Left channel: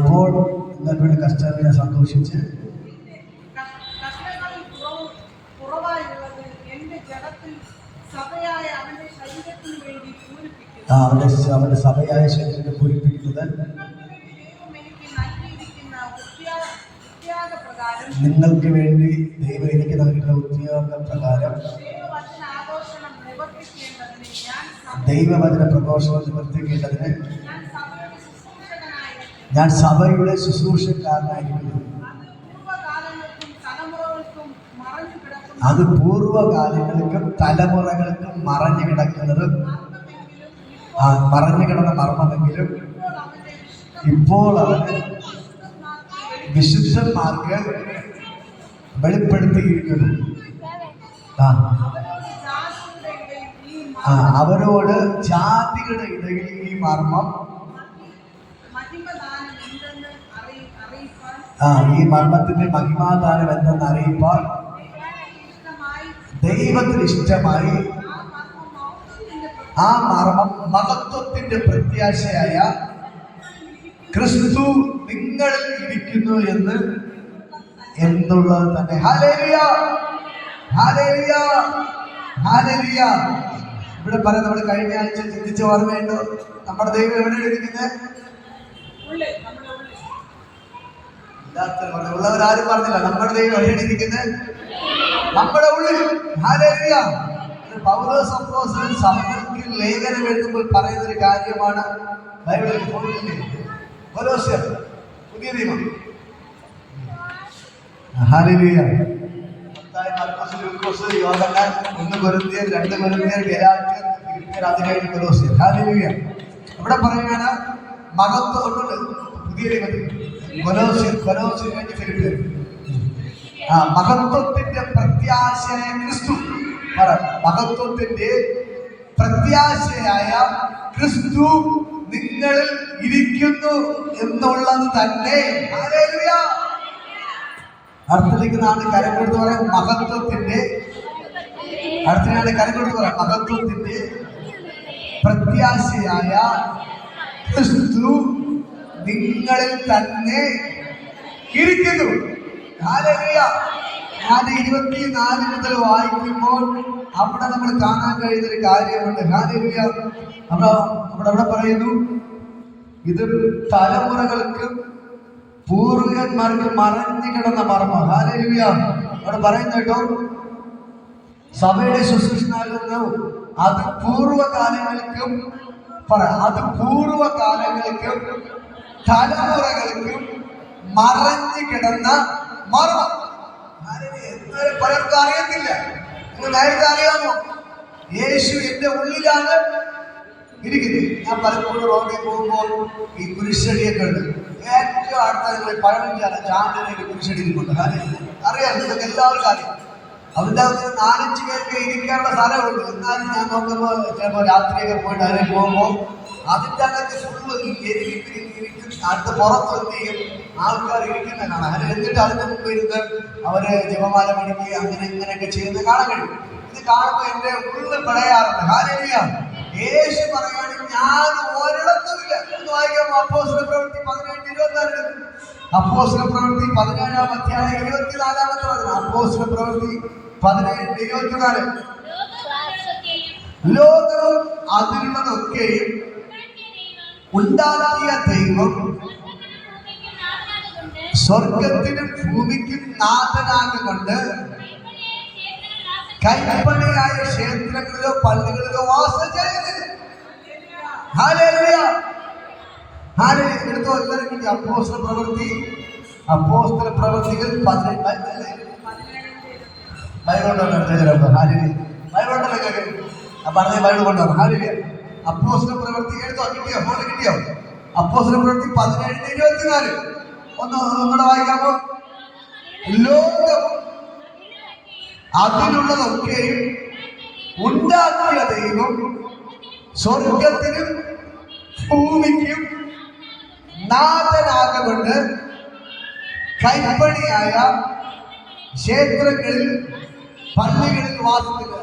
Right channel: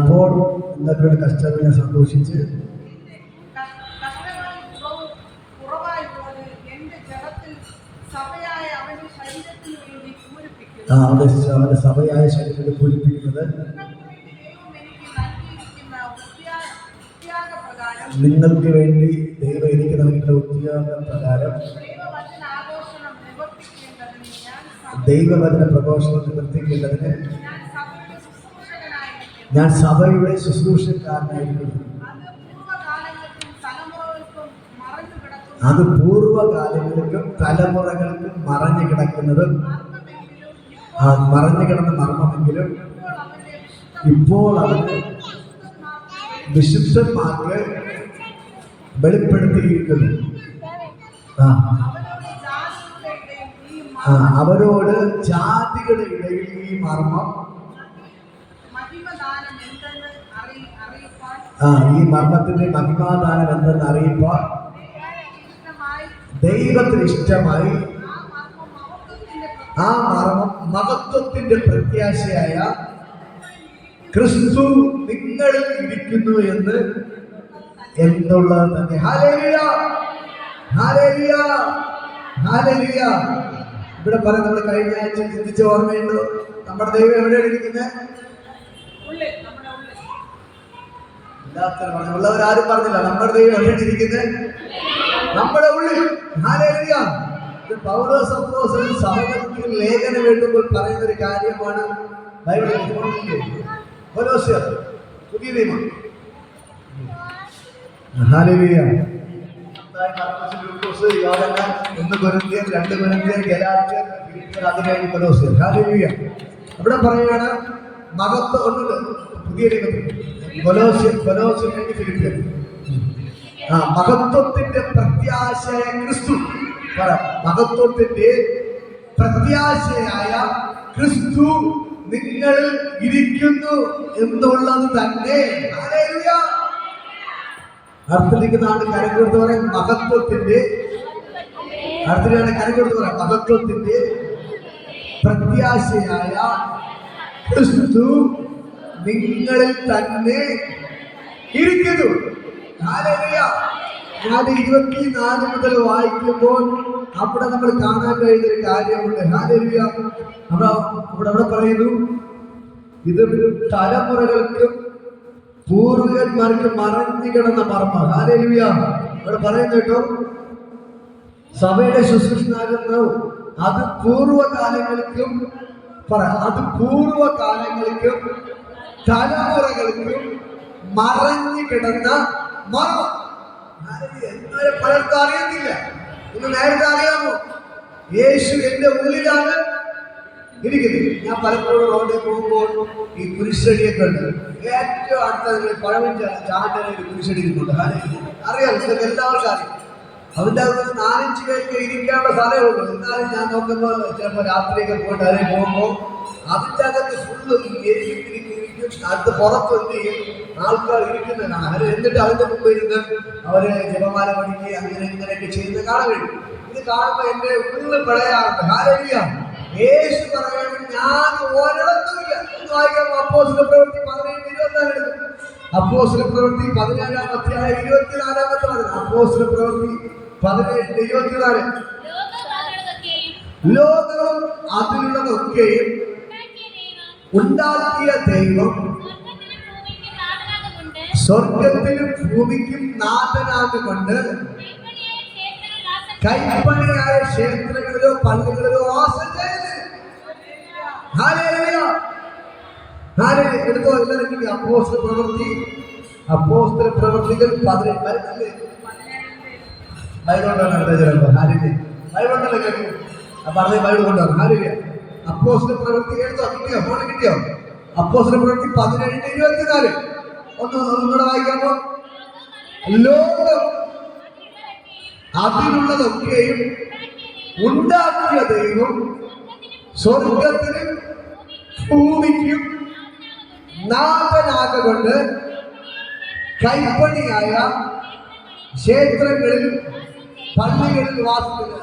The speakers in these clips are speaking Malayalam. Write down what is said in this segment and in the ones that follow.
ഇപ്പോൾ ഇന്നത്തെ കഷ്ടതയെ സന്തോഷിച്ച് അവന്റെ സഭയായ ശരീരത്തെ പൂരിപ്പിക്കുന്നത് നിങ്ങൾക്ക് വേണ്ടി ദൈവം എനിക്ക് നൽകിയിട്ടുള്ള ഉദ്യോഗ പ്രകാരം ദൈവവചന പ്രഘോഷണം നിവർത്തിക്കേണ്ടതിന് ഞാൻ സഭയുടെ ശുശ്രൂഷക്കാരനായിരിക്കുന്നു. അത് പൂർവ്വകാലങ്ങൾക്കും തലമുറകൾക്കും മറഞ്ഞു കിടക്കുന്നത് മറഞ്ഞു കിടന്ന മർമ്മമെങ്കിലും ഇപ്പോൾ അവന് വിശുദ്ധന്മാർക്ക് വെളിപ്പെടുത്തിയിരിക്കുന്നു. അവരോട് ജാതികളുടെ ഇടയിൽ ഈ മർമ്മം ഈ മർമ്മത്തിന്റെ മഹിമാദാനം എന്തെന്ന് അറിയിപ്പാൻ ദൈവത്തിന് ഇഷ്ടമായി ആ മർമ്മം മഹത്വത്തിന്റെ പ്രത്യാശയായ ക്രിസ്തു നിങ്ങളിൽ ഇരിക്കുന്നു എന്നുള്ളത് തന്നെ. Hallelujah, hallelujah, hallelujah. ഇവിടെ പറയാം, നമ്മുടെ കഴിഞ്ഞ ആഴ്ച ചിന്തിച്ച ഓർമ്മയുണ്ടോ? നമ്മുടെ ദൈവം എവിടെയാണ് ഇരിക്കുന്നത്? ഉള്ളവരാരും പറഞ്ഞില്ല. നമ്മുടെ ദൈവം എവിടെയാണ് ഇരിക്കുന്നത്? നമ്മുടെ ഉള്ളിൽ. ഹല്ലേലൂയ. പൗലോസ് അപ്പോസ്തലൻ സഭകൾക്ക് ലേഖനം എഴുതുമ്പോൾ പറയുന്ന ഒരു കാര്യമാണ് ബൈബിളിൽ കൊലോസ്യർ പുതിയ നിയമം. ഹല്ലേലൂയ. മർക്കോസ്, ലൂക്കോസ്, യോഹന്നാൻ, 1 കൊരിന്ത്യർ, 2 കൊരിന്ത്യർ, ഗലാത്യർ, ഫിലിപ്പിയർ, അത് കഴിഞ്ഞ് കൊലോസ്യർ. ഹല്ലേലൂയ. ഇവിടെ പറയുകയാണ് മഹത്വം ഉള്ളത് പുതിയ നിയമത്തിൽ. കൊലോസ്യർ കഴിഞ്ഞ് ഫിലിപ്പിയർ. മഹത്വത്തിന്റെ പ്രത്യാശയായ ക്രിസ്തു പറ. മഹത്വത്തിന്റെ പ്രത്യാശയായ ക്രിസ്തു നിങ്ങളിൽ ഇരിക്കുന്നു എന്നുള്ളത് തന്നെ. ഹല്ലേലൂയ. അടുത്തേക്ക് നാം കരം കൊടുത്ത് പറയാം മഹത്വത്തിന്റെ. അടുത്തേക്കാണ് കരം കൊടുത്ത് പറയാം മഹത്വത്തിന്റെ പ്രത്യാശയായ ക്രിസ്തു നിങ്ങളിൽ തന്നെ ഇരിക്കുന്നു. ഹല്ലേലൂയ. ഞാൻ 24 മുതൽ വായിക്കുമ്പോൾ അവിടെ നമ്മൾ കാണാൻ കഴിയുന്നൊരു കാര്യമുണ്ട്. ഹല്ലേലൂയ. അവിടെ പറയുന്നു, ഇത് തലമുറകൾക്കും പൂർവികന്മാർക്ക് മറഞ്ഞു കിടന്ന മർമ്മം. ഹല്ലേലൂയ. അവിടെ പറയുന്നു കേട്ടോ, സഭയുടെ ശുശ്രൂഷനാകുന്നു അത് പൂർവ്വകാലങ്ങൾക്കും തലമുറകൾക്കും മറഞ്ഞു കിടന്ന മർമ്മം. എന്നാലും പലർക്കും അറിയത്തില്ല. നിങ്ങൾ നേരത്തെ അറിയാമോ? യേശു എന്റെ ഉള്ളിലാണ് ഇരിക്കുന്നത്. ഞാൻ പലപ്പോഴും റോഡിൽ പോകുമ്പോൾ ഈ കുരിശടിയൊക്കെ ഉണ്ട്. ഏറ്റവും അടുത്ത നിങ്ങൾ പഴവഞ്ചാല ചാണ്ടനയിൽ കുരിശടിക്കുന്നുണ്ട്. അറിയാം, ഇതൊക്കെ എല്ലാവർക്കും അറിയാം. അതിൻ്റെ അകത്ത് 4-5 പേർക്ക് ഇരിക്കാനുള്ള സ്ഥലമേ ഉള്ളൂ. എന്നാലും ഞാൻ നോക്കുമ്പോൾ ചിലപ്പോൾ രാത്രിയൊക്കെ പോയിട്ട് അതിൽ പോകുമ്പോൾ അതിൻ്റെ അകത്ത് ഫുള്ള് ഇരിക്കും. അടുത്ത് പുറത്ത് എന്ത് ചെയ്യും, ആൾക്കാർ ഇരിക്കുന്ന കാണാം. എന്നിട്ട് അതിൻ്റെ മുമ്പ് ഇരുന്ന് അവര് ജപമാല പഠിക്കുക, അങ്ങനെ ഇങ്ങനെയൊക്കെ ചെയ്യുന്ന കാണാൻ കഴിയും. ഇത് കാണുമ്പോൾ എന്റെ ഉള്ളിൽ പിടയാറുണ്ട്. ഹല്ലേലൂയ. യേശു പറയാണ്, ഞാൻ ഒരിടത്തുമില്ല. ഒന്ന് വായിക്കാം. അപ്പോസ്തല പ്രവൃത്തി 17:24 എടുക്കും. അപ്പോസ്തല പ്രവൃത്തി 17-ാം അധ്യായം 24-ാമത്തെ വചനം. അപ്പോസ്തല പ്രവൃത്തി 17:24. ലോകവും അതിലുള്ളതൊക്കെയും ഉണ്ടാക്കിയ ദൈവം സ്വർഗത്തിനും ഭൂമിക്കും നാഥനാകുകൊണ്ട് കൈപ്പണിയായ ക്ഷേത്രങ്ങളിലോ പള്ളികളിലോ വാസം ചെയ്യുന്നത്. ഹല്ലേലൂയ. എടുത്തോ എല്ലാവരും. അപ്പോസ്തല പ്രവൃത്തികൾ 18. അപ്പോസ്തല പ്രവൃത്തി എടുത്തോ? കിട്ടിയോ? ഫോണിൽ കിട്ടിയോ? അപ്പോസ്തല പ്രവൃത്തി 17:24. ഒന്നുകൂടെ വായിക്കാമോ? ലോകം അതിലുള്ളതൊക്കെയും ഉണ്ടാക്കിയ ദൈവം സ്വർഗത്തിനും ഭൂമിക്കും നാഥനാകൊണ്ട് കൈപ്പണിയായ ക്ഷേത്രങ്ങളിൽ പള്ളികളിൽ വാസിക്കുന്നത്.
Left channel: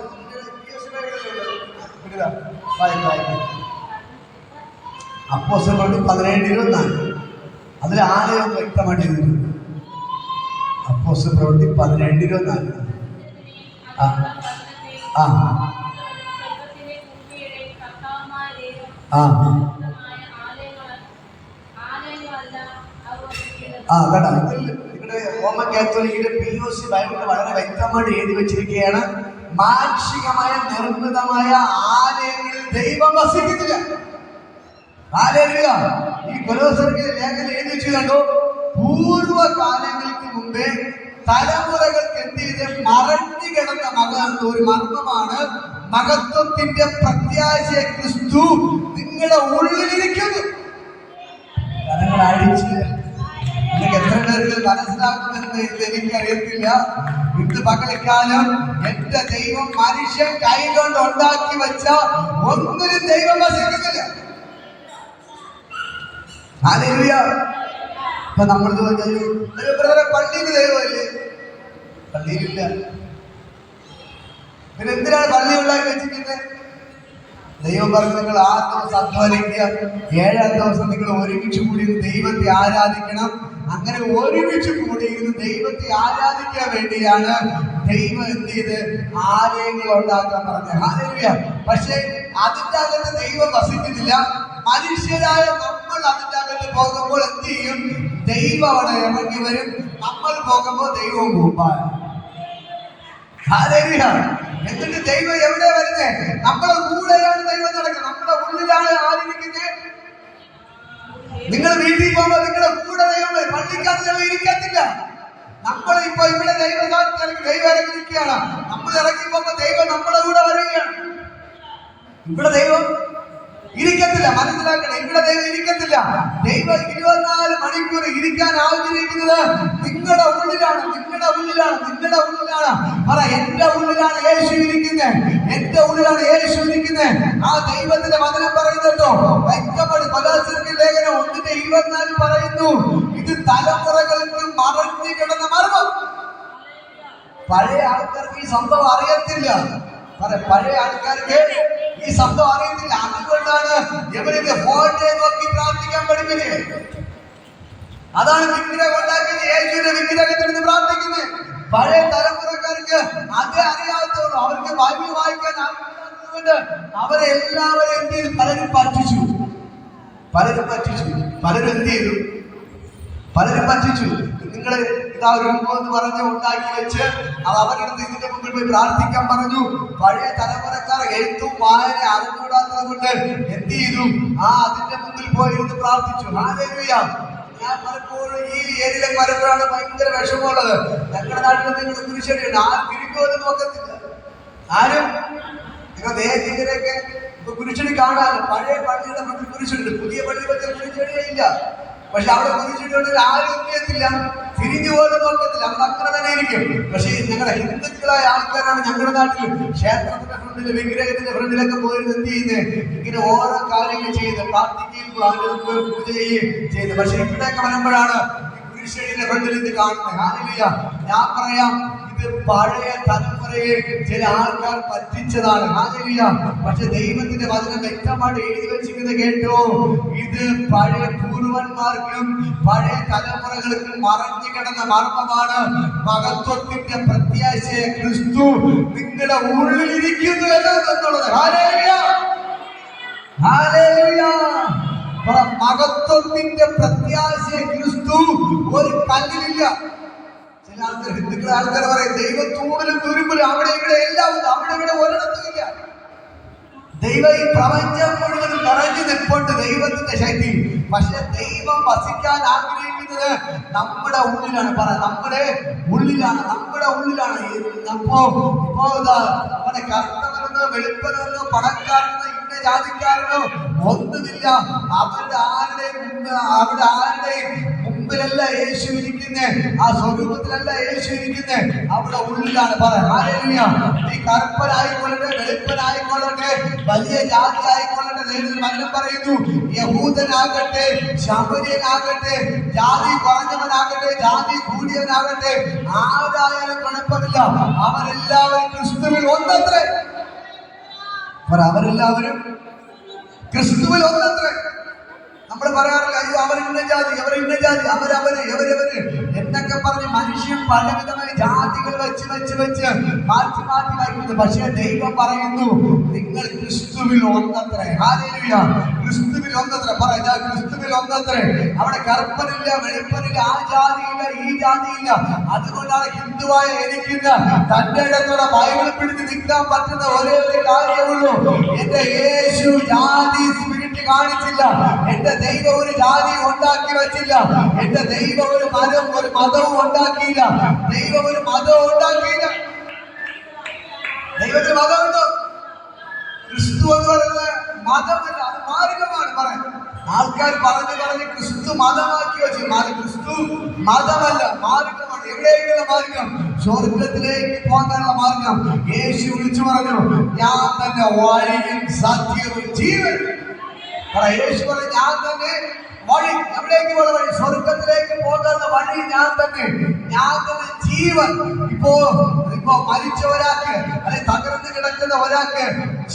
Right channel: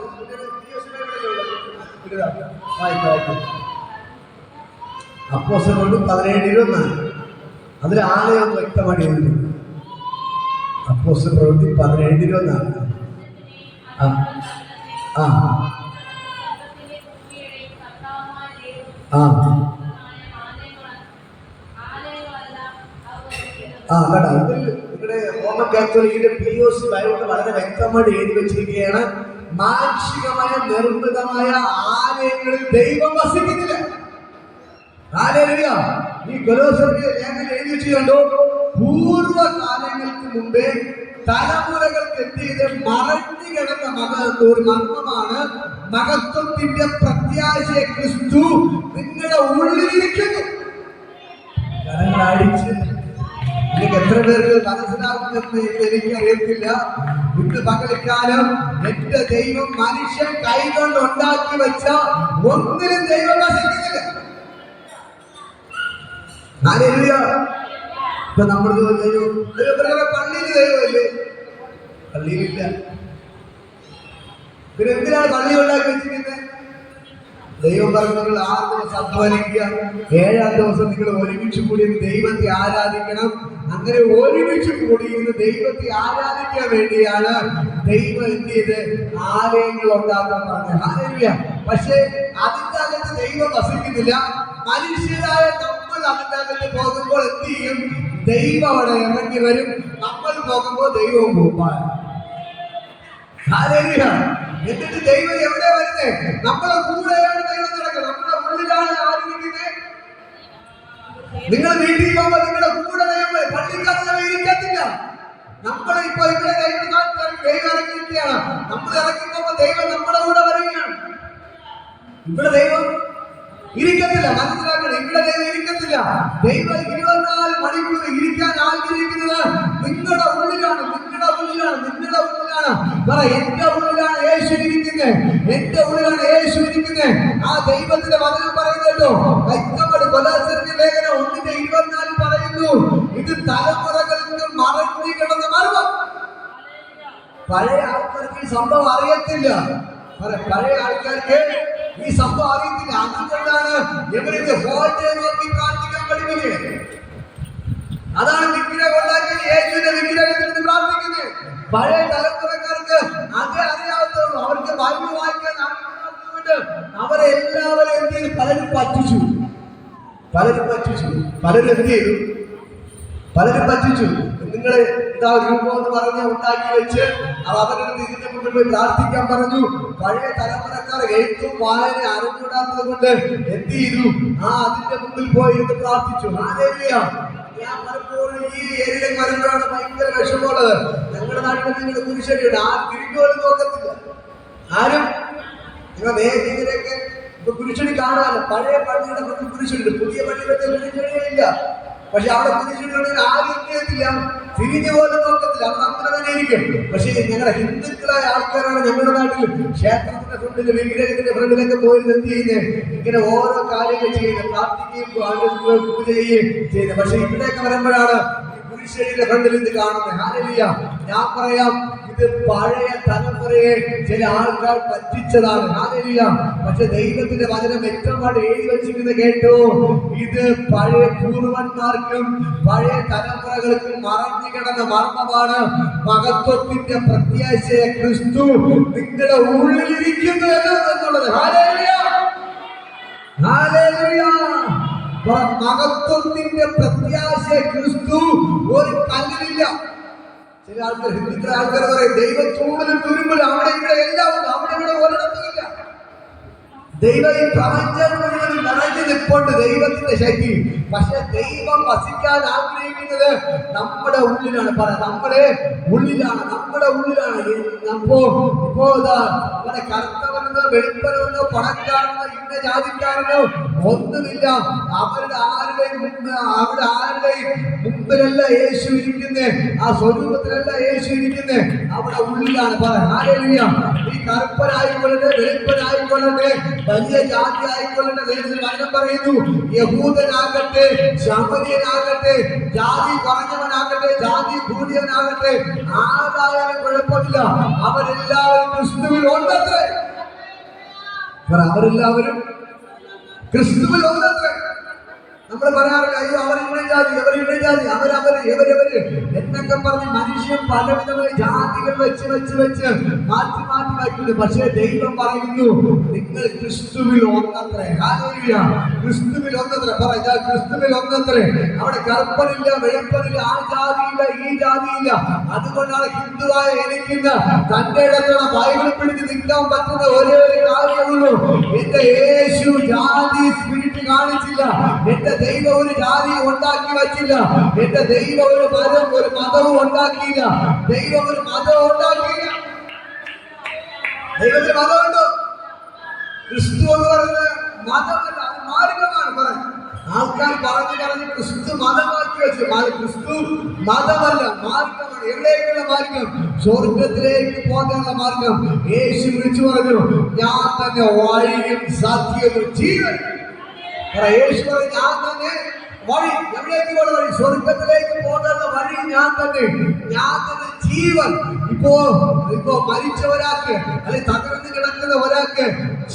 അപ്പോസ്തലപ്രവൃത്തി 17:24. അതിൽ ആലയം വ്യക്തമായിട്ട് എഴുതിയിട്ടുണ്ട്. അപ്പോസ്തലപ്രവൃത്തി 17:24. ആ ആ ആ കേട്ടോ. ഇതിൽ നിങ്ങളുടെ റോമൻ കാത്തോലിക്കിന്റെ POC ബൈബിളിൽ വളരെ വ്യക്തമായിട്ട് എഴുതി വെച്ചിരിക്കുകയാണ്, മാനുഷികമായ നിർമ്മിതമായ ആലയങ്ങളിൽ ദൈവം വസിക്കുന്നില്ല. ഹല്ലേലൂയ. ഈ കൊലോസ്യർക്കെതിരെ ലേഖനം എഴുതി വെച്ച് കണ്ടോ, പൂർവ്വകാലങ്ങൾക്ക് മുമ്പേ തലമുറകൾക്ക് എത്തിയത് മറഞ്ഞു കിടന്ന ഒരു മർമ്മമാണ്, മഹത്വത്തിന്റെ പ്രത്യാശ ക്രിസ്തു നിങ്ങളുടെ ഉള്ളിലിരിക്കുന്നു. അടിച്ച് എനിക്ക് എത്ര പേർക്ക് മനസ്സിലാക്കുമെന്ന് എനിക്കറിയത്തില്ല. ഇന്ന് പകൽക്കാലം എന്റെ ദൈവം മനുഷ്യൻ കൈകൊണ്ട് ഉണ്ടാക്കി വെച്ച ഒന്നിനും ദൈവം വസിക്കുന്നില്ല. ഹല്ലേലൂയ. ഇപ്പൊ നമ്മൾ പള്ളിയിൽ ദൈവമില്ലേ? പള്ളിയിലില്ല. പിന്നെ എന്തിനാണ് പള്ളി ഉണ്ടാക്കി വെച്ചിരിക്കുന്നത്? ദൈവം പറഞ്ഞു, നിങ്ങൾ 6 ദിവസം അധ്വാനിക്കുക, 7ാം ദിവസം നിങ്ങൾ ഒരുമിച്ച് കൂടി ദൈവത്തെ ആരാധിക്കണം. അങ്ങനെ ഒരുമിച്ച് കൂടിയിരുന്ന് ദൈവത്തെ ആരാധിക്കാൻ വേണ്ടിയാണ് ദൈവം എന്ത് ചെയ്ത് ആലയങ്ങൾ ഉണ്ടാക്കാൻ പറഞ്ഞത്. ഹല്ലേലൂയ. പക്ഷേ അതിൻ്റെ അകത്ത് ദൈവം വസിക്കുന്നില്ല. മനുഷ്യരായ നമ്മൾ അതിൻ്റെ അകത്ത് പോകുമ്പോൾ എന്ത് ചെയ്യും? ദൈവം അവിടെ ഇറങ്ങി വരും. നമ്മൾ പോകുമ്പോൾ ദൈവവും പോകുമ്പോൾ. ഹല്ലേലൂയ. എന്നിട്ട് ദൈവം എവിടെ വരുന്നത്? നമ്മുടെ കൂടെയാണ് ദൈവം നടക്കുന്നത്. നമ്മുടെ ഉള്ളിലാണ് ആരിയിരിക്കുന്നത്? നിങ്ങൾ വീട്ടിൽ പോകുമ്പോൾ നിങ്ങളുടെ കൂടെ ദൈവം, പള്ളിക്കകത്ത് ഞങ്ങൾ ഇരിക്കത്തില്ല. നമ്മളിപ്പോ ഇവിടെ ദൈവം ഇറങ്ങിയിരിക്കുകയാണ്. നമ്മൾ ഇറങ്ങി പോകുമ്പോൾ ദൈവം നമ്മുടെ കൂടെ വരികയാണ്. ഇവിടെ ദൈവം ഇരിക്കത്തില്ല. മനസ്സിലാക്കണം, ഇവിടെ ദൈവം ഇരിക്കത്തില്ല. ദൈവം 24 മണിക്കൂർ ഇരിക്കാൻ ആഗ്രഹിക്കുന്നത് നിങ്ങളുടെ ഉള്ളിലാണ്, നിങ്ങളുടെ ഉള്ളിലാണ്, നിങ്ങളുടെ ഉള്ളിലാണ്. പറ, എന്റെ ഉള്ളിലാണ് യേശു ഇരിക്കുന്നത്, എന്റെ ഉള്ളിലാണ് യേശു ഇരിക്കുന്നത്. ആ ദൈവത്തിന്റെ വചനം പറയുന്നുണ്ടോ? വ്യക്തമായിട്ട് കൊലോസ്യർക്ക് ലേഖനം 1:24 പറയുന്നു, ഇത് തലമുറകൾക്ക് മറഞ്ഞു കിടന്ന മർമ്മം. പഴയ ആൾക്കാർക്ക് ഈ സംഭവം അറിയത്തില്ല. പഴയ ആൾക്കാർക്ക് ഈ സംഭവം അറിയത്തില്ല. അതുകൊണ്ടാണ് ഇവരിത് ഫോട്ടോ നോക്കി പ്രാർത്ഥിക്കാൻ പഠിപ്പിച്ചത്. അതാണ് വിഗ്രഹം ഉണ്ടാക്കി യേശുവിന്റെ വിഗ്രഹത്തിൽ നിന്ന് പ്രാർത്ഥിക്കുന്നത്. പഴയ തലമുറക്കാർക്ക് അതേ അറിയാവുന്നുള്ളൂ. അവർക്ക് ബൈബിൾ വായിക്കാൻ അറിയാവുന്നതുകൊണ്ട് അവരെ എല്ലാവരും എന്ത് ചെയ്തു? പലരും പറ്റിച്ചു. പലരും എന്ത് ചെയ്തു? പലരും പറ്റിച്ചു. നിങ്ങൾ ഇതാ രൂപം എന്ന് പറഞ്ഞ് ഉണ്ടാക്കി വെച്ച് അവരുടെ ഇതിന്റെ മുമ്പിൽ പോയി പ്രാർത്ഥിക്കാൻ പറഞ്ഞു. പഴയ തലമുറക്കാർ എഴുത്തും വായന അറിഞ്ഞുകൂടാത്തത് കൊണ്ട് എന്ത് ചെയ്തു? അതിന്റെ മുമ്പിൽ പോയിരുന്ന് പ്രാർത്ഥിച്ചു. ഹല്ലേലൂയ. ഞാൻ പലപ്പോഴും ഈ ഏരിയയിൽ വരുമ്പോഴാണ് ഭയങ്കര വിഷമമുള്ളത്. ഞങ്ങളുടെ നാട്ടിൽ നിങ്ങൾ കുരിശടിയുണ്ട്, ആ തിരിഞ്ഞോലും നോക്കത്തില്ല ആരും. നിങ്ങൾ ദേശീയത്തിലേക്ക് ഇപ്പൊ കുരിശടി കാണാമല്ലോ. പഴയ പള്ളിയുടെ മുന്നിൽ കുരിശുണ്ട്, പുതിയ പള്ളിയിലൊക്കെ കുരിശടിയില്ല. പക്ഷെ അവിടെ കുരിശടിയോട് ആരും ചെയ്യത്തില്ല, തിരിഞ്ഞു പോലും നോക്കത്തില്ല. അവിടെ അങ്ങനെ തന്നെ ഇരിക്കും. പക്ഷേ ഞങ്ങളുടെ ഹിന്ദുക്കളായ ആൾക്കാരാണ് ഞങ്ങളുടെ നാട്ടിൽ ക്ഷേത്രത്തിന്റെ ഫ്രണ്ടിൽ, വിഗ്രഹത്തിന്റെ ഫ്രണ്ടിലൊക്കെ പോയിരുന്ന് എന്ത് ചെയ്യുന്നത്? ഇങ്ങനെ ഓരോ കാര്യങ്ങൾ ചെയ്യുന്നത്, പ്രാർത്ഥിക്കുകയും പൂജ ചെയ്യുകയും ചെയ്യുന്നത്. പക്ഷെ ഇവിടെയൊക്കെ വരുമ്പോഴാണ് കുരിശടിയുടെ ഫ്രണ്ടിൽ ഇത് കാണുന്നത്. ഹല്ലേലൂയ. ഞാൻ പറയാം, ഇത് പഴയ തലമുറയെ ചില ആൾക്കാർ പറ്റിച്ചതാണ്. ഹല്ലേലൂയ. പക്ഷെ ദൈവത്തിന്റെ വചനം വ്യക്തമായിട്ട് എഴുതി വെച്ചിരിക്കുന്നത് കേട്ടോ, ഇത് പഴയ പൂർവന്മാർക്കും പഴയ തലമുറകൾക്കും മറഞ്ഞു കിടന്ന മർമ്മമാണ്, മഹത്വത്തിന്റെ പ്രത്യാശയെ ക്രിസ്തു നിങ്ങളുടെ ഉള്ളിലിരിക്കുന്നു എന്നുള്ളത്. ഹല്ലേലൂയ. ഹല്ലേലൂയ. മഹത്വത്തിന്റെ പ്രത്യാശയെ ക്രിസ്തു ഒരു കല്ലിലില്ല. ചില ആൾക്കാർ, ഹിന്ദുക്കളെ ആൾക്കാർ പറയും ദൈവം തൂണിലും തുരുമ്പിലും അവിടെ ഇവിടെ എല്ലാം ഉണ്ട്, അവിടെ ഇവിടെ ഒരിടത്തുമില്ല. ദൈവം ഈ പ്രപഞ്ചം മുഴുവൻ നിറഞ്ഞു നിൽപ്പുണ്ട്, ദൈവത്തിന്റെ ശക്തി. പക്ഷെ ദൈവം വസിക്കാൻ ആഗ്രഹിക്കുന്നത് നമ്മുടെ ഉള്ളിലാണ്. നമ്മുടെ ഉള്ളിലാണ്, നമ്മുടെ ഉള്ളിലാണ്. ഇപ്പോ നമ്മുടെ കർത്തവനെന്നോ വെളുപ്പനെന്നോ പണക്കാരനോ ഇന്ന ജാതിക്കാരനോ ഒന്നുമില്ല. അവരുടെ ആരുടെയും മുമ്പിലല്ല യേശു ഇരിക്കുന്നത്, ആ സ്വരൂപത്തിലല്ല യേശു ഇരിക്കുന്നത്, അവിടെ ഉള്ളിലാണ്. ഹല്ലേലൂയ. ഈ കറുപ്പനായിക്കൊള്ളട്ടെ, വെളുപ്പനായിക്കൊള്ളട്ടെ, വലിയ ജാതി ആയിക്കൊള്ളട്ടെ, ദൈവത്തിൽ വചനം പറയുന്നു, യഹൂദനാകട്ടെ, ശമരിയനാകട്ടെ, ജാതി കുറഞ്ഞവനാകട്ടെ, ജാതി കൂടിയവനാകട്ടെ, ആരായാലും കുഴപ്പമില്ല, അവരെല്ലാവരും ക്രിസ്തുവിൽ ഒന്നത്രേ. അവരെല്ലാവരും ക്രിസ്തുവിൽ ഒന്നത്രേ. നമ്മൾ പറയാറില്ല, അയ്യോ അവർ ഇന്ന ജാതി, അവർ ഇന്ന ജാതി, എവരവര് എന്നൊക്കെ പറഞ്ഞ് മനുഷ്യൻ പലവിധമായി ജാതികൾ വെച്ച് മാറ്റി വയ്ക്കുന്നു. പക്ഷേ ദൈവം പറയുന്നു, നിങ്ങൾ ക്രിസ്തുവിൽ ഒന്നത്രേ. ഹല്ലേലൂയ. ക്രിസ്തുവിൽ ഒന്നത്രേ. പറയാ, ക്രിസ്തുവിൽ ഒന്നത്രേ. അവിടെ കറുപ്പനില്ല, വെളുപ്പനില്ല, ആ ജാതിയില്ല, ഈ ജാതിയില്ല. അതുകൊണ്ടാണ് ഹിന്ദുവായ എനിക്കിന്ന് തന്റെ ഇടത്തോടെ ബൈബിൾ പിടിച്ച് നിൽക്കാൻ പറ്റുന്ന ഒരേ ഒരു കാര്യമുള്ളൂ. എന്റെ യേശു ജാതി സ്പിരിറ്റ് കാണിച്ചില്ല. എന്റെ ദൈവം ഒരു ജാതി ഉണ്ടാക്കി വെച്ചില്ല. എന്റെ ദൈവം ഒരു മതവും ഉണ്ടാക്കിയില്ല. ദൈവം ഒരു മതവും ഉണ്ടാക്കിയില്ല. ദൈവത്തിന് മതമുണ്ടോ? ക്രിസ്തു എന്ന് പറയുന്നത് മതമല്ല, അത് മാർഗമാണ്. പറയുന്നത് ആൾക്കാർ പറഞ്ഞ് ക്രിസ്തു മതമാക്കി വെച്ചു. ക്രിസ്തു മതമല്ല, മാർഗമാണ്. എവിടേക്കുള്ള മാർഗം? സ്വർഗത്തിലേക്ക് പോകാനുള്ള മാർഗം. യേശു വിളിച്ചു പറഞ്ഞു, ഞാൻ തന്നെ വഴിയും സത്യവും ജീവൻ. യേശു പറഞ്ഞു, ഞാൻ തന്നെ വഴി. എവിടേക്കുള്ള വഴി? സ്വർഗത്തിലേക്ക് പോകാനുള്ള വഴി ഞാൻ തന്നെ ജീവൻ. ഇപ്പോ മരിച്ച ഒരാൾക്ക്, അല്ലെ തകർന്ന് കിടക്കുന്ന ഒരാൾക്ക്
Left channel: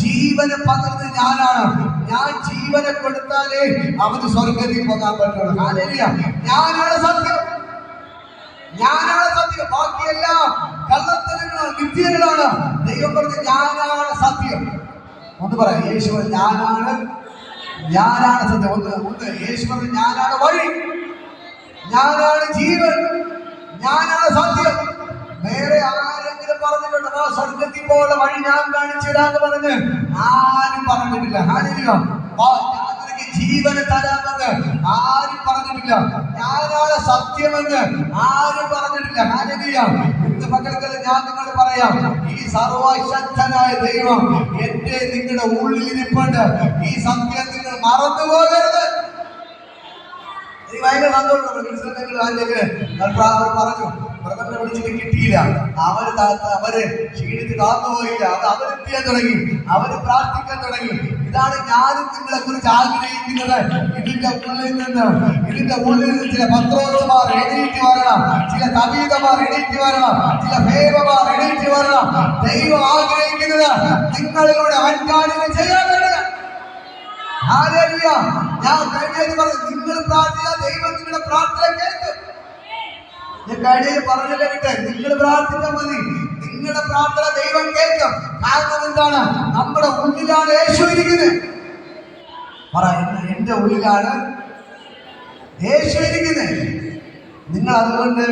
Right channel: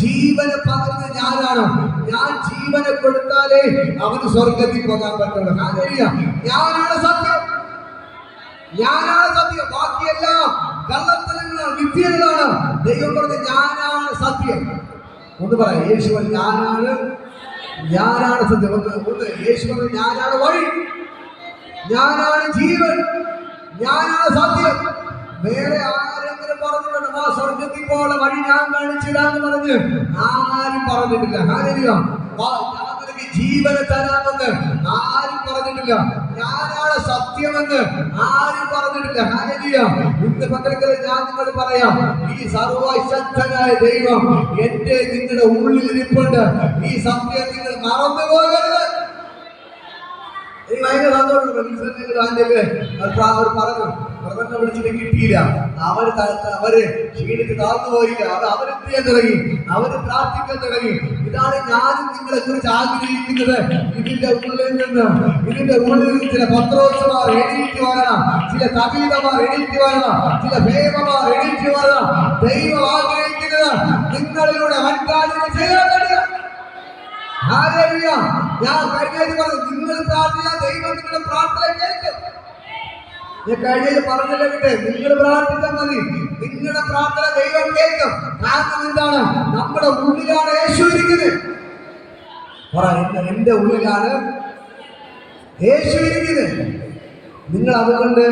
ജീവനെ പകർന്ന് ഞാനാണ്. ഞാൻ ജീവനെ കൊടുത്താലേ അവന് സ്വർഗത്തിൽ പോകാൻ പറ്റുള്ളൂ. ഹല്ലേലൂയ. ഞാനാണ് സത്യം. ബാക്കിയെല്ലാം കള്ളത്തരങ്ങളാണ്, വിദ്യകളാണ്. ദൈവം പറഞ്ഞ ഞാനാണ് സത്യം. ഒന്ന് പറയാം, യേശു ഞാനാണ് സത്യം. ഒന്ന് യേശു പറഞ്ഞ ഞാനാണ് വഴി, ഞാനാണ് ജീവൻ, ഞാനാണ് സത്യം. വേറെ ആരെങ്കിലും പറഞ്ഞിട്ടുണ്ടോ സ്വർഗത്തിൽ പോലുള്ള വഴി ഞാൻ കാണിച്ചു തരാന്ന് പറഞ്ഞ്? ആരും പറഞ്ഞിട്ടില്ല. ഹല്ലേലൂയ. ഞാൻ നിനക്ക് ജീവനെ തരാമെന്ന് ആരും പറഞ്ഞിട്ടില്ല. ഞാനാണ് സത്യമെന്ന് ആരും പറഞ്ഞിട്ടില്ല. ഹല്ലേലൂയ. ഇന്ന് പകൽക്കാലം ഞാൻ നിങ്ങൾ പറയാം, ഈ സർവശക്തനായ ദൈവം എന്റെ നിങ്ങളുടെ ഉള്ളിൽ ഇരിപ്പുണ്ട്. ഈ സത്യം നിങ്ങൾ മറന്നു പോകരുത്. ഭയങ്കര സന്തോഷം. പറഞ്ഞു, ബ്രദറിനെ വിളിച്ചിട്ട് കിട്ടിയില്ല. അവര് ക്ഷീണിച്ച് താഴ്ന്നുപോയില്ല. അവര് ചെയ്യാൻ തുടങ്ങി, അവര് പ്രാർത്ഥിക്കാൻ തുടങ്ങി. ഇതാണ് ഞാനും നിങ്ങളെ കുറിച്ച് ആഗ്രഹിക്കുന്നത്. ഇതിന്റെ ഉള്ളിൽ നിന്ന് ചില പത്രോസ്മാർ എണീറ്റ് വരണം, ചില തബീതമാർ എണീറ്റ് വരണം, ചില ഭേദമാർ എണീറ്റ് വരണം. ദൈവം ആഗ്രഹിക്കുന്നത് നിങ്ങളിലൂടെ വൻകാര്യങ്ങൾ ചെയ്യാൻ കഴിയുക. ഹല്ലേലൂയ. ഞാൻ കഴിഞ്ഞ പറഞ്ഞു, നിങ്ങൾ പ്രാർത്ഥിച്ചാൽ ദൈവം നിങ്ങളുടെ പ്രാർത്ഥന കേൾക്കും. ഞാൻ കഴിഞ്ഞ പറഞ്ഞില്ല കേട്ടെ, നിങ്ങൾ പ്രാർത്ഥിച്ചാൽ മതി, നിങ്ങളുടെ പ്രാർത്ഥന ദൈവം കേൾക്കും. കാരണം എന്താണ്? നമ്മുടെ ഉള്ളിലാണ് യേശു ഇരിക്കുന്നത്. എന്റെ ഉള്ളിലാണ് യേശു ഇരിക്കുന്നത്. നിങ്ങൾ അതുകൊണ്ട്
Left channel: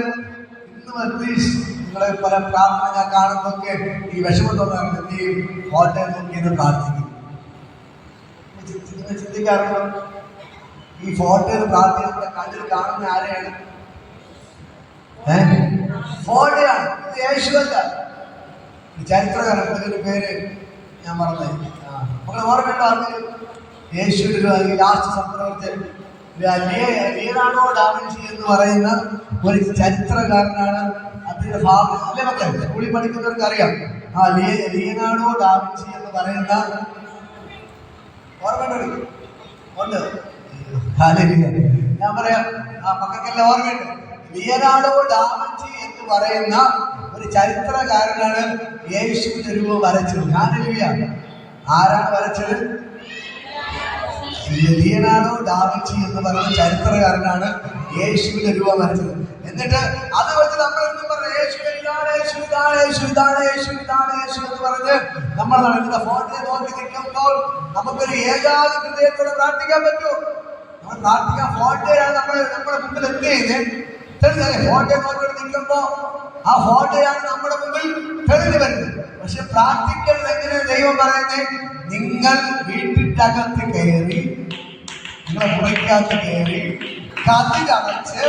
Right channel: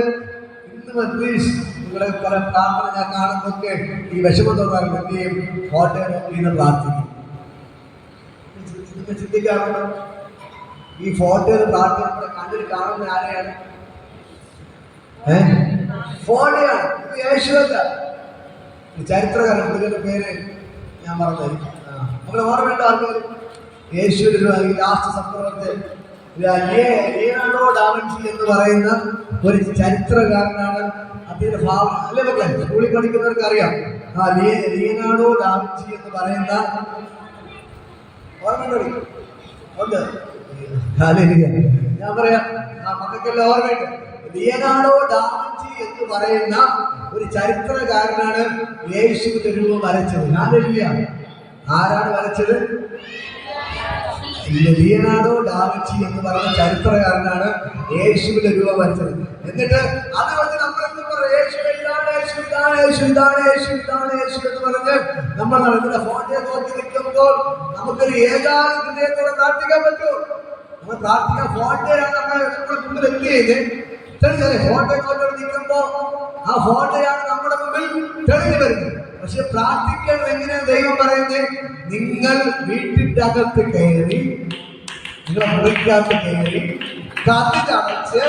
ഇന്ന് അറ്റ്ലീസ്റ്റ് നിങ്ങളെ പല പ്രാർത്ഥന ഞാൻ കാണുന്നൊക്കെ ഈ വിഷമം തോന്നാറില്ല. എന്ത് ചെയ്യും? കോട്ടയം നോക്കി ഇന്ന് പ്രാർത്ഥിക്കും. ചിന്തിക്കാറുണ്ടോ? ഈ ഫോട്ടോയിൽ പ്രാർത്ഥിക്കുന്ന കണ്ണിൽ കാണുന്ന ആരെയാണ്? ഫോട്ടോയാണ്. ഇത് യേശുവല്ല. ചരിത്രകാരൻ, പുള്ളിയുടെ പേര് ഞാൻ മറന്നായി. നമ്മളെ ഓർമ്മയുണ്ടോ? ആർക്കെങ്കിലും യേശുവിന്റെ ലാസ്റ്റ് സംഭവത്തിൽ ലിയനാർഡോ ഡാവിഞ്ചി എന്ന് പറയുന്ന ഒരു ചരിത്രകാരനാണ്. അദ്ദേഹത്തിന്റെ ഭാവന അല്ലേ മക്കളെ? സ്കൂളിൽ പഠിക്കുന്നവർക്ക് അറിയാം. ലിയനാർഡോ ഡാവിഞ്ചി എന്ന് പറയുന്ന ഓർമ്മയുണ്ട്? ഞാൻ പറയാം, മക്കൾക്കെല്ലാം ഓർമ്മയുണ്ട്. ലിയനാർഡോ ഡാവിഞ്ചി എന്ന് പറയുന്ന ഒരു ചരിത്രകാരനാണ് യേശുവിന്റെ രൂപം വരച്ചത്. ഹല്ലേലൂയ. ആരാണ് വരച്ചത്? ലിയനാർഡോ ഡാവിഞ്ചി എന്ന് പറയുന്ന ചരിത്രകാരനാണ് യേശുവിന്റെ രൂപം വരച്ചത്. എന്നിട്ട് അത് വെച്ച് നമ്മൾ യേശു എന്ന് പറഞ്ഞ് നമ്മൾ നടക്കുന്ന ഫോട്ടോയെ നോക്കി നിൽക്കുമ്പോൾ നമുക്കൊരു ഏകാന്ത ഹൃദയത്തോടെ പ്രാർത്ഥിക്കാൻ പറ്റുമോ? നമ്മൾ പ്രാർത്ഥിക്കാൻ ഫോട്ടോയാണ് നമ്മുടെ മുമ്പിൽ എത്തിയത്. ഫോട്ടോ നോക്കി നിൽക്കുമ്പോ ആ ഫോട്ടോയാണ് നമ്മുടെ മുമ്പിൽ തെളിഞ്ഞു വരുന്നത്. പക്ഷെ പ്രാർത്ഥിക്കേണ്ടത് എങ്ങനെയാണ് ദൈവം പറയുന്നത്? നിങ്ങൾ വീട്ടിന്റെ അകത്ത് കയറി, മുറിക്കകത്ത് കയറി, കഥകടച്ച്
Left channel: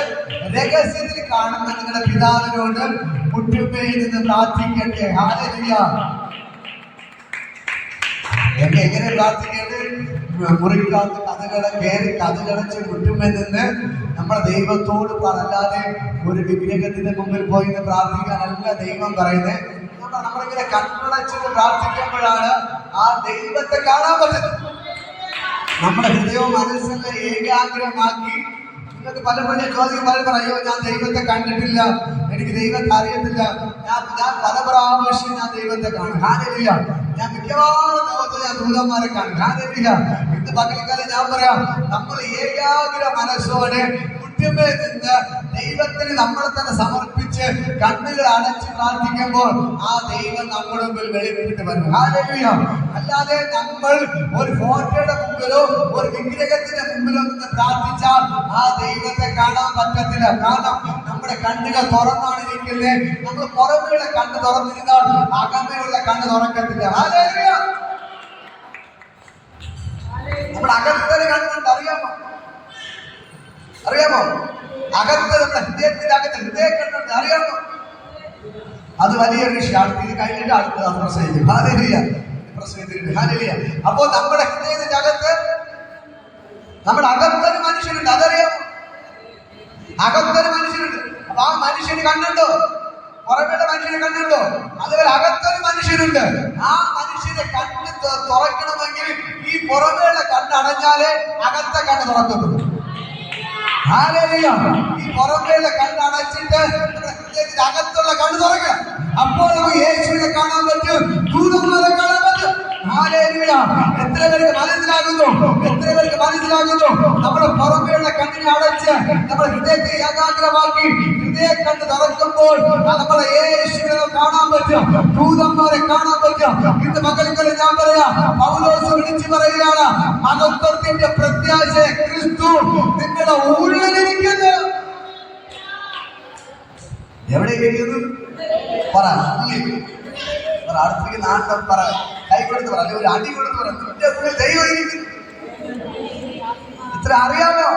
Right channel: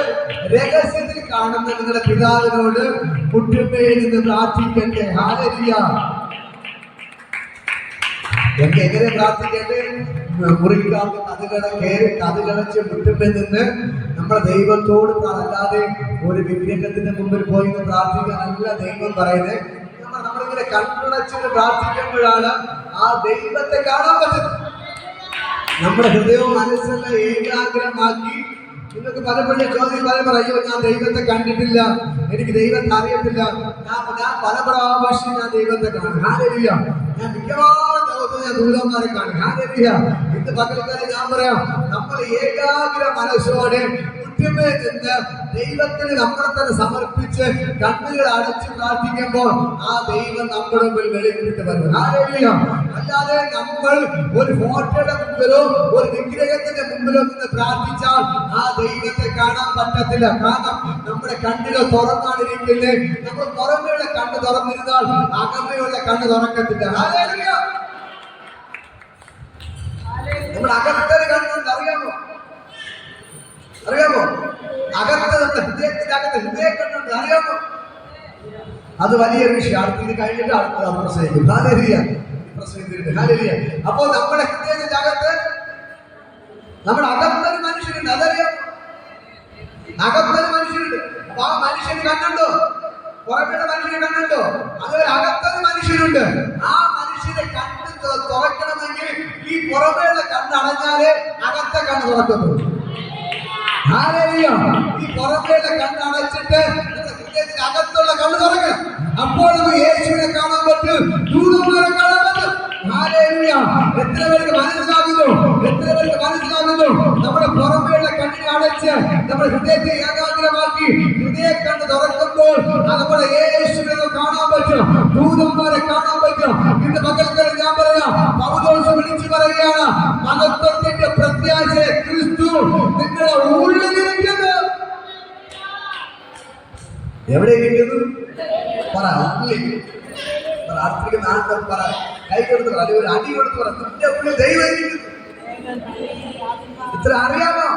രഹസ്യത്തിൽ കാണുന്ന നിങ്ങളുടെ പിതാവിനോട് മുട്ടുമേൽ നിന്ന് പ്രാർത്ഥിക്കട്ടെ. ഹല്ലേലൂയ. എങ്ങനെ പ്രാർത്ഥിക്കട്ടെ? മുറിക്കകത്ത് കഥകടച്ച് മുട്ടുമേൽ നിന്ന് നമ്മുടെ ദൈവത്തോട് അല്ലാതെ ഒരു വിഗ്രഹത്തിന്റെ മുമ്പിൽ പോയി പ്രാർത്ഥിക്കാനല്ല ദൈവം പറയുന്നത്. നമ്മളിങ്ങനെ കണ്ണടച്ചിട്ട് പ്രാർത്ഥിക്കുമ്പോഴാണ് ആ ദൈവത്തെ കാണാൻ പറ്റുന്നത്. നമ്മുടെ ഹൃദയവും മനസ്സെല്ലാം ഏകാഗ്രമാക്കി. നിങ്ങൾക്ക് പലപ്പോഴും ചോദ്യം അയ്യോ ഞാൻ ദൈവത്തെ കണ്ടിട്ടില്ല, എനിക്ക് ദൈവത്തെ അറിയത്തില്ല. ഞാൻ പല പ്രാവശ്യം ഞാൻ ദൈവത്തെ കാണും. ഹല്ലേലൂയ. ഞാൻ മിക്കവാറും ഞാൻ ദൂതന്മാരെ കാണും. ഹല്ലേലൂയ. ഇന്ന് പകൽക്കാലം ഞാൻ പറയാം, നമ്മൾ ഏകാഗ്ര മനസ്സോടെ മുറ്റുമേ നിന്ന് ദൈവത്തിന് നമ്മളെ തന്നെ സമർപ്പിച്ച് കണ്ണുകൾ അടച്ച് പ്രാർത്ഥിക്കുമ്പോൾ ആ ദൈവം നമ്മുടെ മുമ്പിൽ വെളിപ്പെട്ട് വരും. ഹല്ലേലൂയ. അല്ലാതെ നമ്മൾ ഒരു ഫോട്ടോയുടെ മുമ്പിലോ ഒരു വിഗ്രഹത്തിന്റെ മുമ്പിലോ നിന്ന് പ്രാർത്ഥിച്ചാൽ ആ ദൈവത്തെ കാണാൻ പറ്റത്തില്ല. കാരണം നമ്മുടെ കണ്ണുകൾ തുറന്നാണിരിക്കുന്നത്. നമ്മൾ പുറമേയുള്ള കണ്ണ് തുറന്നിരുന്നാൽ അകമയുള്ള കണ്ണ് തുറക്കത്തില്ല. ഹല്ലേലൂയ. നമ്മുടെ അകത്തൊരു കണ്ണുണ്ട്, അറിയാമോ? അറിയാമോ? അകത്ത് നമ്മുടെ ഹൃദയത്തിന്റെ അകത്ത് ഹൃദയ കണ്ണുണ്ട്, അറിയാമോ? അത് വലിയ വിഷയമാണ്. ഇത് കഴിഞ്ഞിട്ട് അടുത്തത് പ്രസംഗിക്കും. ഹല്ലേലൂയ. പ്രസംഗിച്ചിട്ടുണ്ട്. ഹല്ലേലൂയ. അപ്പോ നമ്മുടെ ഹൃദയത്തിന്റെ അകത്ത് നമ്മുടെ അകത്തൊരു മനുഷ്യനുണ്ട്, അതറിയാമോ? അകത്തൊരു മനുഷ്യനുണ്ട്. അപ്പൊ ആ മനുഷ്യന് കണ്ണുണ്ടോ? പുറമേയുള്ള മനുഷ്യനെ കണ്ണുണ്ടോ? അതുപോലെ അകത്തൊരു മനുഷ്യനുണ്ട്. ആ മനുഷ്യന്റെ കണ്ണ് തുറക്കണമെങ്കിൽ ഈ പുറമേയുള്ള കണ്ണ് അടഞ്ഞാലേ അകത്തെ കണ്ണ് തുറക്കത്തുള്ളൂ. ഹല്ലേലൂയ. ഈ പുറമേയുള്ള കണ്ണ് അടച്ചിട്ട് ഹൃദയത്തിന്റെ അകത്തുള്ള കണ്ണ് തുറക്കണം. അപ്പോൾ നമുക്ക് യേശുവിനെ കാണാൻ പറ്റും, ദൂതന്മാരെ കാണാൻ പറ്റും. ഹല്ലേലൂയ. എത്ര പേർക്ക് മനസ്സിലാകുന്നു? എത്ര പേർക്ക് മനസ്സിലാകുന്നു? നമ്മുടെ പുറമേയുള്ള കണ്ണിനെ അടച്ച് നമ്മുടെ ഹൃദയത്തെ ഏകാഗ്രമാക്കി ഹൃദയ കണ്ണ് തുറക്കുമ്പോൾ നമ്മുടെ യേശുവിനെ കാണാൻ പറ്റും, ദൂതന്മാരെ കാണാൻ പറ്റും. ഇന്ന് പകൽക്കാലം ഞാൻ പറയാം, പൗലോസ് വിളിച്ചു പറയുകയാണ്, മഹത്വത്തിന്റെ പ്രത്യാശ ക്രിസ്തു നിങ്ങളുടെ ഉള്ളിലിരിക്കുന്നു. എവിടെ ഇരിക്കുന്നു? പറ. അടുത്തേക്ക് നാട്ടം പറ, കൈ കൊടുത്ത് പറ, അല്ലെങ്കിൽ ഒരു അടി കൊടുത്ത് പറ, നിന്റെ ഉള്ളിൽ ദൈവം ഇരിക്കുന്നു. ഇത്ര അറിയാമോ?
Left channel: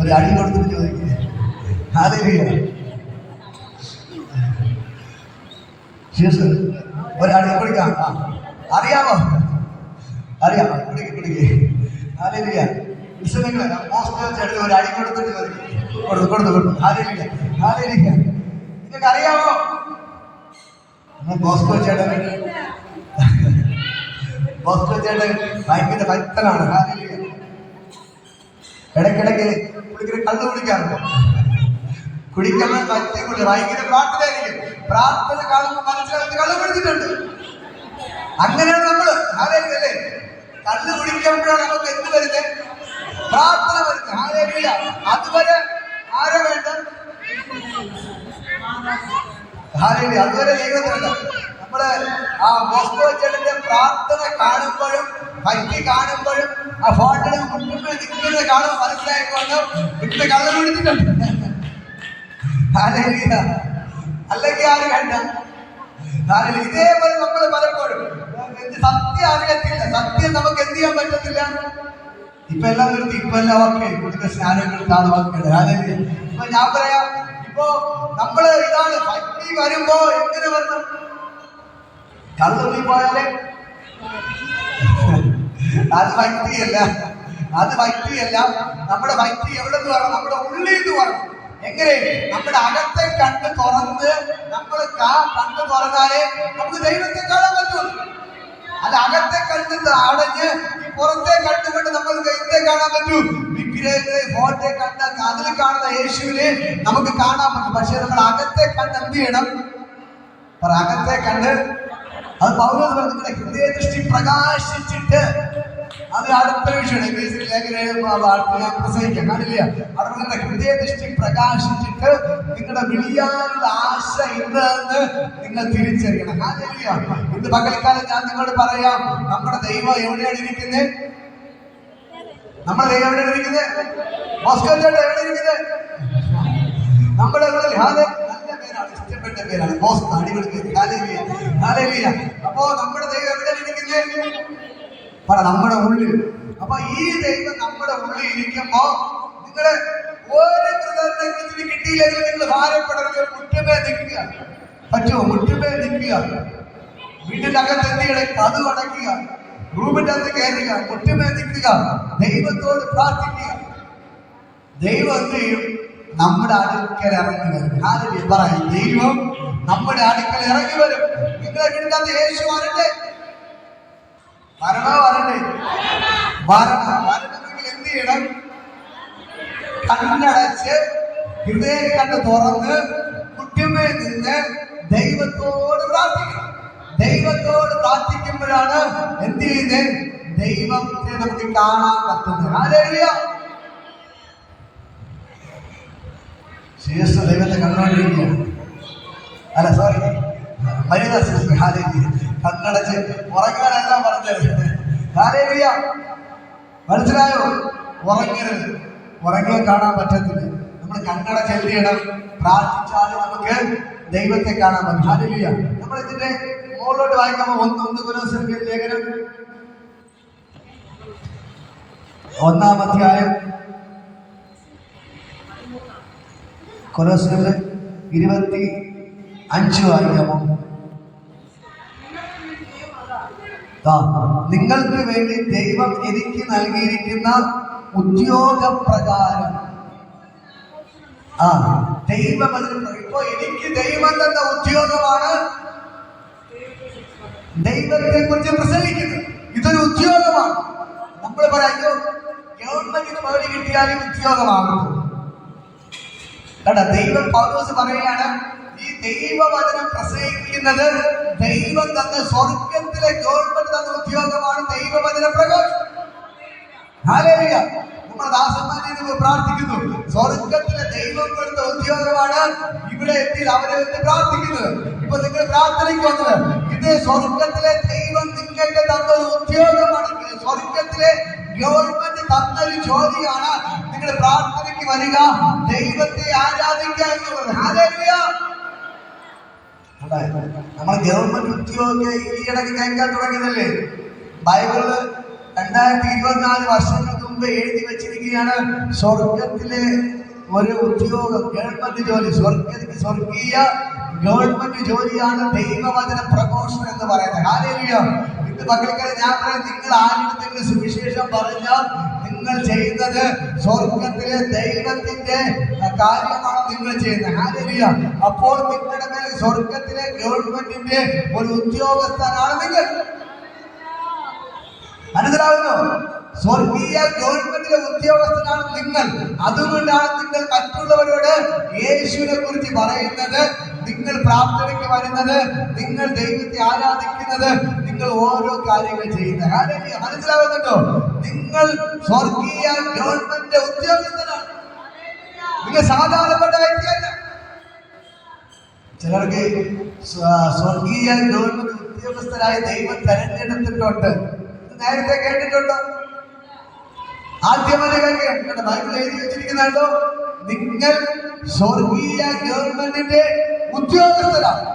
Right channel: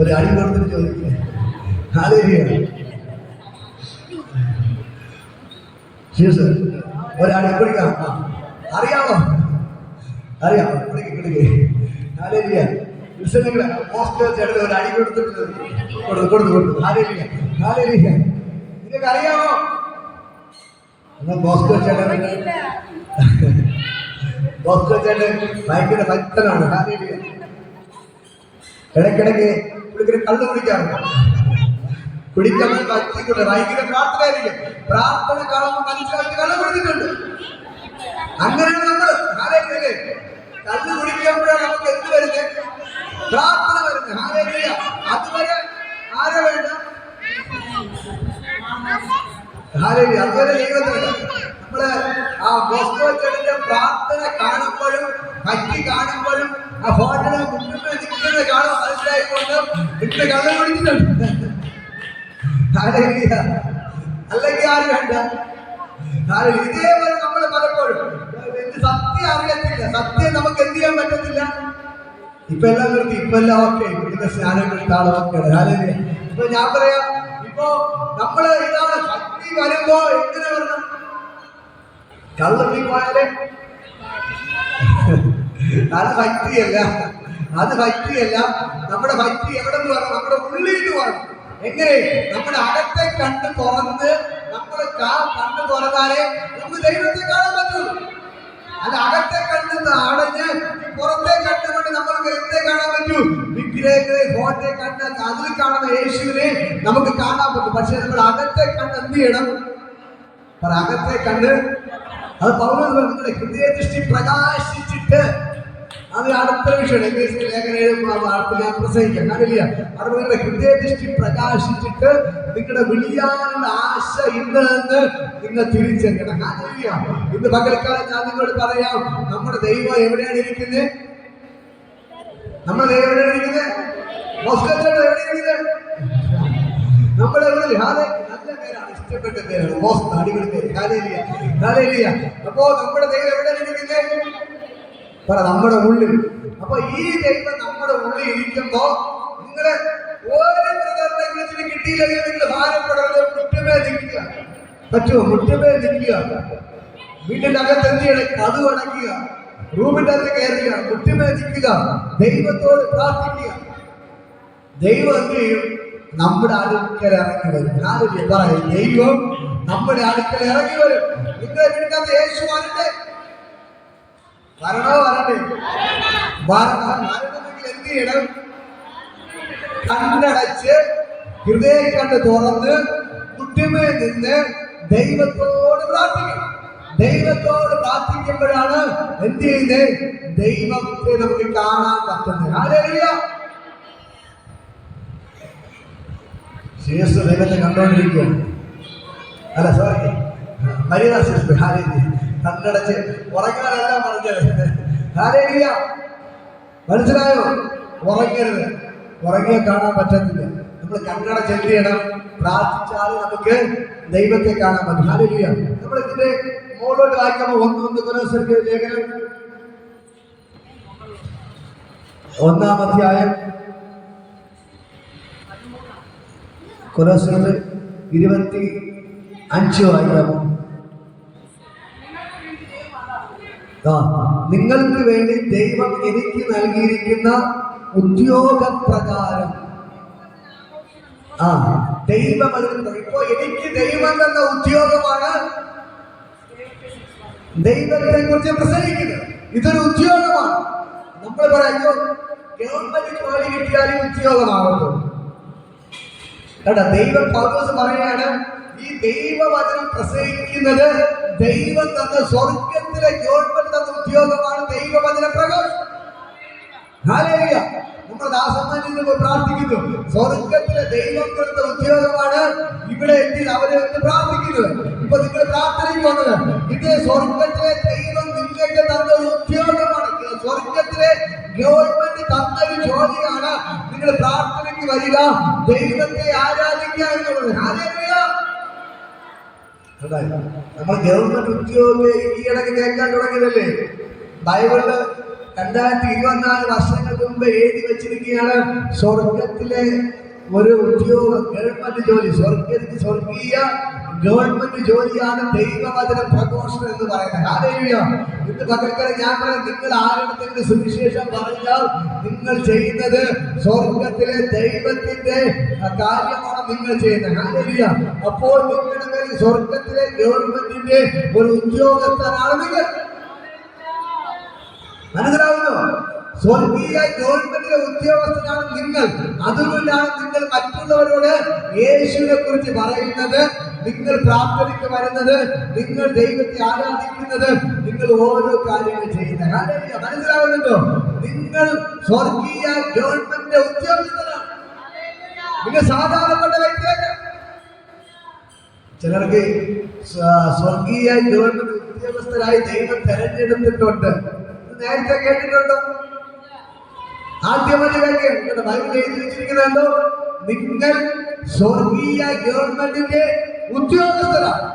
ഒരു അടി കൊടുത്തിട്ട് ചോദിക്കുക. ഹല്ലേലൂയ. ഒരടി കൊടുക്കാം. അറിയാമോ? അറിയാം. പിടിക്കേ. ഹല്ലേലൂയ. പോസ്റ്റർ ചേട്ടൻ ഒരു അടി കൊടുത്തിട്ട് കൊടുത്തു. ഹല്ലേലൂയ. ഹല്ലേലൂയ. നിങ്ങൾക്ക് അറിയാമോ? ബോസ്കോ ചേട്ടൻ ഭയങ്കര ഭക്തനാണ്. ഹല്ലേലൂയ. ഇടയ്ക്കിടയ്ക്ക് പുള്ളിക്ക് കള്ള് കുടിക്കാറുണ്ട്. കുടിക്കാൻ ഭക്തിക്കുള്ള ഭയങ്കര പ്രാർത്ഥനയായിരിക്കും. പ്രാർത്ഥന കാണുമ്പോൾ മനസ്സിലാക്കി കള്ള് കുടിച്ചിട്ടുണ്ട്. അങ്ങനെയാണ് നമ്മള്. ഹല്ലേലൂയ. കള്ള് കുടിക്കുമ്പോഴാണ് നമുക്ക് എന്ത് വരുന്നത്? പ്രാർത്ഥന വരുന്നത്. ഹല്ലേലൂയ. അതുവരെ ആരെ വേണ്ട? ഹല്ലേലൂയ. അതുവരെ ദൈവത്തിനുണ്ട്. നമ്മള് ആ ബോസ്കോ ചേട്ടന്റെ പ്രാർത്ഥന കാണുമ്പോഴും ഭക്തി കാണുമ്പോഴും ആ ഫോട്ടിന് മുന്നിൽ നിൽക്കുന്നത് കാണുമ്പോൾ മനസ്സിലായിക്കൊണ്ട് വീട്ടിൽ കള്ള് കുടിച്ചിട്ടുണ്ട്. ഹല്ലേലൂയ. അല്ലെങ്കിൽ ആര് വേണ്ട? ഇതേപോലെ നമ്മൾ പലപ്പോഴും സത്യം അറിയത്തില്ല. സത്യം നമുക്ക് എന്ത് ചെയ്യാൻ പറ്റത്തില്ല. ഇപ്പൊ എല്ലാം നിർത്തി, ഇപ്പൊ എല്ലാം ഓക്കെ, ഇവിടുത്തെ സ്നാനങ്ങളുടെ ആൾ ഓക്കെയാണ്. ഹല്ലേലൂയ. ഇപ്പൊ ഞാൻ പറയാം, ഇപ്പൊ നമ്മള് ഇതാണ് ഭക്തി വരുമ്പോ എങ്ങനെ വരണം? കള്ളി പോയാലേ അത് ഭക്തിയല്ല. നമ്മുടെ ഭക്തി എവിടെ നിന്ന് വരണം? നമ്മുടെ ഉള്ളിൽ നിന്ന് വരണം. എങ്ങനെ? നമ്മുടെ അകത്തെ കണ്ണ് തുറന്ന് നമ്മൾ കണ്ണ് തുറന്നാലേ നമുക്ക് ദൈവത്തെ കാണാൻ പറ്റുള്ളൂ. അത് അകത്തെ കണ്ണ് അടഞ്ഞ് പുറത്തെ കണ്ടുകൊണ്ട് നമ്മൾക്ക് എന്തേ കാണാൻ പറ്റൂ? വിഗ്രഹത്തെ ഫോട്ടെ കണ്ട് അതിൽ കാണുന്ന യേശുവിനെ നമുക്ക് കാണാൻ പറ്റും. പക്ഷെ നമ്മൾ അകത്തെ കണ്ണ് എന്ത് ചെയ്യണം? അകത്തെ കണ്ണ് അത് പൗലോസ് പറഞ്ഞു, നിങ്ങളുടെ ഹൃദയദൃഷ്ടി പ്രകാശിച്ചിട്ട്. അത് അടുത്ത വിഷയം ഞാൻ പ്രസംഗിക്കാം. കാണില്ല, അവിടെ നിങ്ങളുടെ ഹൃദയദൃഷ്ടി പ്രകാശിച്ചിട്ട് നിങ്ങളുടെ വിളിയാനുള്ള ആശ ഇന്ന് നിങ്ങൾ തിരിച്ചറിയണം. കാണില്ല, ഇന്ന് പകൽക്കാലം ഞാൻ നിങ്ങളോട് പറയാം, നമ്മുടെ ദൈവം എവിടെയാണ് ഇരിക്കുന്നത്? നമ്മുടെ ദൈവം എവിടെയാണ് ഇരിക്കുന്നത്? മോസ്കോ ചേട്ടൻ എവിടെ ഇരിക്കുന്നത്? നമ്മുടെ ഉള്ളിൽ. നല്ല പേരാണ്, ഇഷ്ടപ്പെട്ട പേരാണ് മോസ്കോ. അടിപൊളി പേര്. ഹല്ലേലൂയ. അപ്പോ നമ്മുടെ ദൈവം എവിടെയാണ് ഇരിക്കുന്നത്? പറ, നമ്മുടെ ഉള്ളിൽ. അപ്പൊ ഈ ദൈവം നമ്മുടെ ഉള്ളിൽ ഇരിക്കുമ്പോ നിങ്ങളെ ഓരോ പ്രധാന കിട്ടിയില്ലെങ്കിൽ നിങ്ങൾ ഭാരപ്പെടരുത്. മുറ്റമേ നിൽക്കുക. പറ്റുമോ? മുറ്റമേ നിൽക്കുക. വീട്ടിന്റെ അകത്ത് എന്ത് ചെയ്യണം? കതു അടയ്ക്കുക. റൂമിന്റെ അകത്ത് കയറുക. മുറ്റമേ നിൽക്കുക. ദൈവത്തോട് പ്രാർത്ഥിക്കുക. ദൈവം എന്ത് ചെയ്യും? നമ്മുടെ അടുക്കൽ ഇറങ്ങി വരും. ഹല്ലേലൂയ. പറയും, ദൈവം നമ്മുടെ അടുക്കൽ ഇറങ്ങി വരും. നിങ്ങളെ വീട്ടിനകത്ത് യേശു വരണ്ടേ? വരണമെങ്കിൽ എന്ത് ചെയ്യണം? കണ്ണടച്ച് ഹൃദയം കണ്ട് തുറന്ന് മുറ്റമേ നിന്ന് ദൈവത്തോട് പ്രാർത്ഥിക്കണം. ദൈവത്തോട് പ്രാർത്ഥിക്കുമ്പോഴാണ് എന്ത് ചെയ്യുന്നത്? ദൈവത്തെ നമുക്ക് കാണാൻ പറ്റുന്നത്. ഹല്ലേലൂയ. ശേഷം ദൈവത്തെ കണ്ടുകൊണ്ടിരിക്കുകയാണ്. അല്ല സോറി, മരിയ സിസ്റ്റർ ഹല്ലേലൂയ. കണ്ണടച്ച് ഉറങ്ങാനെല്ലാം പറഞ്ഞത്. ഹല്ലേലൂയ. മനസ്സിലായോ? ഉറങ്ങരുത്. ഉറങ്ങിയാൽ കാണാൻ പറ്റത്തില്ല. നമ്മൾ കണ്ണടച്ച് എന്ത് ചെയ്യണം? പ്രാർത്ഥിച്ചാൽ നമുക്ക് ദൈവത്തെ കാണാൻ പറ്റും. ഹല്ലേലൂയ. നമ്മൾ ഇതിന്റെ മുകളിലോട്ട് വായിക്കുമ്പോൾ ഒന്ന് കൊലോസ്യരുടെ ലേഖനം 1-ാം അധ്യായം കൊലോസ്യർ 25 വായിക്കാമോ? നിങ്ങൾക്ക് വേണ്ടി ദൈവം എനിക്ക് നൽകിയിരിക്കുന്ന ഉദ്യോഗപ്രകാരം ദൈവം ഇപ്പോ എനിക്ക് ദൈവം തന്ന ഉദ്യോഗമാണ് ദൈവത്തെ കുറിച്ച് പ്രസംഗിക്കുന്നത്. ഇതൊരു ഉദ്യോഗമാണ്. നമ്മൾ പറയുമ്പോൾ ഗവൺമെന്റിന് പണി കിട്ടിയാൽ ഉദ്യോഗമാകുന്നു. കേട്ടാ, ദൈവം പൗലോസ് പറയാണ്, ഈ ദൈവവചനം പ്രസംഗിക്കുന്നത് ദൈവം തന്ന സ്വർഗത്തിലെ ഗവൺമെന്റ് തന്ന ഉദ്യോഗമാണ് ദൈവവചന പ്രകാശം. ഹല്ലേലൂയ. നമ്മുടെ ദാസന്മാർ പ്രാർത്ഥിക്കുന്നു, സ്വർഗത്തിലെ ദൈവം കൊടുത്ത ഉദ്യോഗമാണ് ഇവിടെ എത്തി അവരെ വെച്ച് പ്രാർത്ഥിക്കുന്നത്. ഇപ്പൊ നിങ്ങൾ പ്രാർത്ഥനയ്ക്ക് വന്നത് ഇത് സ്വർഗത്തിലെ ദൈവം നിങ്ങൾക്ക് തന്ന ഒരു ഉദ്യോഗമാണ്. സ്വർഗത്തിലെ ഗവൺമെന്റ് തന്നൊരു ജോലിയാണ് നിങ്ങൾ പ്രാർത്ഥനയ്ക്ക് വരിക, ദൈവത്തെ ആരാധിക്കുക എന്നുള്ളത്. ഹല്ലേലൂയ. നമ്മൾ ഗവൺമെന്റ് ഉദ്യോഗ ഈയിടക്ക് കേൾക്കാൻ തുടങ്ങിയതല്ലേ? ബൈബിളില് 2024 വർഷങ്ങൾക്ക് മുമ്പ് എഴുതി വെച്ചിരിക്കുകയാണ്, സ്വർഗത്തിലെ ഒരു ഉദ്യോഗം, ഗവൺമെന്റ് ജോലി, സ്വർഗീയ ഗവൺമെന്റ് ജോലിയാണ് ദൈവവചന പ്രഘോഷണം എന്ന് പറയുന്നത്. ഹല്ലേലൂയ. ഇന്ന് മക്കൾക്കത് ഞാൻ പറയാം, നിങ്ങൾ ആരുടെ സുവിശേഷം പറഞ്ഞാൽ നിങ്ങൾ ചെയ്യുന്നത് സ്വർഗത്തിലെ ദൈവത്തിന്റെ കാര്യമാണ് നിങ്ങൾ ചെയ്യുന്നത്. ഹല്ലേലൂയ. അപ്പോൾ നിങ്ങളുടെ മേൽ സ്വർഗത്തിലെ ഗവൺമെന്റിന്റെ ഒരു ഉദ്യോഗസ്ഥനാണ് നിങ്ങൾ. മനസ്സിലാവുന്നു? സ്വർഗീയ ഗവൺമെന്റിലെ ഉദ്യോഗസ്ഥനാണ് നിങ്ങൾ. അതുകൊണ്ടാണ് നിങ്ങൾ മറ്റുള്ളവരോട് യേശുവിനെ കുറിച്ച് പറയുന്നത്, നിങ്ങൾ പ്രാർത്ഥനയ്ക്ക് വരുന്നത്, നിങ്ങൾ ദൈവത്തെ ആരാധിക്കുന്നത്, നിങ്ങൾ ഓരോ കാര്യങ്ങൾ ചെയ്യുന്നത്. മനസ്സിലാവുന്നുണ്ടോ? നിങ്ങൾ സ്വർഗീയ ഗവൺമെന്റിന്റെ ഉദ്യോഗസ്ഥനാണ്. നിങ്ങൾ സാധാരണപ്പെട്ട വ്യക്തിയല്ല. ചിലർക്ക് സ്വർഗീയ ഗവൺമെന്റ് ഉദ്യോഗസ്ഥരായി ദൈവം തെരഞ്ഞെടുത്തിട്ടുണ്ട്. നേരത്തെ കേട്ടിട്ടുണ്ടോ? ആദ്യമായി കേൾക്കുക. ബൈബിൾ എഴുതി വെച്ചിരിക്കുന്നുണ്ടോ? നിങ്ങൾ സ്വർഗീയ ഗവൺമെന്റിന്റെ ഉദ്യോഗസ്ഥരാണ്.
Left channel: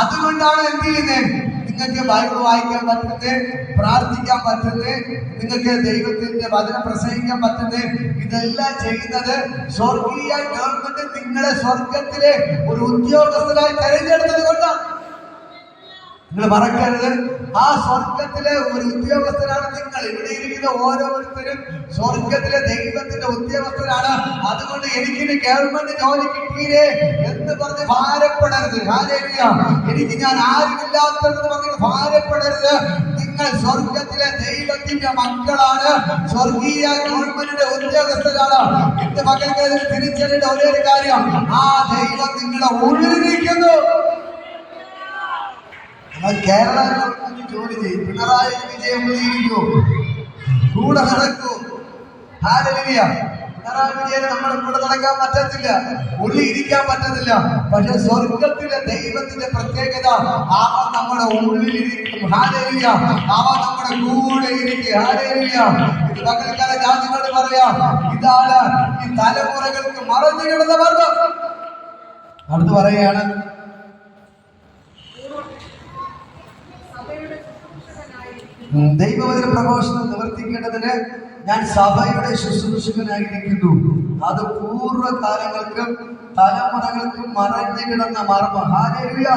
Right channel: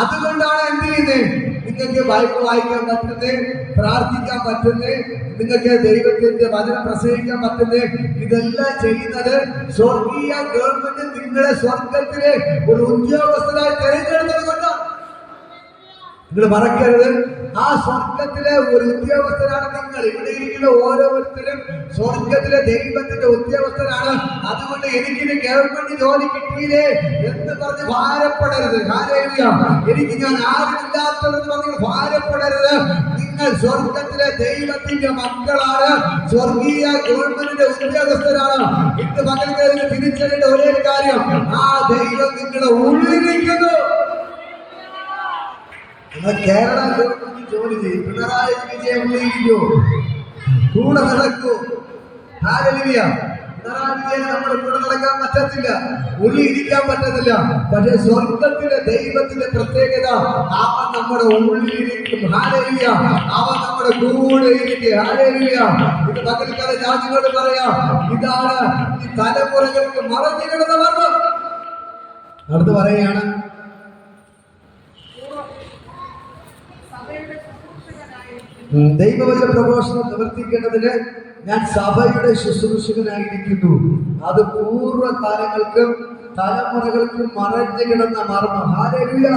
അതുകൊണ്ടാണ് എന്ത് ചെയ്യുന്നത്? നിങ്ങൾക്ക് ബൈബിൾ വായിക്കാൻ പറ്റുന്നത്, പ്രാർത്ഥിക്കാൻ പറ്റുന്നത്, നിങ്ങൾക്ക് ദൈവത്തിന്റെ വചനം പ്രസംഗിക്കാൻ പറ്റുന്നത്, ഇതെല്ലാം ചെയ്യുന്നത് സ്വർഗീയ ഗവൺമെന്റ് നിങ്ങളെ സ്വർഗത്തിലെ ഒരു ഉദ്യോഗസ്ഥനായി തെരഞ്ഞെടുത്തത് കൊണ്ടാണ്. നിങ്ങൾ മറക്കരുത്, ആ സ്വർഗത്തിലെ ഒരു ഉദ്യോഗസ്ഥരാണ് നിങ്ങൾ. ഇവിടെ ഇരിക്കുന്ന ഓരോരുത്തരും സ്വർഗത്തിലെ ദൈവത്തിന്റെ ഉദ്യോഗസ്ഥരാണ്. അതുകൊണ്ട് എനിക്കിന് ഗവൺമെന്റ് ജോലി കിട്ടിയില്ലേ എന്ന് പറഞ്ഞ് ഭാരപ്പെടരുത്. ഹല്ലേലൂയ. എനിക്ക് ഞാൻ ആരുമില്ലാത്തതെന്ന് പറഞ്ഞ് ഭാരപ്പെടരുത്. നിങ്ങൾ സ്വർഗത്തിലെ ദൈവത്തിന്റെ മക്കളാണ്, സ്വർഗീയ ഗവൺമെന്റിന്റെ ഉദ്യോഗസ്ഥരാണ്. ഇന്ന് മക്കൾക്ക് തിരിച്ചറിയേണ്ട ഒരേ കാര്യം, ആ ദൈവം നിങ്ങളുടെ ഉള്ളിലിരിക്കുന്നു. കേരള ഗവൺമെന്റ് ജോലി ചെയ്യും, പിണറായി വിജയൻ ഇരിക്കൂ, കൂടെ നടക്കൂ. ഹല്ലേലൂയ. പിണറായി വിജയൻ നമ്മുടെ കൂടെ നടക്കാൻ പറ്റത്തില്ല, ഉള്ളിൽ ഇരിക്കാൻ പറ്റത്തില്ല. പക്ഷെ സ്വർഗത്തിലെ ദൈവത്തിന്റെ പ്രത്യേകത, അവൻ നമ്മുടെ ഉള്ളിലിരിക്കും. ഹല്ലേലൂയ. അവൻ നമ്മുടെ കൂടെ ഇരിക്കും. ഹല്ലേലൂയ. ഇത് പകൽക്കാലം ഞാൻ നിങ്ങളോട് പറയാം, ഇതാണ് ഈ തലമുറകൾക്ക് മറഞ്ഞു കിടന്ന മർമ്മം. അടുത്ത് പറയുകയാണ്, ദൈവവചന പ്രഘോഷണം നിവർത്തിക്കേണ്ടതിന് ഞാൻ സഭയുടെ ശുശ്രൂഷകനായിരിക്കുന്നു. അത് പൂർവ്വകാലങ്ങൾക്കും തലമുറകൾക്കും മറഞ്ഞു കിടന്ന മർമ്മം. ഹല്ലേലൂയ.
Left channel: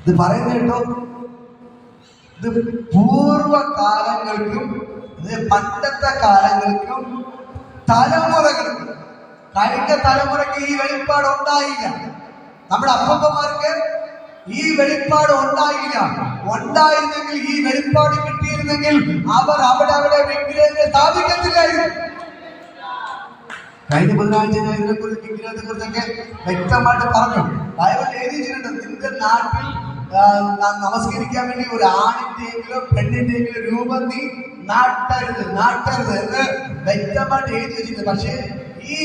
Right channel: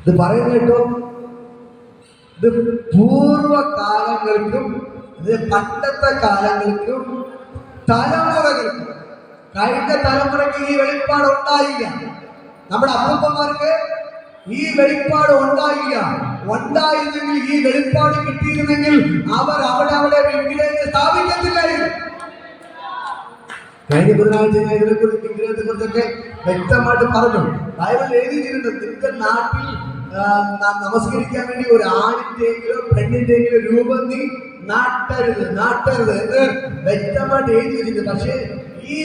ഇത് പറയുന്ന കേട്ടോ, ഇത് പൂർവ്വകാലങ്ങൾക്കും പണ്ടത്തെ കാലങ്ങൾക്കും തലമുറകൾക്കും. കഴിഞ്ഞ തലമുറയ്ക്ക് ഈ വെളിപ്പാട് ഉണ്ടായില്ല. നമ്മുടെ അപ്പന്മാർക്ക് ഈ വെളിപ്പാട് ഉണ്ടായില്ല. ഉണ്ടായിരുന്നെങ്കിൽ, ഈ വെളിപ്പാട് കിട്ടിയിരുന്നെങ്കിൽ അവർ അവിടെ വിഗ്രഹത്തെ സ്ഥാപിക്കത്തില്ലായിരുന്നു. കഴിഞ്ഞ ബുധനാഴ്ച ഞാൻ ഇതിനെക്കുറിച്ച് വിഗ്രഹത്തെ കുറിച്ചൊക്കെ വ്യക്തമായിട്ട് പറഞ്ഞു. ബൈബിൾ എഴുതിയിട്ടുണ്ട്, നിന്റെ നാട്ടിൽ നമസ്കരിക്കാൻ വേണ്ടി ഒരു ആണിന്റെയെങ്കിലും പെണ്ണിന്റെയെങ്കിലും രൂപം നീ നാട്ടരുത് എന്ന് വ്യക്തമായിട്ട് എഴുതി വെച്ചിട്ടുണ്ട്. പക്ഷേ ഈ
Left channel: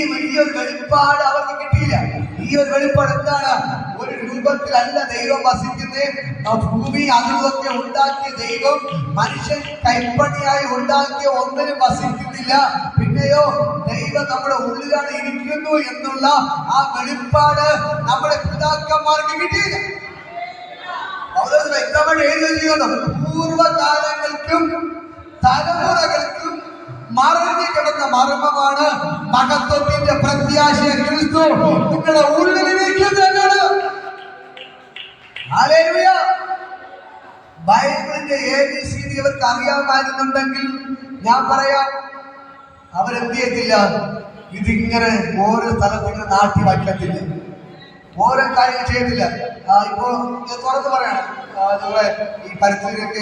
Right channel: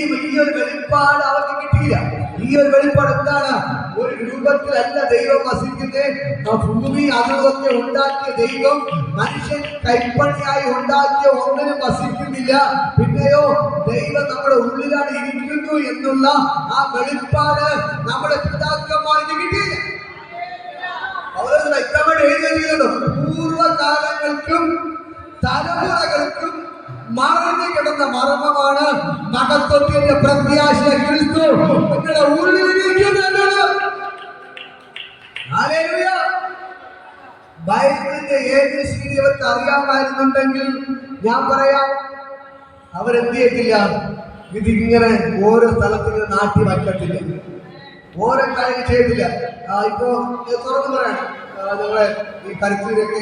ഒരു വെളിപ്പാട് അവർക്ക് കിട്ടിയില്ല. ഈ ഒരു വെളിപ്പാട് എന്താണ്? ഒരു രൂപത്തിലല്ല ദൈവം വസിക്കുന്നത്. ഭൂമി അതുമൊക്കെ ഉണ്ടാക്കിയ ദൈവം മനുഷ്യൻ കൈപ്പണിയായി ഉണ്ടാക്കിയ ഒന്നിനും വസിക്കുന്നില്ല. പിന്നെയോ ദൈവം നമ്മുടെ ഉള്ളിലാണ് ഇരിക്കുന്നു എന്നുള്ള ആ വെളിപ്പാട് നമ്മുടെ പിതാക്കന്മാർക്ക് കിട്ടിയില്ല. അവർ വ്യക്തമായിട്ട് എഴുതി വെച്ചിട്ടുണ്ട്. പൂർവ്വകാലങ്ങൾക്കും തലമുറകൾക്കും മറഞ്ഞു കിടന്ന മർമ്മമാണ് മഹത്വത്തിന്റെ പ്രത്യാശ ക്രിസ്തു നിങ്ങളുടെ ഉള്ളിലിരിക്കുന്നത്. ഹല്ലേലൂയ. ബൈബിളിന്റെ ABCD അവർക്ക് അറിയാമായിരുന്നുണ്ടെങ്കിൽ ഞാൻ പറയാം, അവരെന്ത് ചെയ്യത്തില്ല, ഇതിങ്ങനെ ഓരോ സ്ഥലത്തിങ്ങനെ നാട്ടി വയ്ക്കത്തില്ല, ഓരോ കാര്യം ചെയ്യത്തില്ല. ഇപ്പോ തുറന്ന് പറയണം, അതുപോലെ ഈ പരിസ്ഥിതിയൊക്കെ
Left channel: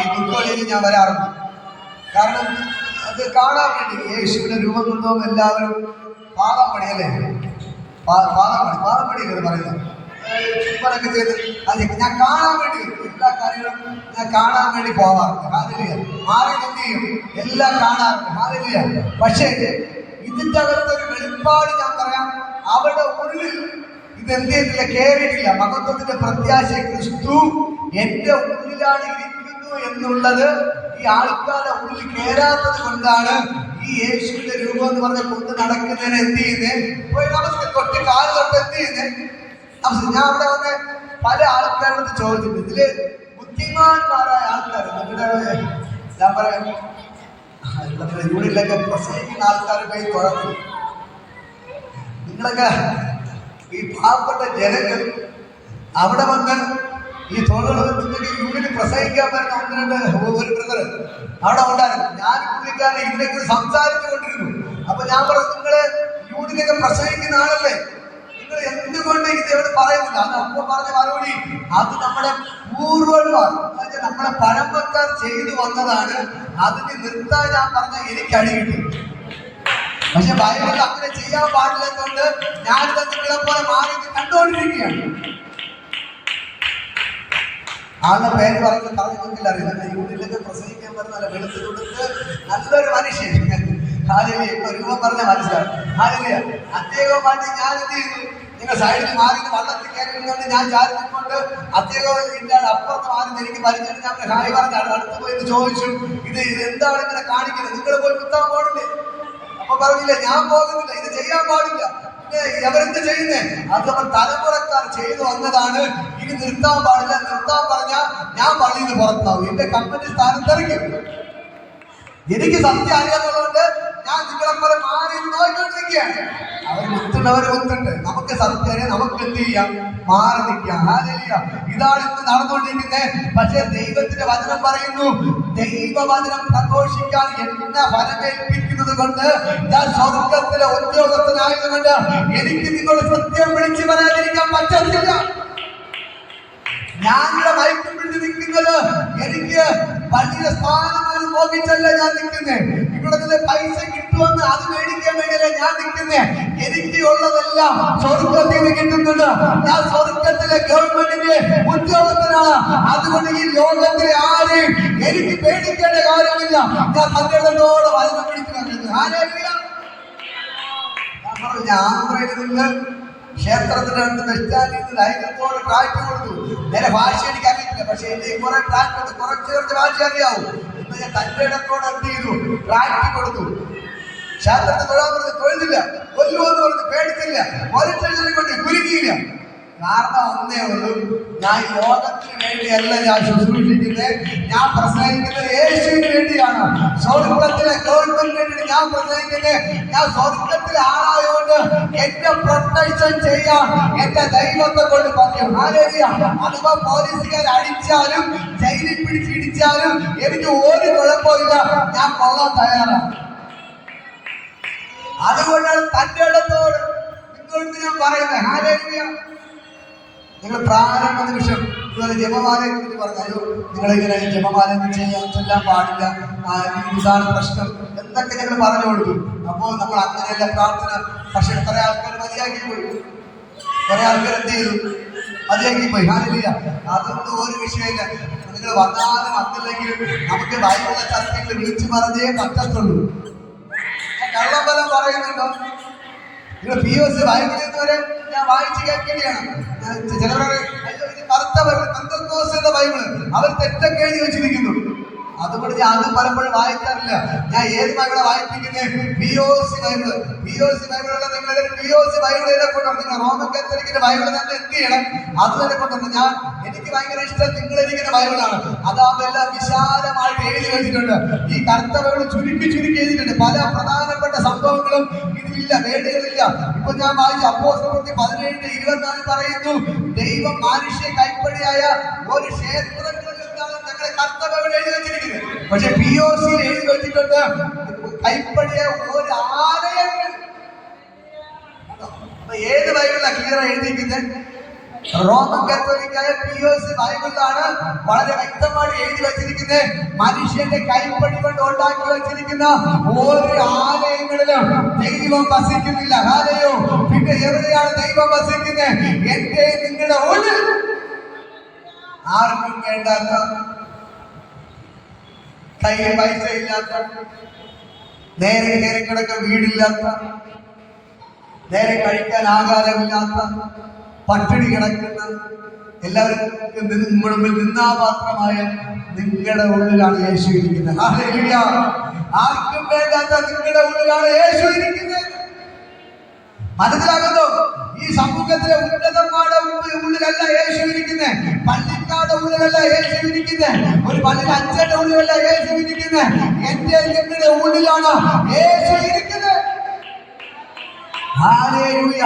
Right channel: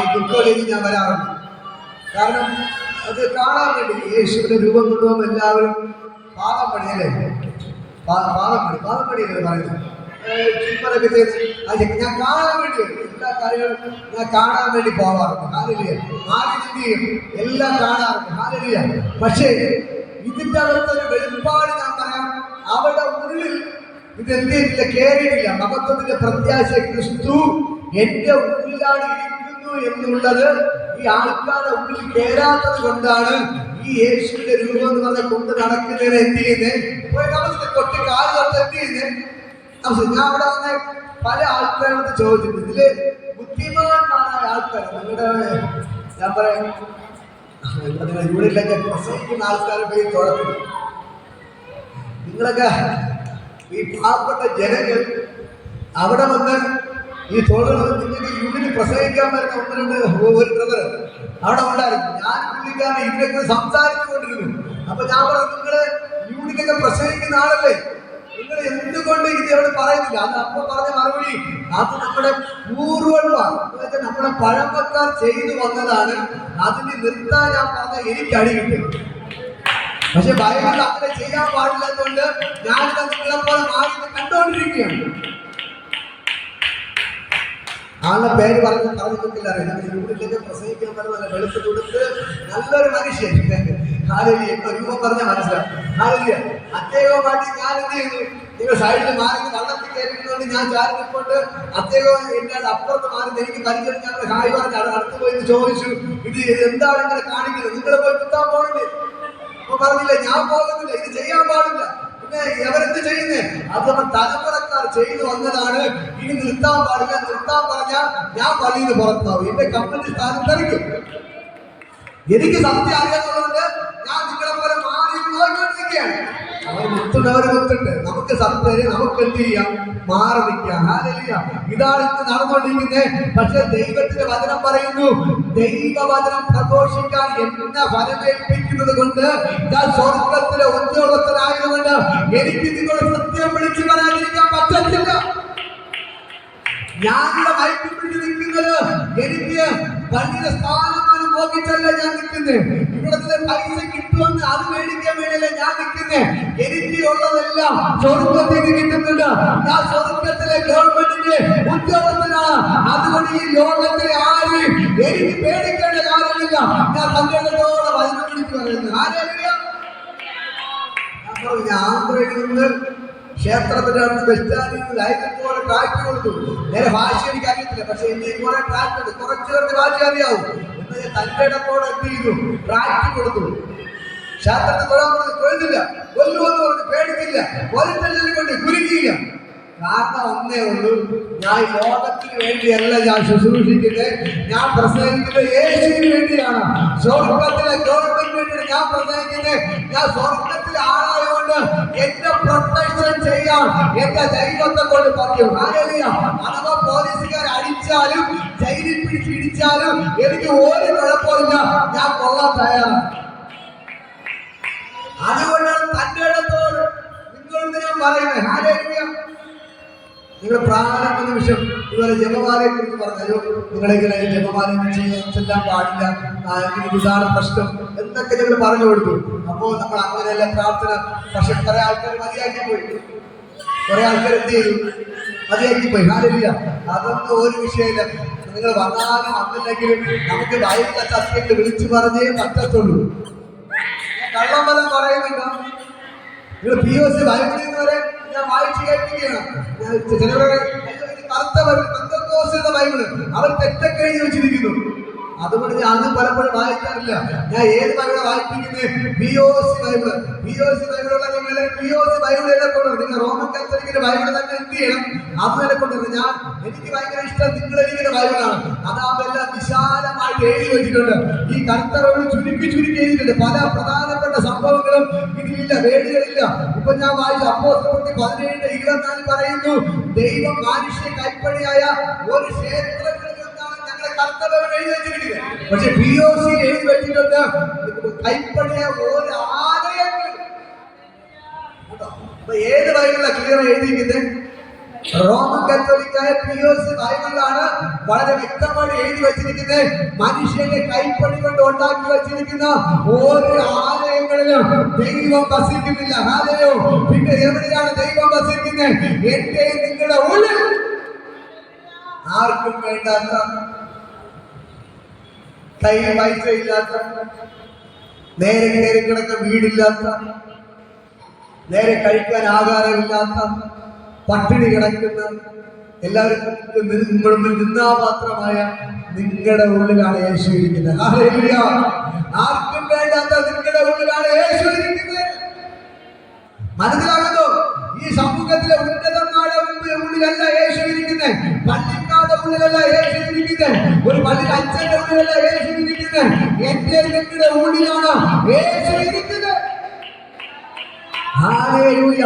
ഈ ദുഃഖങ്ങളിലേക്ക് ഞാൻ വരാറുണ്ട്. കാരണം അത് കാണാൻ വേണ്ടി യേശുവിന്റെ രൂപം കൊണ്ടുപോകുമ്പോൾ എല്ലാവരും പാദം പണിയല്ലേ, പാദം പണിയല്ലേ പറയുന്നത്, ചുമലൊക്കെ ചെയ്ത് അത് ഞാൻ കാണാൻ വേണ്ടി എല്ലാ കാര്യങ്ങളും ഞാൻ കാണാൻ വേണ്ടി പോകാറുണ്ട്. ഹല്ലേലൂയ. മാറി എന്ത് ചെയ്യും, എല്ലാം കാണാറുണ്ട്. ഹല്ലേലൂയ. പക്ഷേ ഇതിന്റെ അകത്തൊരു വെളിപ്പാട് ഞാൻ പറയാം, അവരുടെ ഉള്ളിൽ ഇതെന്ത് ചെയ്തില്ല, കയറിയിട്ടില്ല. മഹത്വത്തിന്റെ പ്രത്യാശ ക്രിസ്തു എന്റെ ഉള്ളിലാണ് ഇരിക്കുന്നു എന്നുള്ളത് ഈ ആൾക്കാരുടെ ഉള്ളിൽ കയറാത്തത് കൊണ്ടാണ് ഈ യേശുവിന്റെ രൂപം എന്ന് പറഞ്ഞ കൊണ്ട് നടക്കുന്നതിന് എന്ത് ചെയ്യുന്നത്, നമുക്ക് കൊട്ടി കാലത്ത് എന്ത് ചെയ്യുന്നത്. ഞാൻ അവിടെ വന്ന് പല ആൾക്കാരോട് ചോദിച്ചിട്ടുണ്ട്, ഇതില് ബുദ്ധിമാന്മാരായ ആൾക്കാർ, നിങ്ങളുടെ ഞാൻ പറയാം യൂണിലൊക്കെ പ്രസംഗിക്കുന്ന ആൾക്കാരെ പോയി തുറന്നു, നിങ്ങളൊക്കെ ഈ പാവപ്പെട്ട ജനങ്ങൾ അവിടെ വന്ന് ഈ തൊഴിലുകൾ നിങ്ങൾക്ക് യൂണിറ്റ് പ്രസംഗിക്കാൻ പറ്റുന്ന ഒന്ന് രണ്ട് ഒരു ബ്രദർ അവിടെ ഉണ്ടായിരുന്നു. ഞാൻ പുള്ളിക്കാരനെ ഇതിനെക്കുറിച്ച് സംസാരിച്ചു കൊണ്ടിരുന്നു. അപ്പൊ ഞാൻ പറഞ്ഞു, നിങ്ങള് യൂണിറ്റൊക്കെ പ്രസംഗിക്കുന്ന ആളല്ലേ, നിങ്ങൾ എന്തുകൊണ്ട് ഇത് ഇവിടെ പറയുന്നില്ല? അത് അപ്പൊ പറഞ്ഞ മറുപടി, അത് നമ്മുടെ പൂർവ്വമാണ്, നമ്മുടെ പഴമക്കാർ ചെയ്തു വന്നതാണ്, അതിന് നിർത്താൻ ഞാൻ പറഞ്ഞ എനിക്ക് അടി കിട്ടും. പക്ഷെ ബൈബിളിൽ അങ്ങനെ ചെയ്യാൻ പാടില്ലാത്തതുകൊണ്ട് ഞാൻ നിങ്ങളെ മാറി കണ്ടുകൊണ്ടിരിക്കുകയാണ്. ആളുടെ പേര് പറഞ്ഞിട്ടില്ല, അറിയാം. യൂണിറ്റിലൊക്കെ പ്രസംഗിക്കാൻ പറ്റുന്ന വെളുത്ത് കൊടുത്ത് നല്ലൊരു മനുഷ്യൻ, ഹല്ലേലൂയ. ഇപ്പൊ രൂപം പറഞ്ഞാൽ മനസ്സിലാവും. ഹല്ലേലൂയ. അദ്ദേഹവുമായിട്ട് ഞാൻ എന്ത് ചെയ്തു, നിങ്ങൾ സൈഡിൽ മാറി വള്ളത്തിൽ കയറിയിരുന്നോണ്ട് ഞാൻ ചാരി നിൽക്കൊണ്ട് അദ്ദേഹം എന്റെ അപ്പുറത്ത് മാറി എനിക്ക് പരിചയം, ഞാൻ ഹായ് പറഞ്ഞ അടുത്ത് പോയി ചോദിച്ചു, ഇത് എന്താണ് ഇങ്ങനെ കാണിക്കുന്നത്, നിങ്ങൾ പോയി കുത്താൻ പോണില്ലേ? അപ്പൊ പറഞ്ഞില്ലേ, ഞാൻ പോകുന്നില്ല, ഇത് ചെയ്യാൻ പാടില്ല. പിന്നെ എവരെന്ത് ചെയ്യുന്നേ, അത് നമ്മൾ തലമുറക്കാർ ചെയ്തു വന്നതാണ്, ഇനി നിർത്താൻ പാടില്ല. നിർത്താൻ പറഞ്ഞാൽ ഞാൻ പള്ളിയിൽ നിന്ന് പുറത്താവും, എന്റെ കമ്പനി സ്ഥാനം തെറിക്കും. എനിക്ക് സത്യം അറിയാത്തതുകൊണ്ട് ഞാൻ നിങ്ങളെ പോലെ മാറി നോക്കിക്കൊണ്ടിരിക്കുകയാണ്. അവർ മുത്തുണ്ടവർ മുത്തുണ്ട്, നമുക്ക് സത്യം നമുക്ക് എന്ത് ചെയ്യാം, മാറി നിൽക്കാം. ഹല്ലേലൂയ. ഇതാണ് ഇന്ന് നടന്നുകൊണ്ടിരിക്കുന്നത്. പക്ഷെ ദൈവത്തിന്റെ വചനം പറയുന്നു, ദൈവവചനം പ്രഘോഷിക്കാൻ എന്നെ വരവേൽപ്പിക്കുന്നത് കൊണ്ട് ഞാൻ സ്വർഗത്തിലെ ഉദ്യോഗസ്ഥനായതുകൊണ്ട് എനിക്ക് നിങ്ങളുടെ സത്യം വിളിച്ചു പറയാതിരിക്കാൻ പറ്റത്തില്ല. ഞാനിവിടെ മയക്കി പിടിച്ച് നിൽക്കുന്നത് എനിക്ക് പള്ളിയുടെ സ്ഥാനം നോക്കിച്ചല്ല ഞാൻ നിൽക്കുന്നത്, ഇവിടെ നിന്ന് പൈസ കിട്ടുമെന്ന് അത് മേടിക്കാൻ വേണ്ടിയല്ല ഞാൻ നിൽക്കുന്നത്. എനിക്ക് ഉള്ളതെല്ലാം സ്വർഗത്തിൽ നിന്ന് കിട്ടുന്നുണ്ട്. ഞാൻ സ്വർഗത്തിലെ ഗവൺമെന്റിന്റെ ഉദ്യോഗസ്ഥനാണ്. അതുകൊണ്ട് ഈ ലോകത്തിലെ ആരെയും എനിക്ക് പേടിക്കേണ്ട കാര്യമില്ല. ഞാൻ സങ്കടത്തോടെ വചനം പിടിച്ചു പറയുന്നത്. ഹല്ലേലൂയ. ഞാൻ പറഞ്ഞു, ആന്ധ്രയിൽ നിന്ന് ക്ഷേത്രത്തിന്റെ അടുത്ത് ബസ് സ്റ്റാൻഡിൽ നിന്ന് ലൈസൻസോടെ കാറ്റ് കൊടുത്തു. നേരെ ഭാഷ എനിക്ക് അറിയത്തില്ല, പക്ഷെ എന്റെ കുറെ കാറ്റ് കുറച്ചുപേരുടെ ഭാഷ അറിയാവൂ. ഇന്ന് ഞാൻ തന്റെ ഇടത്തോടെ എന്ത് ചെയ്തു, കാറ്റ് കൊടുത്തു. ക്ഷേത്രത്തിൽ തൊഴുതില്ല, കൊല്ലുമെന്ന് പറഞ്ഞു, പേടിക്കില്ല, ഒരിട്ടലിനെ കൊണ്ട് കുരുക്കിയില്ല. കാരണം ഒന്നേ ഉള്ളൂ, ഞാൻ ഈ ലോകത്തിന് വേണ്ടിയല്ല ഞാൻ ശുശ്രൂഷിക്കുന്നത്, ഞാൻ പ്രസംഗിക്കുന്നത് യേശുവിന് വേണ്ടിയാണ്. സ്വർഗത്തിലെ ഗവൺമെന്റിന് വേണ്ടി ഞാൻ പ്രസംഗിക്കുന്നത്. ഞാൻ സ്വർഗത്തിലെ ആളായതുകൊണ്ട് എന്റെ പ്രൊട്ടക്ഷൻ ചെയ്യാൻ എന്റെ ദൈവത്തെ കൊണ്ട് പറയും. ഹല്ലേലൂയ. അഥവാ പോലീസുകാർ അടിച്ചാലും ജയിലിൽ പിടിച്ചിടിച്ചാലും എനിക്ക് ഒരു കുഴപ്പമില്ല, ഞാൻ കൊള്ളാൻ തയ്യാറാണ്. അതുകൊണ്ടാണ് തന്റെ ഇടത്തോട് നിങ്ങളോട് ഞാൻ പറയുന്നത്. ഹല്ലേലൂയ. നിങ്ങൾ പ്രാരംഭ നിമിഷം ഇതുപോലെ ജപമാലയെ കുറിച്ച് പറഞ്ഞാലോ, നിങ്ങളിങ്ങനെ ജപമാല ചെല്ലാൻ പാടില്ല, ഇതാണ് പ്രശ്നം എന്നൊക്കെ ഞങ്ങൾ പറഞ്ഞു കൊടുത്തു. അപ്പോൾ നമ്മൾ അങ്ങനെയല്ല പ്രാർത്ഥന. പക്ഷെ കുറെ ആൾക്കാർ മതിയാക്കി പോയി. കുറെ ആൾക്കാർ എന്ത് ചെയ്തു, അതിലേക്ക് പോയി. ഹാലലിയ. അതൊന്നും ഒരു വിഷയമില്ല. നിങ്ങൾ വന്നാലും വന്നില്ലെങ്കിലും നമുക്ക് ബൈബിളിലെ സത്യത്തെ വിളിച്ചു പറഞ്ഞേ പറ്റത്തുള്ളൂ. ഞാൻ കള്ളം പറയുന്നുണ്ടോ? നിങ്ങൾ POC ബൈബിളിൽ നിന്ന് വരെ ഞാൻ വായിച്ചു കേൾപ്പിക്കുകയാണ്. ചിലവരെ കറുത്ത പെന്തക്കോസ്ത് എന്ന ബൈബിള് അവർ തെറ്റൊക്കെ എഴുതി വെച്ചിരിക്കുന്നു. അതുകൊണ്ട് ഞാൻ അത് പലപ്പോഴും വായിക്കാറില്ല. ഞാൻ ഏത് ബൈബിളാണ് വായിപ്പിക്കുന്നത്? POC Bible. POC ബൈബിളുള്ള നിങ്ങൾ POC ബൈബിൾ തന്നെ കൊണ്ടുവരണം. നിങ്ങൾ റോമൻ കത്തോലിക്കിന്റെ ബൈബിൾ തന്നെ എന്ത് ചെയ്യണം? അത് തന്നെ കൊണ്ടുവരണം. എനിക്ക് ഭയങ്കര ഇഷ്ടം നിങ്ങൾ ഇരിക്കുന്ന ബൈബിളാണ്. അതാകുമ്പോൾ എല്ലാം വിശാലമായിട്ട് എഴുതി വെച്ചിട്ടുണ്ട്. ഈ കറുത്ത ബൈബിൾ ചുരുക്കി എഴുതിയിട്ടുണ്ട്. പല പ്രധാനപ്പെട്ട സംഭവങ്ങളും ഇതിലില്ല, വേദികളില്ല. ഇപ്പൊ ഞാൻ വായിച്ച അപ്പോസ്തലപ്രവൃത്തി 17:24 പറയുന്നു, ദൈവം മനുഷ്യ കൈപ്പണിയായ ഒരു ക്ഷേത്രങ്ങളിൽ നിന്നാണ് ഞങ്ങളുടെ കറുത്ത ബൈബിൾ എഴുതി വെച്ചിരിക്കുന്നത്. പക്ഷെ POC എഴുതി വെച്ചിട്ടുണ്ട് കൈപ്പണിയായ ഒരു ആലയങ്ങൾ. ഏത് ബൈബിളാണ് ക്ലിയർ എഴുതിയിരിക്കുന്നത്? റോമൻ കത്തോലിക്കായ POC ബൈബിളിലാണ് വളരെ വ്യക്തമായി എഴുതി വെച്ചിരിക്കുന്നത്. മനുഷ്യന്റെ കൈപ്പണി കൊണ്ട് ഉണ്ടാക്കി വെച്ചിരിക്കുന്ന ഓരോ ആലയങ്ങളിലും ദൈവം വസിക്കുന്നില്ല. ഹാലയോ. പിന്നെ എവിടെയാണ് ദൈവം വസിക്കുന്നത്? എന്റെ നിങ്ങളുടെ ഉള്ളിൽ. ആർക്കും വേണ്ടാത്ത, കയ്യിൽ പൈസ ഇല്ലാത്ത, നേരെ കയറി കിടക്കാൻ വീടില്ലാത്ത, നേരെ കഴിക്കാൻ ആഹാരമില്ലാത്ത, പട്ടിണി കിടക്കുന്ന, എല്ലാവർക്കും മുമ്പിൽ നിന്നാ മാത്രമായ നിങ്ങളുടെ ഉള്ളിലാണ് യേശു ഇരിക്കുന്നത്. ഹല്ലേലൂയ. ആർക്കും വേണ്ടാത്ത നിങ്ങളുടെ ഉള്ളിലാണ് യേശു ഇരിക്കുന്നത്. മനസ്സിലാകുന്നു? ഈ സമൂഹത്തിലെ ഉന്നതന്മാരുടെ ഉള്ളിലല്ല യേശു ഇരിക്കുന്നത്. പള്ളിക്കാരുടെ ഉള്ളിലല്ല യേശു ഇരിക്കുന്നത്. ഒരു പള്ളിയുടെ അച്ഛന്റെ ഉള്ളിലല്ല യേശു ഇരിക്കുന്നത്. എന്റെ നിങ്ങളുടെ ഉള്ളിലാണ് യേശു ഇരിക്കുന്നത്. ഹല്ലേലൂയ.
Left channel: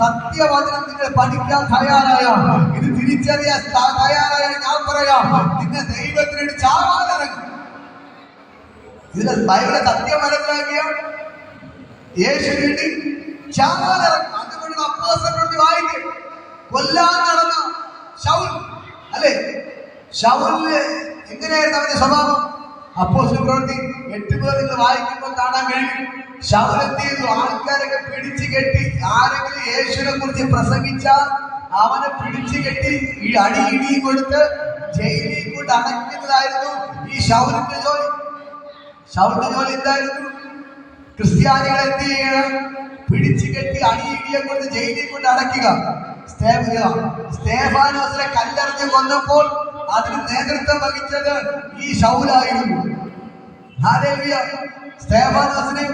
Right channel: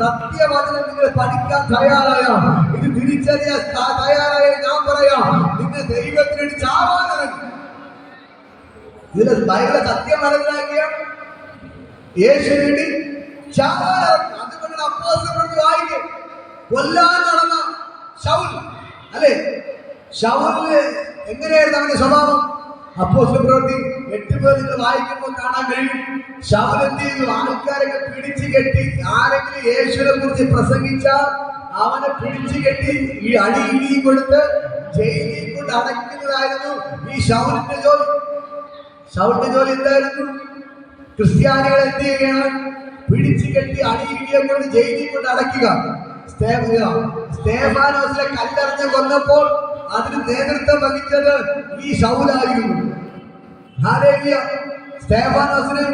സത്യവചനം നിങ്ങൾ പഠിക്കാൻ തയ്യാറായ, ഇത് തിരിച്ചറിയാൻ തയ്യാറായ ഞാൻ പറയാം, നിങ്ങൾ ദൈവത്തിന് വേണ്ടി ചാവാനിറങ്ങും. ഇതിന്റെ ബൈബിളിലെ സത്യം മനസ്സിലാക്കിയ യേശുവിന് വേണ്ടി ചാവാനിറങ്ങും. അതുകൊണ്ട് അപ്പോസ്തലപ്രവൃത്തി വായിക്കും. കൊല്ലാൻ നടന്ന ശൗൽ അല്ലെ, ശൗലിന് എങ്ങനെയായിരുന്നു അവന്റെ സ്വഭാവം? അപ്പോസ്തലപ്രവൃത്തി 8 പേർ നിങ്ങൾ വായിക്കുമ്പോൾ കാണാൻ കഴിയും. ശൗൽ എന്ത് ചെയ്തു? ആൾക്കാരൊക്കെ പിടിച്ചു കെട്ടി, ആരെങ്കിലും യേശുവിനെ കുറിച്ച് പ്രസംഗിച്ചാൽ അവനെ പിടിച്ചു കെട്ടി ഈ അടിയിടി കൊടുത്ത് ജയിലിൽ കൊണ്ട് അടയ്ക്കുന്നതായിരുന്നു ഈ ശൗലിന്റെ ജോലി. ശൗലിന്റെ ജോലി എന്തായിരുന്നു? ക്രിസ്ത്യാനികളെ എന്ത് ചെയ്യണം? പിടിച്ചു കെട്ടി അടിയിടിയെ കൊണ്ട് ജയിലിൽ കൊണ്ട് അടയ്ക്കുക. സ്തേഫാനോസിനെ കല്ലെറിഞ്ഞ് കൊന്നപ്പോൾ അതിന് നേതൃത്വം വഹിച്ചത് ഈ ശൗലായിരുന്നു. ഹല്ലേലൂയ. സ്തേഫാനോസിനെ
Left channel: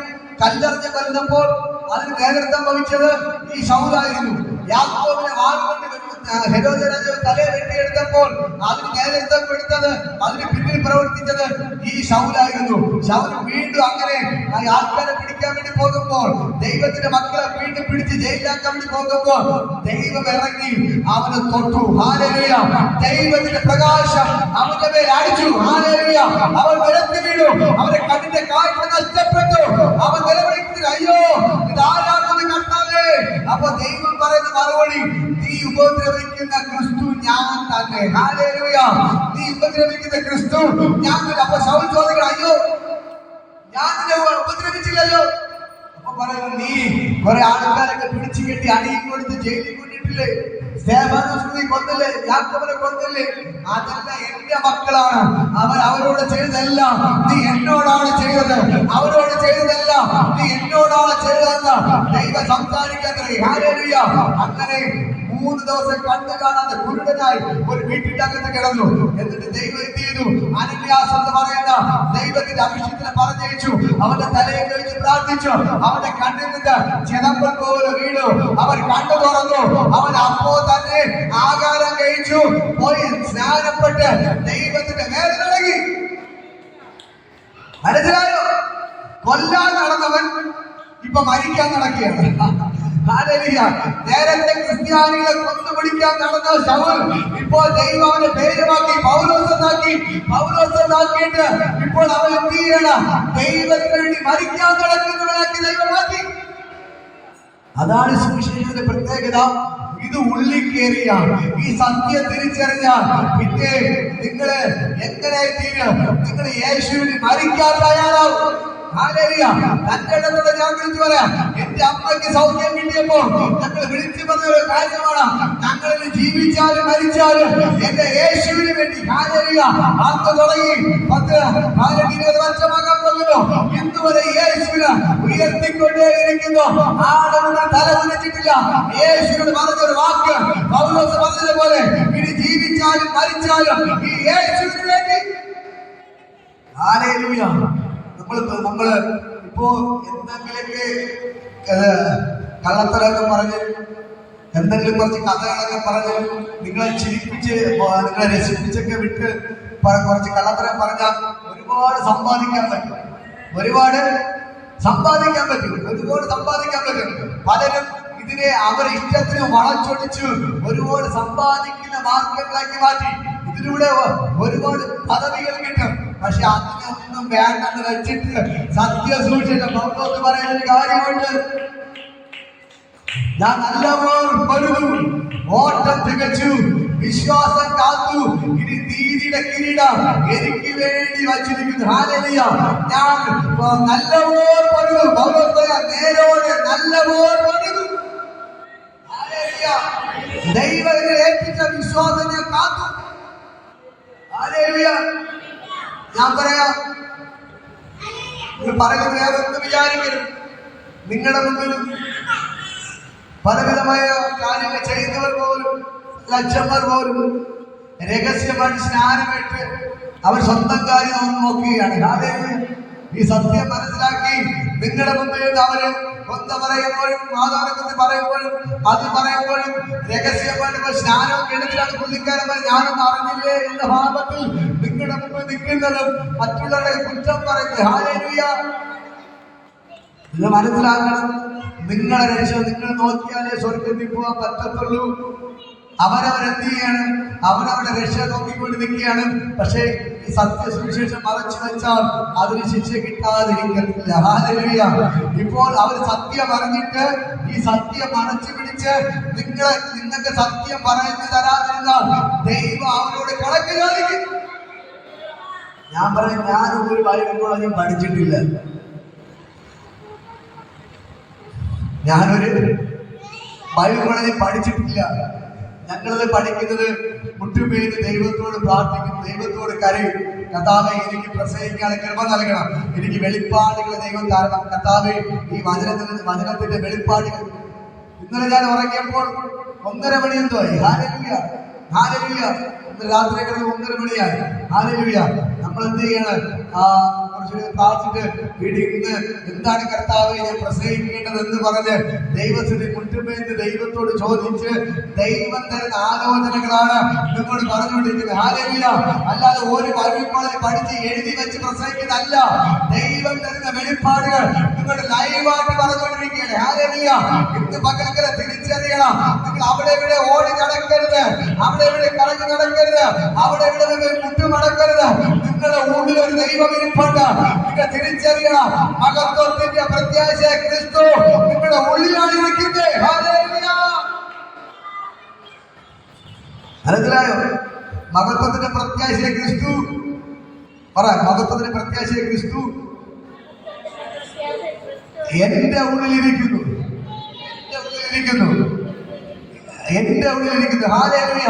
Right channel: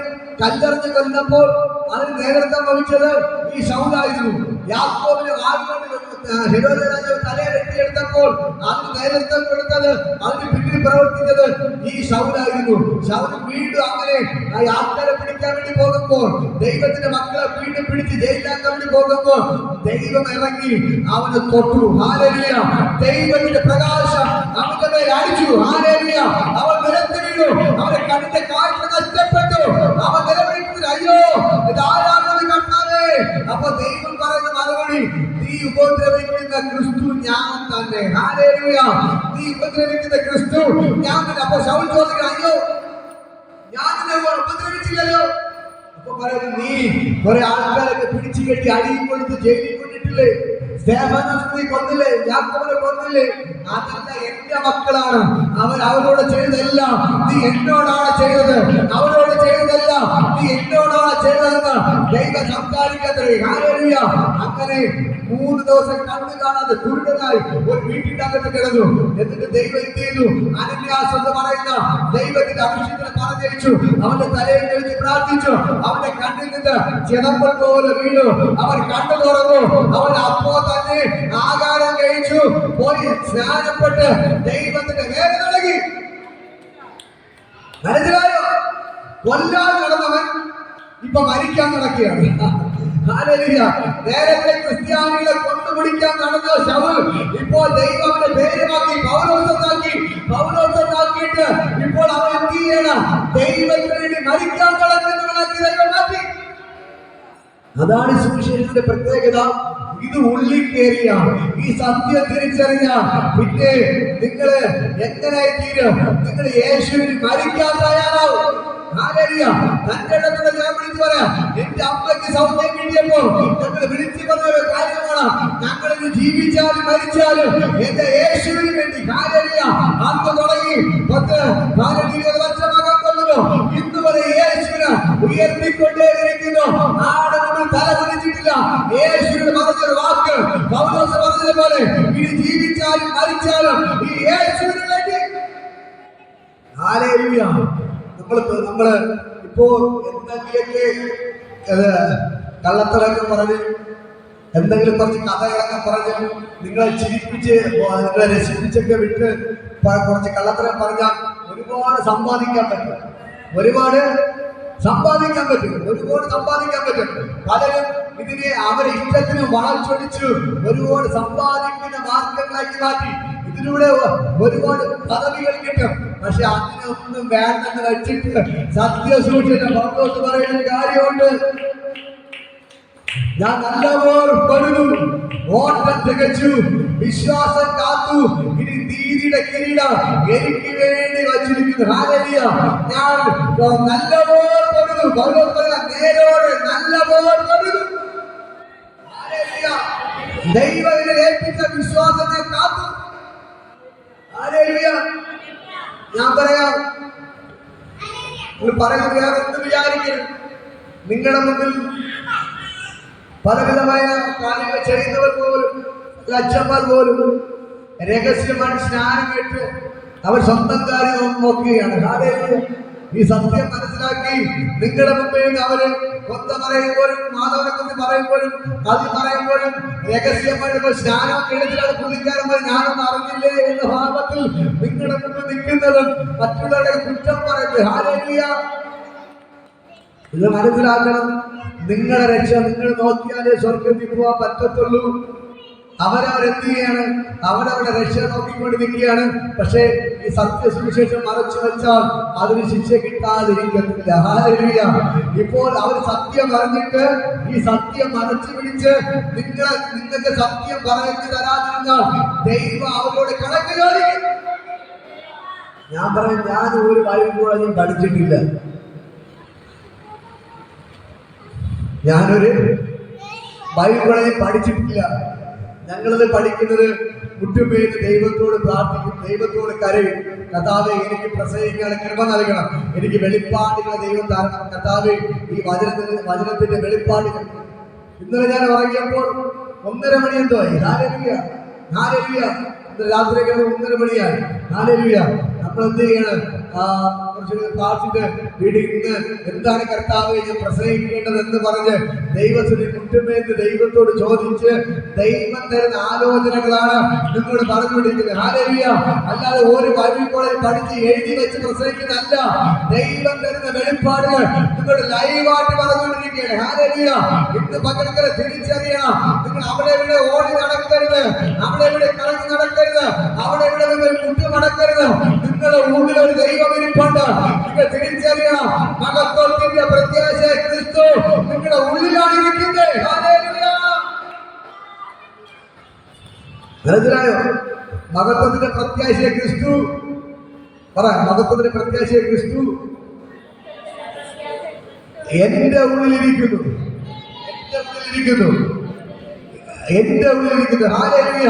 കല്ലെറിഞ്ഞ് കൊന്നപ്പോൾ അതിന് നേതൃത്വം വഹിച്ചത് ഈ ശൗലായിരുന്നു. യാക്കോബിനെ വാളുകൊണ്ട് ഹെരോദ് രാജാവ് തലയെ വെട്ടിയെടുത്തപ്പോൾ അതിന് നേതൃത്വം കൊടുത്തത്, അതിന് പിന്നിൽ പ്രവർത്തിച്ചത് ഈ ശൗലായിരുന്നു. ശൗല് വീണ്ടും അങ്ങനെ ആൾക്കാരെ പിടിക്കാൻ വേണ്ടി പോകുമ്പോൾ, ദൈവത്തിന്റെ മക്കളെ വീണ്ടും പിടിച്ച് ജയിലാക്കാൻ വേണ്ടി പോകുമ്പോൾ ദൈവം ഇറങ്ങി അവനെ തൊട്ടു. ഹല്ലേലൂയ. ദൈവത്തിന്റെ പ്രകാശം അവന്റെ മേൽ അടിച്ചു. ഹല്ലേലൂയ. അവൻ നിലത്ത് വീണു. അവന്റെ കണ്ണിന്റെ കാഴ്ച നഷ്ടപ്പെട്ടു. അവൻ നിലവിളിക്കുന്നത്, അയ്യോ ഇതാരാണെന്ന് കണ്ടാലേ. അപ്പൊ ദൈവം പറയുന്ന മറുപടി, നീ ഉപദ്രവിക്കുന്ന ക്രിസ്തു ഞാൻ തന്നെ. ഹല്ലേലൂയ. നീ ഉപദ്രവിക്കുന്ന ക്രിസ്തു ഞാൻ തന്നെ. അപ്പൊ ശൗൽ ചോദിക്കണം, അയ്യോ ഞാൻ നിന്നെ ഉപദ്രവിച്ചില്ലല്ലോ. അപ്പൊ പറയുന്നു, നീ കുറെ ആൾക്കാരൊക്കെ പിടിച്ചു കെട്ടി അടിയിൽ കൊടുത്ത് ജയിലിൽ കൊണ്ടിട്ടില്ലേ? സ്തേഫാനോസിനെ കൊന്നില്ലേ? യാക്കോബിനെ കൊന്നില്ലേ? അതല്ല എന്റെ മക്കളാണ്. അവരോട് ചെയ്തതെല്ലാം നീ എന്നോടാണ് ചെയ്തത്. അവരോട് ചെയ്തതെല്ലാം നീ എന്നോടാണ് ചെയ്തതെന്ന് ദൈവം സംസാരിക്കാത്തത്. ഹല്ലേലൂയ. അങ്ങനെ 3 ദിവസം കണ്ണു കാണാതെ കുരുടനായി ഒരു വീട്ടിനകത്ത് കിടന്നു. എന്നിട്ട് ദൈവം എന്ത് ചെയ്തു? അനന്യാസ് എന്ന് പറയുന്ന ദൈവത്തിന്റെ അഭിഷേകത്തിനെ പറഞ്ഞയച്ചു. അവന്റെ തലയെ കഴിച്ച് പ്രാർത്ഥിച്ചു. അവന്റെ കണ്ണിൽ നിന്ന് ചിതമ്പൽ പോലെ വീണു. അവൻ കണ്ണു തുറന്നു. അവൻ അപ്പോ തന്നെ ആഹാരം കഴിച്ചു. പോയി സ്നാനപ്പെട്ട് ദൈവത്തിന്റെ നേരെ തുടങ്ങി. മനസ്സിലായോ? കൊല്ലാൻ നടന്നവൻ ഇപ്പൊ മരിക്കാൻ നടക്കുകയാണ്. ഹല്ലേലൂയ. നേരത്തെ ക്രിസ്ത്യാനികളെ കൊന്നുപിടിക്കാൻ നടന്ന ശൗൽ ഇപ്പോൾ ദൈവം അവന്റെ പേര് മാറ്റി പൗലോസാക്കിയിട്ട് ഇപ്പോൾ അവൻ എന്ത് ചെയ്യണം? ദൈവത്തിന് വേണ്ടി മരിക്കാൻ നടക്കുന്നവനാക്കി ദൈവം മാറ്റി. അതാണ് സുവിശേഷത്തിന്റെ പ്രത്യേകത. ഇത് ഉള്ളിൽ കയറിയ ഈ സത്യം തിരിച്ചറിഞ്ഞാൽ പിന്നെ നിങ്ങൾ എങ്ങനെ തീരും? നിങ്ങൾ യേശുവിന് മരിക്കാൻ തയ്യാറാവും. ഹല്ലേലൂയ. തന്നിടത്തോടെ ഞാൻ വിളിച്ചു പറയാം, എന്റെ അമ്മയ്ക്ക് സൗഖ്യം കിട്ടിയപ്പോൾ ഞങ്ങൾ വിളിച്ചു പറഞ്ഞ ഒരു കാര്യമാണ്, ഞങ്ങൾ ജീവിച്ചാലും മരിച്ചാലും എന്റെ യേശുവിന് വേണ്ടി. ഹല്ലേലൂയ. അന്ന് തുടങ്ങി 10-20 വർഷമാകാൻ പോകുന്നു. ഇന്ന് വരെ യേശുവിനെ ഉയർത്തിക്കൊണ്ടേയിരിക്കുന്നു. ആടൊന്നും തല വലിച്ചിട്ടില്ല. യേശുവിന് പറഞ്ഞൊരു വാക്ക് പൗലോസ് പറഞ്ഞതുപോലെ, ഇനി ജീവിച്ചാലും മരിച്ചാലും ഈ യേശുവിന് വേണ്ടി. ഹല്ലേലൂയ. നമ്മള് ഇപ്പോ എന്തെങ്കിലൊക്കെ കള്ളത്തരൊക്കെ പറഞ്ഞ്, എന്തെങ്കിലും കുറച്ച് കഥകളൊക്കെ പറഞ്ഞ് നിങ്ങളെ ചിരിപ്പിച്ച് നിങ്ങളെ രസിപ്പിച്ചൊക്കെ വിട്ട് കുറച്ച് കള്ളത്തരം പറഞ്ഞാൽ ഒരുപാട് സമ്പാദിക്കാൻ പറ്റും. ഒരുപാട് സമ്പാദിക്കാൻ പറ്റും. പലരും ഇതിനെ അവരുടെ ഇഷ്ടത്തിന് വളച്ചൊടിച്ച് ഒരുപാട് സമ്പാദിക്കുന്ന മാർഗങ്ങളാക്കി മാറ്റി. ഇതിലൂടെ ഒരുപാട് പദവികൾ കിട്ടും. പക്ഷെ അതിനൊന്നും വേണ്ടെന്ന് വെച്ചിട്ട് സത്യസൂക്ഷിച്ച പൗലോസ് പറയുന്ന കാര്യമുണ്ട്. ഞാൻ നല്ലപോലെ പണിതു, ഓട്ടം തികച്ചു, വിശ്വാസം കാത്തു, ഇനി നീതിയുടെ കിരീടം എനിക്ക് വേണ്ടി വച്ചിരിക്കുന്നു. ഹല്ലേലൂയ. ഞാൻ നല്ലപോലെ പണിതു. പൗലോസ് പറയാ, നേരോടെ നല്ലപോലെ പണിതു. ഹല്ലേലൂയ. ദൈവത്തെ ഏൽപ്പിച്ച വിശ്വാസം ഞാൻ കാത്തു. ഹല്ലേലൂയ. ഞാൻ പറയാം, പറയുന്നത് വേറെ എന്ത് വിചാരിക്കരുത്. നിങ്ങളുടെ മുമ്പിൽ പലവിധമായ കാര്യങ്ങൾ ചെയ്യുന്നവർ പോലും, അച്ഛന്മാർ പോലും രഹസ്യമായിട്ട് സ്നാനമേറ്റ് അവർ സ്വന്തം കാര്യം നോക്കുകയാണ്. ഹല്ലേലൂയ. ഈ സത്യം മനസ്സിലാക്കി നിങ്ങളുടെ മുമ്പിൽ അവര് കൊന്ത പറയുമ്പോഴും മാതാവിനെ പറയുമ്പോഴും അത് പറയുമ്പോഴും രഹസ്യമായിട്ട് സ്നാനം എടുത്തിട്ടാണ് പുള്ളിക്കാരൻ ഞാനൊന്നും അറിഞ്ഞില്ലേ എന്ന ഭാവത്തിൽ നിങ്ങളുടെ മുമ്പിൽ നിൽക്കുന്നതും മറ്റുള്ളവരുടെ കുറ്റം പറയുന്നത്. ഹല്ലേലൂയ. ഇത് മനസ്സിലാക്കണം. നിങ്ങളെ രക്ഷ നിങ്ങൾ നോക്കിയാലേ സ്വർഗത്തിൽ പോകാൻ പറ്റത്തുള്ളൂ. അവരവരെന്ത് ചെയ്യാണ്? അവരവരുടെ രക്ഷ നോക്കിക്കൊണ്ട് നിൽക്കുകയാണ്. പക്ഷേ ഈ സത്യസുവിശേഷം മറച്ചു വെച്ചാൽ അതിന് ശിക്ഷ കിട്ടാതിരിക്കത്തില്ല. ഹല്ലേലൂയ. ഇപ്പോൾ അവർ സത്യം അറിഞ്ഞിട്ട് ഈ സത്യം മറച്ചു പിടിച്ച് നിങ്ങൾക്ക് സത്യം പറഞ്ഞു തരാതിരുന്നാൽ ദൈവം അവരോട് കണക്ക് ചോദിക്കും. ഞാൻ പറയാം, ഞാൻ ഒരു ബൈബിൾ പഠിച്ചിട്ടില്ല. ഞാനൊരു ബൈബിൾ കോളേജിൽ പഠിച്ചിട്ടില്ല. ഞങ്ങളത് പഠിക്കുന്നത് മുട്ടുപേര് ദൈവത്തോട് പ്രാർത്ഥിക്കും, ദൈവത്തോട് കരയും. കർത്താവേ, എനിക്ക് പ്രസംഗിക്കാൻ കൃപ നൽകണം, എനിക്ക് വെളിപ്പാടുകൾ ദൈവം തരണം. കർത്താവേ, ഈ വചനത്തിന്റെ വെളിപ്പാടുകൾ. ഇന്നലെ ഞാൻ ഉറങ്ങിയപ്പോൾ 1:30 മണി എന്തോ ആയി. ഹല്ലേലൂയ. ഹല്ലേലൂയ. ഇന്ന് രാത്രി 1:30 മണിയായി. ഹല്ലേലൂയ. നമ്മൾ എന്ത് ചെയ്യണം? പ്രാർത്ഥിച്ചിട്ട് വീട്ടിൽ ഇന്ന് എന്താണ് കർത്താവ് ഞാൻ പ്രസംഗിക്കേണ്ടതെന്ന് പറഞ്ഞ് ദൈവത്തിന് മുട്ടുമേന്ന് ദൈവത്തോട് ചോദിച്ച് ദൈവം തരുന്ന ആലോചനകളാണ് നിങ്ങളോട് പറഞ്ഞുകൊണ്ടിരിക്കുന്നത്. ഹല്ലേലൂയ. അല്ലാതെ ഒരു ബൈബിൾ കോളേജിൽ പഠിച്ച് എഴുതി വെച്ച് പ്രസംഗിക്കുന്നതല്ല. ദൈവം തരുന്ന വെളിപ്പാടുകൾ നിങ്ങൾ ലൈവായിട്ട് പറഞ്ഞുകൊണ്ടിരിക്കുകയാണ്. ഹല്ലേലൂയ. ഇന്ന് പകൽക്കര തിരിച്ചറിയണം. നിങ്ങൾ അവിടെ ഇവിടെ ഓടി നടക്കരുത്, അവിടെ ഇവിടെ കറങ്ങി നടക്കരുത്, അവിടെ ഇവിടെ മുട്ടു നടക്കരുത്. നിങ്ങളുടെ ഉള്ളിൽ ഒരു ദൈവം ഇരിപ്പുണ്ട്. നിങ്ങൾ തിരിച്ചറിയണം. മഹത്വത്തിന്റെ പ്രത്യാശ ക്രിസ്തു നിങ്ങളുടെ ഉള്ളിലാണ് ഇരിക്കുന്നത്. ഹല്ലേലൂയ. മനസ്സിലായോ? മഹത്വത്തിന്റെ പ്രത്യാശ ക്രിസ്തു. പറ, മഹത്വത്തിന്റെ പ്രത്യാശ ക്രിസ്തു എന്റെ ഉള്ളിലിരിക്കുന്നു. എന്റെ ഉള്ളിലിരിക്കുന്നു. ഹല്ലേലൂയ.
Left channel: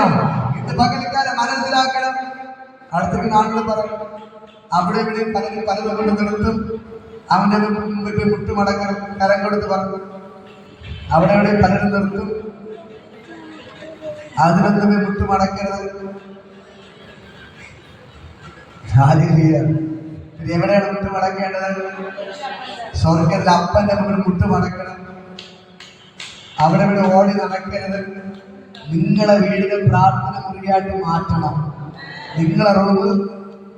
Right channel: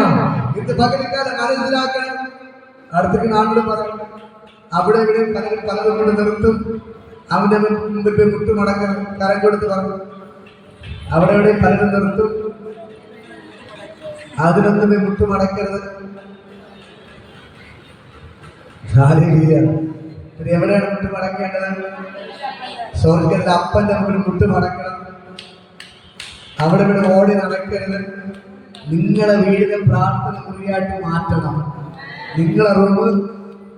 ഇന്ന് പകൽക്കാലം മനസ്സിലാക്കണം. അടുത്തേക്ക് നാട്ടിൽ പറയും, അവിടെ ഇവിടെ പലരും പലതും കൊണ്ട് നിർത്തും. അവന്റെ മുമ്പിൽ മുട്ടുമടക്കണം, കരം കൊടുത്ത് പറഞ്ഞു. അവിടെ ഇവിടെ പലരും നിർത്തും. അതിനൊന്നും മുട്ടുമടക്കരുത്. പിന്നെ എവിടെയാണ് മുട്ടുമടക്കേണ്ടത്? സ്വർഗ്ഗത്തിലെ അപ്പന്റെ മുമ്പിൽ മുട്ടുമടക്കണം. അവിടെ ഇവിടെ ഓടി നടക്കരുത്. നിങ്ങളെ വീടിന് പ്രാർത്ഥന മുറിയായിട്ട് മാറ്റണം. നിങ്ങളെ റൂമ്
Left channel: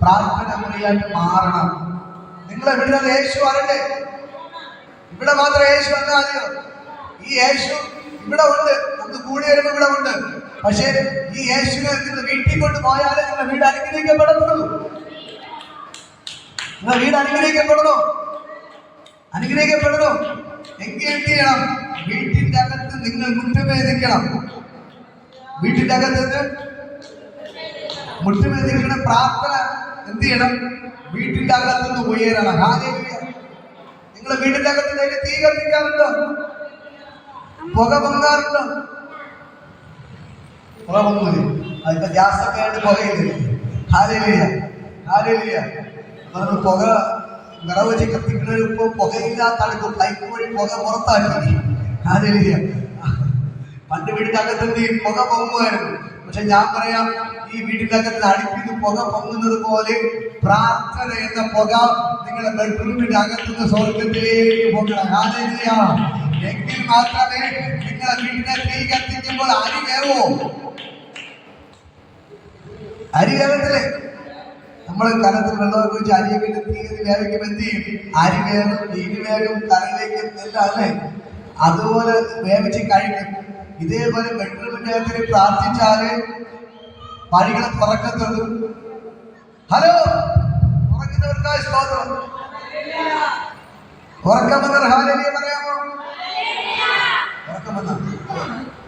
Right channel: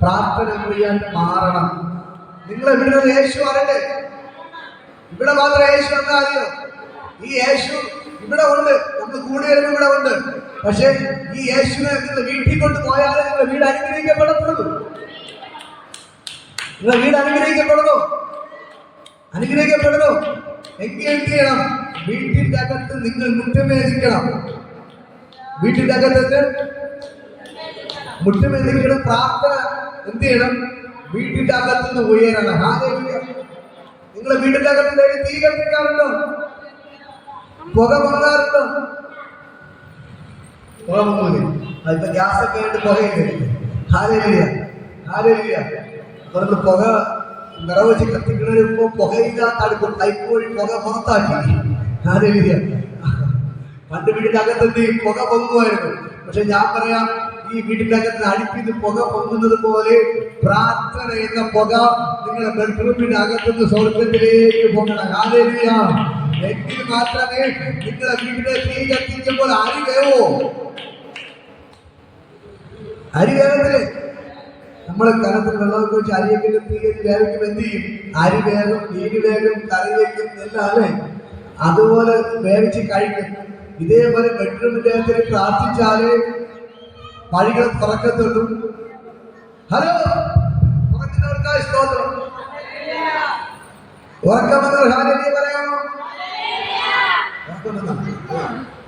പ്രാർത്ഥന മുറിയായിട്ട് മാറണം. നിങ്ങളെ വീടിന് യേശു അറിയണ്ടേ? ഇവിടെ മാത്രം യേശു വന്നാലെയോ? ഈ യേശു ഇവിടെ ഉണ്ട്, നമുക്ക് കൂടിയൊരു ഇവിടെ ഉണ്ട്. പക്ഷെ ഈ യേശുവിനെ നിങ്ങൾ വീട്ടിൽ കൊണ്ട് പോയാലേ നിങ്ങളുടെ വീട് അനുഗ്രഹിക്കപ്പെടത്തുള്ളൂ. നിങ്ങളുടെ വീട് അനുഗ്രഹിക്കപ്പെടണോ? എങ്കിൽ എന്ത് ചെയ്യണം? വീട്ടിന്റെ അകത്ത് നിങ്ങൾ മുട്ടുമേദിക്കണം. വീട്ടിന്റെ അകത്ത് മുട്ടുമേദിക്കണം. പ്രാർത്ഥന എന്ത് ചെയ്യണം? വീട്ടിന്റെ അകത്തുനിന്ന് ഉയരണം. ഹല്ലേലൂയ. നിങ്ങളെ വീട്ടിന്റെ അകത്ത് തീ കത്തിക്കാറുണ്ടോ? പുക പൊങ്ങാറുണ്ടോ? പുക പൊങ്ങൂലേ? അതിപ്പോ ഗ്യാസൊക്കെ ആയിട്ട് പുകയില്ലേ? Hallelujah, hallelujah. അവർക്ക് പുക വിറവ് വെച്ച് കത്തിക്കുന്നതിന് ഇപ്പൊ പുകയില്ലാത്ത അടുക്കും പൈപ്പ് വഴി പുക പുറത്താക്കി. ഹാലേലുയ. പണ്ട് വീടിന്റെ അകത്ത് പുക പൊങ്ങുമായിരുന്നു. പക്ഷെ ഞാൻ പറയാം, ഈ വീടിന്റെ അകത്ത് അടുപ്പിന്ന് പുക പൊങ്ങുന്നത് പോലെ പ്രാർത്ഥന എന്ന പുക നിങ്ങളുടെ ബെഡ്റൂമിന്റെ അകത്തുനിന്ന് സ്വർഗത്തിലേക്ക് പോകണം. ഹാലേലുയ. എങ്കിൽ മാത്രമേ നിങ്ങളെ വീടിനെ തീ കത്തിക്കുമ്പോൾ അരി വേവോ? അരി വേഗത്തില് നമ്മള് കലത്തിൽ വെള്ളമൊക്കെ വെച്ച് അരിയൊക്കെ ഇട്ട് തീ കത്തി വേവിക്കുമ്പോൾ എന്ത് ചെയ്യും? അരി വേഗം, മീൻ വേഗം, കറി വയ്ക്കും എല്ലാം അല്ലേ? അതുപോലെ വേവിച്ച് കഴിക്കും. ഇതേപോലെ ബെഡ്റൂമിന്റെ അകത്ത് പ്രാർത്ഥിച്ചാല് വഴികൾ തുറക്കത്തുള്ളൂ. ഹലോ, ഉറങ്ങുന്നവർക്കായി സ്തോത്രം. ഉറക്കമെന്നാൽ ഹാലേലുയ പറയാമോ?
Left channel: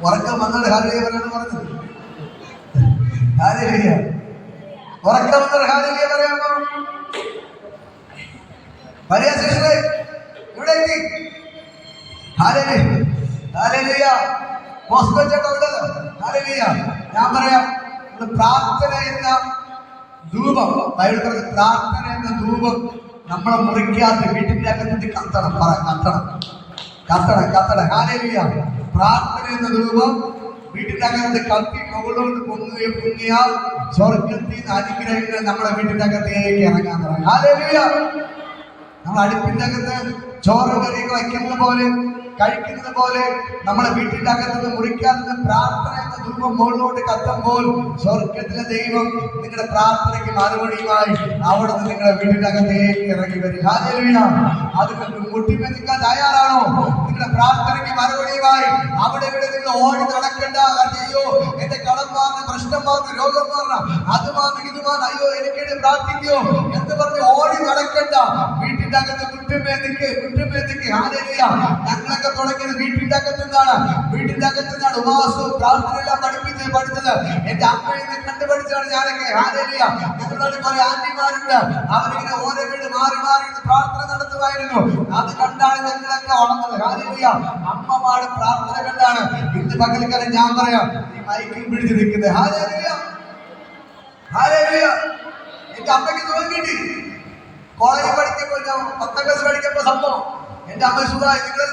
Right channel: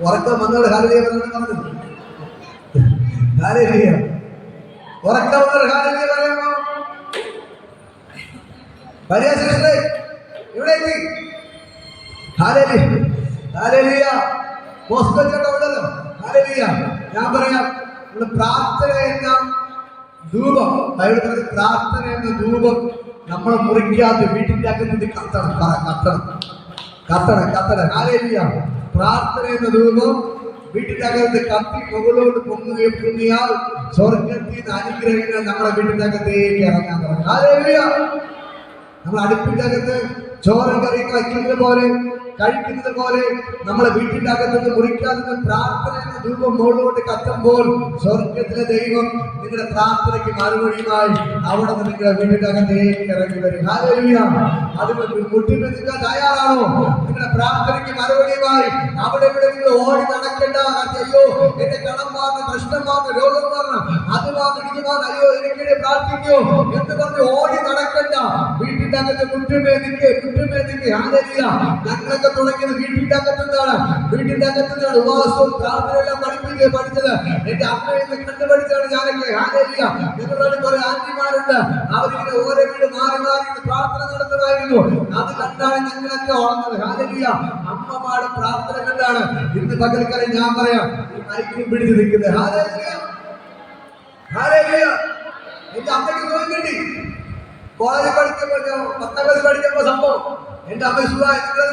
ഉറക്കം വന്നാൽ ഹാലേലുയ പറയണം പറഞ്ഞത്. ഹാലേലുയ. ഉറക്കം വന്നാൽ ഹാലേലുയ പറയാമോ? വലിയ ശിഷ്യരെ ഇവിടേക്ക്. Hallelujah, hallelujah. മോസ്കോ ചേട്ടാ ഉണ്ടല്ലോ. ഹാലേലുയ. ഞാൻ പറയാം, പ്രാർത്ഥന എന്ന ധൂപം, ബൈബിൾ പറഞ്ഞ പ്രാർത്ഥന എന്ന ധൂപം നമ്മളെ മുറിക്കാതെ വീട്ടിന്റെ അകത്ത് കത്തണം. കത്തണം, കത്തണം, കത്തണം. ഹാലേലുയ. പ്രാർത്ഥന എന്ന ധൂപം വീട്ടിന്റെ അകത്ത് കത്തി മുകളിലോട്ട് പൊങ്ങിയാൽ സ്വർഗത്തിൽ നിന്ന് അനുഗ്രഹങ്ങൾ നമ്മുടെ വീട്ടിന്റെ അകത്തേക്ക് ഇറങ്ങാൻ തുടങ്ങി. ഹാലേലുയ. നമ്മൾ അടുപ്പിന്റെ അകത്ത് ചോറ് കറിയൊക്കെ വയ്ക്കുന്നത് പോലെ, കഴിക്കുന്നത് പോലെ നമ്മളെ വീട്ടിന്റെ അകത്തുനിന്ന് മുറിക്കാതെ പ്രാർത്ഥന എന്ന ധൂപം മുകളിലോട്ട് കത്തുമ്പോൾ സ്വർഗത്തിലെ ദൈവം നിങ്ങളുടെ പ്രാർത്ഥനയ്ക്ക് മറുപടിയുമായി അവിടെ നിന്ന് നിങ്ങളുടെ വീട്ടിന്റെ അകത്തേക്ക് ഇറങ്ങി വരും. ഹാലേലുയ. അതുകൊണ്ട് മുട്ടിമെത്തിക്കാൻ തയ്യാറാണോ? നിങ്ങളുടെ പ്രാർത്ഥനയ്ക്ക് മറുപടിയുമായി അവിടെ ഇവിടെ നിങ്ങൾ ഓടി നടക്കേണ്ട. അയ്യോ എന്റെ കടം മാറുന്ന, പ്രശ്നം മാറുന്ന, രോഗം മാറണം, അത് മാറുന്ന, ഇത് മാറുന്ന, അയ്യോ എനിക്കിടെ പ്രാർത്ഥിക്കോ എന്ന് പറഞ്ഞ് ഓടി നടക്കേണ്ട. വീട്ടിന്റെ അകത്ത് മുട്ടുമേതിക്ക്. ഹാലേലുയ. ഞങ്ങളൊക്കെ തുടങ്ങിയത് വീട്ടിന്റെ അകത്തെന്താണ്? വീട്ടിന്റെ അകത്തെന്താണ്? ഉപവാസവും പ്രാർത്ഥനയെല്ലാം പഠിച്ചത് എന്റെ അമ്മയിൽ നിന്ന് കണ്ടുപഠിച്ചാണ് ഞാനൊക്കെ. ഹാലേലുയ. ഞങ്ങളുടെ കുറെ ആന്റിമാരുണ്ട്, അവരിങ്ങനെ ഓരോ വീട് മാറി മാറി പ്രാർത്ഥന നടത്തുമായിരുന്നു. അത് കണ്ടാണ് ഞങ്ങളൊക്കെ വളർന്നത്. ഹാലേലുയ. അമ്മമാരുടെ പ്രാർത്ഥന കണ്ടാണ് ഇന്ന് പകൽക്കാലം ഞാൻ പറയാം ഈ മൈക്കും പിടിച്ച് നിൽക്കുന്നത്. Hallelujah, hallelujah. എന്റെ അമ്മയ്ക്ക് സുഖം കിട്ടി. കോളേജിൽ പഠിക്കുമ്പോൾ, ഞാൻ 10ാം ക്ലാസ് പഠിക്കുമ്പോൾ സംഭവം എന്റെ അമ്മ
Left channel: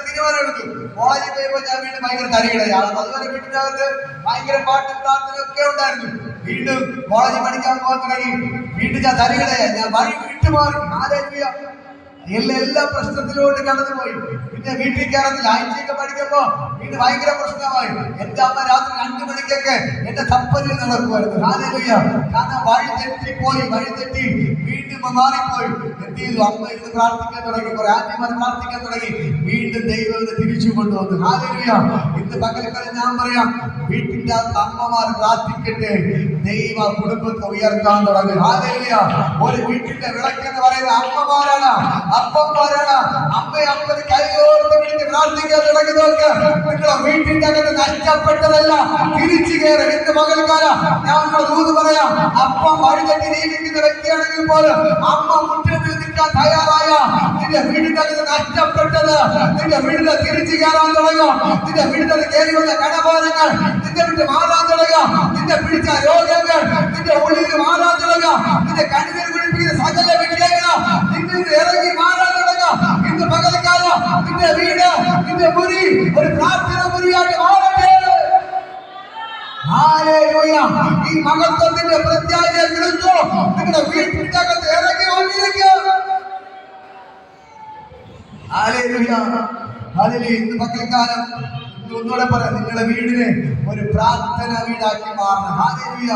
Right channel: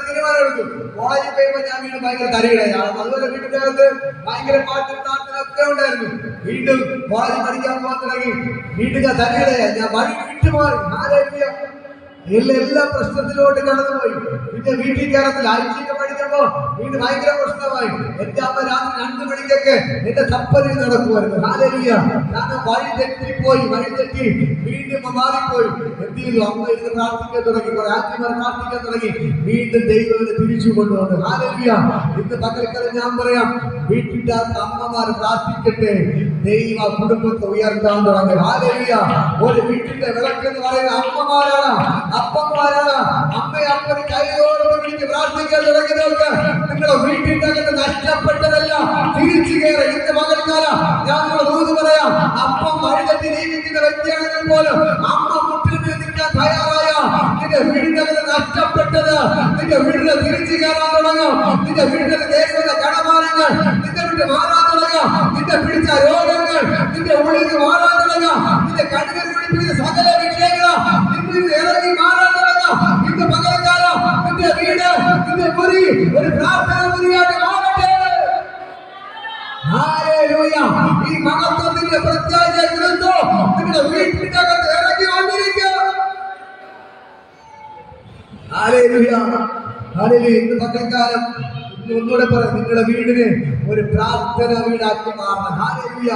തീരുമാനം എടുത്തു. കോളേജിൽ പോയപ്പോ ഞാൻ വീണ്ടും ഭയങ്കര തരികിടയാണ്. അതുപോലെ വീട്ടിന്റെ അകത്ത് ഭയങ്കര പാട്ട് പ്രാർത്ഥന ഒക്കെ ഉണ്ടായിരുന്നു. വീണ്ടും കോളേജിൽ പഠിക്കാൻ പോകാൻ തുടങ്ങി. വീണ്ടും ഞാൻ തരികിടയാ, ഞാൻ വഴി വിട്ടുമാറി. ഹാലേലുയ. എല്ലാ പ്രശ്നത്തിലോട്ട് കടന്നുപോയി. പിന്നെ വീട്ടിൽ കയറത്തില്ല. ആഴ്ചയൊക്കെ പഠിക്കുമ്പോ വീണ്ടും ഭയങ്കര പ്രശ്നമായി. എന്റെ അമ്മ രാത്രി 2 മണിക്കൊക്കെ എന്റെ തപ്പലിൽ നടക്കുമായിരുന്നു. ഹാലേലുയ. കാരണം വഴി തെറ്റി വീണ്ടും മാറിപ്പോയി. എന്ത് ചെയ്തു? അമ്മ ഇരുന്ന് പ്രാർത്ഥിക്കാൻ തുടങ്ങി, കുറെ ആന്റിമാർ പ്രാർത്ഥിക്കാൻ തുടങ്ങി. വീണ്ടും ദൈവത്തെ തിരിച്ചു കൊണ്ടുവന്നു. ഹാലേലുയ. ഇന്ന് പകൽക്കാലം ഞാൻ പറയാം, വീട്ടിന്റെ അകത്ത് അമ്മമാർ പ്രാർത്ഥിക്കട്ടെ, ദൈവ കുടുംബത്തെ ഉയർത്താൻ തുടങ്ങി. ഹാലേലുയ. ഒരു വീട്ടിന്റെ വിളക്കെന്ന് പറയുന്ന അമ്മമാരാണ്, അപ്പന്മാരാണ്. അമ്മന് കൈകോർത്ത് വിളിച്ച് പ്രാർത്ഥിക്കാൻ തുടങ്ങി നോക്ക്. നിങ്ങളുടെ വീട്ടിന്റെ അകത്ത് നഷ്ടപ്പെട്ടതല്ല തിരിച്ചു കയറി. ഇന്ന് പകൽക്കാലം ഞാൻ ദൂത് പറയാം, അപ്പം വഴിതെറ്റി നീക്കുന്ന വ്യക്തിയാണെങ്കിൽ പോലും അമ്മ മുട്ടിൽ നിൽക്കാൻ തയ്യാറായ നിന്റെ വീടിന്റെ അകത്ത് നഷ്ടപ്പെട്ടത് നിന്റെ വീടിനെ തിരിച്ചു കയറാൻ തുടങ്ങും. നിന്റെ വീടിന്റെ കയറി വന്ന കടബാധങ്ങൾ നിന്റെ വീട്ടിൽ മാറാൻ തുടങ്ങും. നിന്റെ പിടിച്ച രോഗങ്ങൾ നിന്റെ ഉള്ളിൽ മാറാൻ തുടങ്ങും. നിന്റെ കണ്ണിൽ പിടിപ്പിക്കുന്ന സകല വിഷയങ്ങൾ നിന്നിൽ ഇറങ്ങി മാറാൻ തുടങ്ങും. ഇന്ന് പകൽക്കാലം നിന്റെ വീട്, നിന്റെ മുറി ഒരു പ്രാർത്ഥന മുറിയായിട്ട് മാറട്ടെ. ഹാലേലൂയ. ഈ മഹത്വത്തിന്റെ പ്രത്യാശ എടുത്തോ നിങ്ങളുടെ വീട്ടിന്റെ അകത്ത് ഇറങ്ങി വന്നിരിക്കുക. Hallelujah, hallelujah. ഇന്ന് പകൽക്കാലം ഒന്നുകൂടെ പറയാം, നിങ്ങളുടെ വീടിനെ ഒരു പ്രാർത്ഥന വീടാക്കി മാറണം. ഹാലേലൂയ.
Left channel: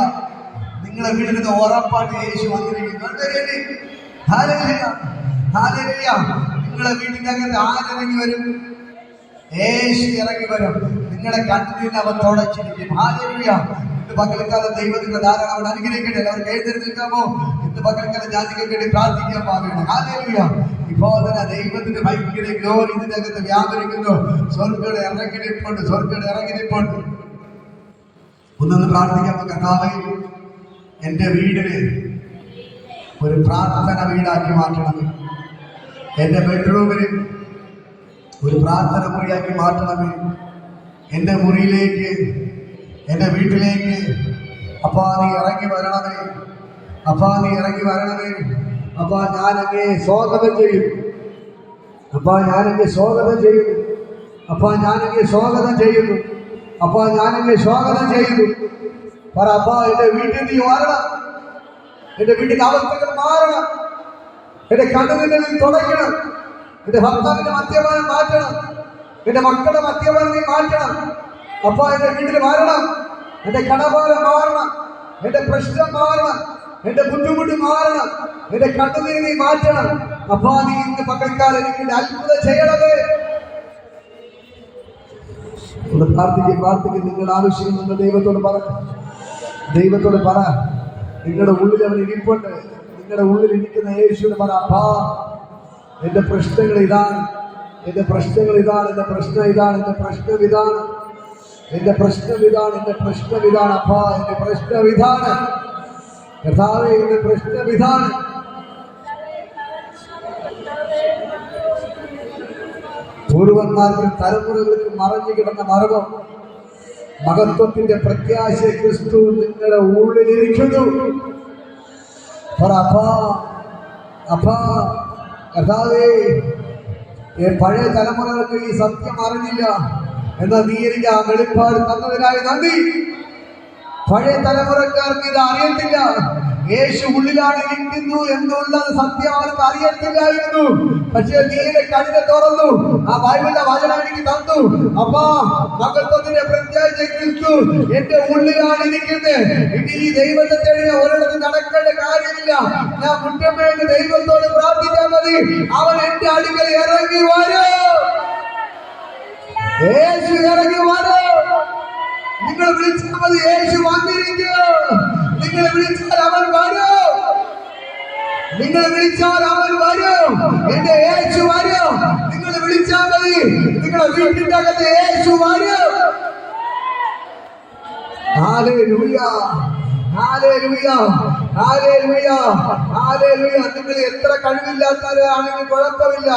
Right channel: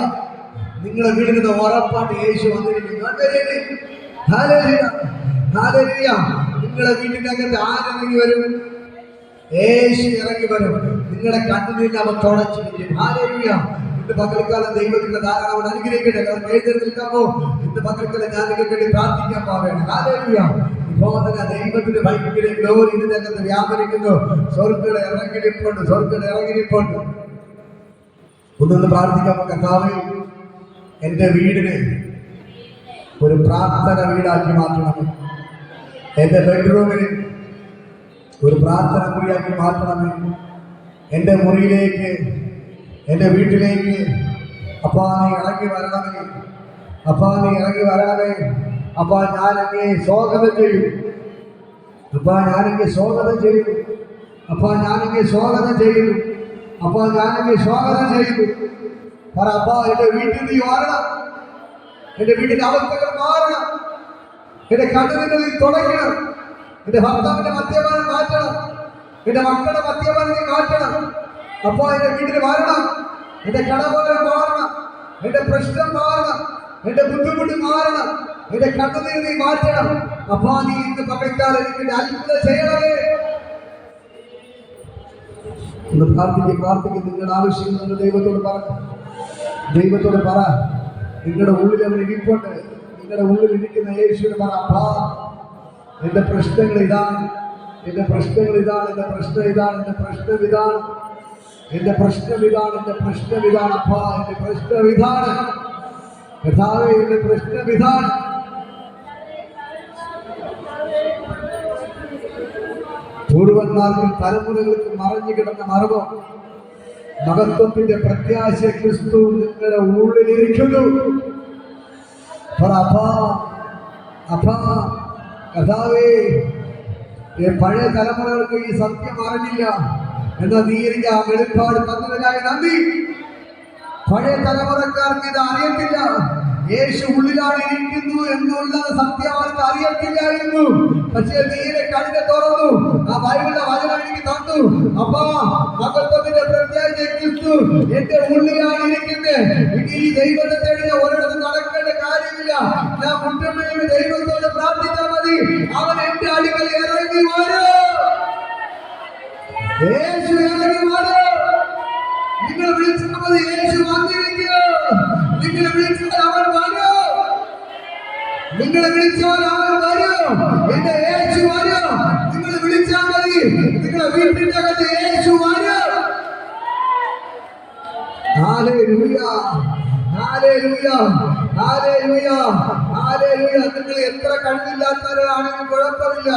നിങ്ങളുടെ വീടിന് ഉറപ്പായിട്ട് യേശു വന്നിരിക്കുന്നു. Hallelujah, hallelujah. നിങ്ങളുടെ വീട്ടിന്റെ അകത്ത് ആരിറങ്ങി വരും? യേശു ഇറങ്ങി വരും. നിങ്ങളുടെ കണ്ണിനെ അവർ തുടച്ചിരിക്കും. ഹാലേലൂയ. ഇന്ന് പകൽക്കാലം ദൈവത്തിന്റെ ധാരാളം അനുഗ്രഹിക്കട്ടെ. അവർ എഴുന്നേറ്റ് നിൽക്കാമോ? ഇന്ന് പകൽക്കാലം ജാതിക്ക് വേണ്ടി പ്രാർത്ഥിക്കാൻ പാകണം. ഹാലേലൂയ. ഇപ്പോൾ തന്നെ ദൈവത്തിന്റെ ഭയങ്കര ഗ്ലോറി ഇതിന്റെ അകത്ത് വ്യാപരിക്കുന്നു. സ്വർഗ്ഗം ഇറങ്ങിപ്പോണ്ട്. ഒന്നൊന്ന് പ്രാർത്ഥിക്കാമോ? കർത്താവേ, എന്റെ വീടിനെ ഒരു പ്രാർത്ഥന വീടാക്കി മാറ്റണം. എന്റെ ബെഡ്റൂമിന് ഒരു പ്രാർത്ഥന മുറിയാക്കി മാറ്റണമേ. എൻ്റെ മുറിയിലേക്ക്, എൻ്റെ വീട്ടിലേക്ക് അപ്പാ നീ ഇറങ്ങി വരണമേ. അപ്പാ നീ ഇറങ്ങി വരണമേ. അപ്പാ ഞാൻ അങ്ങേ സ്വാഗതം ചെയ്യും. അപ്പാ ഞാൻ അങ്ങേ സ്വാഗതം ചെയ്യുന്നു. അപ്പാ ഞാൻ അങ്ങേ സ്വാഗതം ചെയ്യുന്നു. അപ്പാ ഞാൻ അങ്ങേ സ്വാഗതം ചെയ്യുന്നു. പറ അപ്പാ, എൻ്റെ വീട്ടിൽ നീ മാറണം. എൻ്റെ വീട്ടിൻ്റെ അവസ്ഥകൾ മാറണം. എൻ്റെ കണ്ണുനിൽ തുടയ്ക്കണം. എൻ്റെ ഭർത്താവിൻ്റെ മദ്യപാനം മാറ്റണം. എൻ്റെ മക്കളുടെ മദ്യപാനം നീ മാറ്റണം. അപ്പാ എൻ്റെ വീട്ടിൽ മാറണം. എൻ്റെ കടഭാരം മാറണം. എൻ്റെ പ്രശ്നം മാറണം. എൻ്റെ ബുദ്ധിമുട്ട് മാറണം. എൻ്റെ കണ്ണുനീർ നീ മാറ്റണം. അപ്പാ നീ ഇന്ന് പകൽക്കാലം എനിക്ക് അത്ഭുതം ചെയ്യണമേ. ഒന്ന് പ്രാർത്ഥിക്കും. നിങ്ങളുടെ ആവശ്യം നിങ്ങൾ ദൈവത്തോട് പറ. ദൈവത്തോട് പറ. നിങ്ങളുടെ ഉള്ളിൽ അവൻ ഇരിപ്പുണ്ട്. നിങ്ങളുടെ ഉള്ളിൽ ഇരിക്കുന്ന യേശുവിന് പറ, അപ്പാ എൻ്റെ പ്രശ്നങ്ങൾ ഇതാണ്, എൻ്റെ പ്രശ്നങ്ങൾ ഇതാണ്, എൻ്റെ പ്രശ്നം ഇതാണ്, എൻ്റെ പ്രശ്നം ഇതാണ്, എൻ്റെ പ്രശ്നം ഇതാണ്, എൻ്റെ പ്രശ്നം ഇതാണ്. അപ്പാ എൻ്റെ പ്രശ്നം ഇതാണ്. കർത്താവേ എൻ്റെ പ്രശ്നം ഇതാണ്. പൂർവന്മാർക്കും തലമുറകൾക്ക് മറഞ്ഞു കിടന്ന മർമ്മം, മഹത്വത്തിന്റെ പ്രത്യാശ ക്രിസ്തു നിങ്ങളുടെ ഉള്ളിലിരിക്കുന്നു. അപ്പാ കർത്താവേ, പഴയ തലമുറകൾക്ക് ഈ സത്യം അറിഞ്ഞില്ല. എന്നാൽ നീ എനിക്ക് ആ വെളിപ്പാട് തന്നതിനായി നന്ദി. പഴയ തലമുറക്കാർക്ക് ഇത് അറിയത്തില്ല. യേശു ഉള്ളിലാണ് ഇരിക്കുന്നു എന്നുള്ള സത്യം അവർക്ക് അറിയത്തില്ലായിരുന്നു. പക്ഷേ നീയുടെ കണ്ണിനെ തുറന്നു, ആ ബൈബിളിന്റെ വചനം എനിക്ക് തന്നു. അപ്പാ മഹത്വത്തിന്റെ പ്രത്യാശ ക്രിസ്തു എന്റെ ഉള്ളിലാണ് ഇരിക്കുന്നത്. ഇനി ഈ ദൈവത്തെ തേടി ഒരിടത്ത് നടക്കേണ്ട കാര്യമില്ല. ഞാൻ മുറ്റമേന്ന് ദൈവത്തോട് പ്രാർത്ഥിച്ചാൽ മതി. അവൻ എന്റെ അടുക്കൽ ഇറങ്ങി വരൂ. യേശു ഇറങ്ങി വരൂ. നിങ്ങൾ വിളിച്ചാൽ മതി, യേശു വന്നിരിക്കൂ. നിങ്ങൾ വിളിച്ചാൽ അവൻ വരൂ. നിങ്ങൾ വിളിച്ചാൽ അവൻ വരും. എന്റെ യേശു വരും. നിങ്ങൾ വിളിച്ചാൽ മതി. നിങ്ങളുടെ വീട്ടിന്റെ അകത്ത് യേശു വരും. Hallelujah, hallelujah, hallelujah, hallelujah. നിങ്ങൾ എത്ര കഴിവില്ലാത്തവരാണെങ്കിൽ കുഴപ്പമില്ല.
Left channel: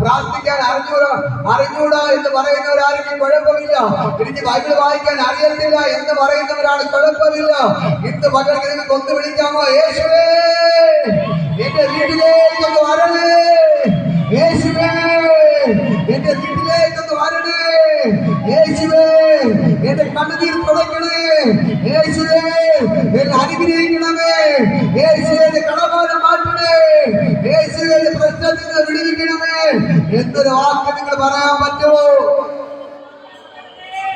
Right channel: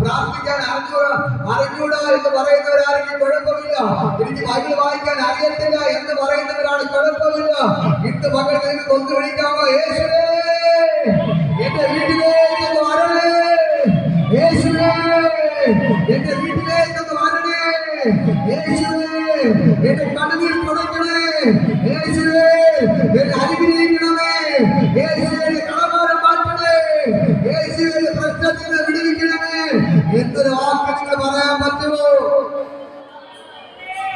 പ്രാർത്ഥിക്കാൻ അറിഞ്ഞൂടാ എന്ന് പറയുന്നവരാണെങ്കിൽ കുഴപ്പമില്ല. എനിക്ക് ബൈബിൾ വായിക്കാൻ അറിയത്തില്ല എന്ന് പറയുന്നവരാണ് കുഴപ്പമില്ല. ഇന്ന് പകരം നിങ്ങൾക്ക് ഒന്ന് വിളിക്കാമോ? യേശുവേ എന്റെ വീട്ടിലേക്കൊന്ന് വരണേ. യേശുവേ എന്റെ വീട്ടിലേക്കൊന്ന് വരണേ. യേശുവേ എന്റെ കണ്ണുനീർ തുടയ്ക്കണേ. യേശുവേ എന്നെ അനുഗ്രഹിക്കണമേ. യേശുവേ കടഭാരം മാറ്റണേ. യേശുവേ പ്രശ്നത്തിൽ നിന്ന് വിടുവിക്കണമേ എന്നൊരു വാക്ക് നിങ്ങൾ പറയാൻ പറ്റുമോ?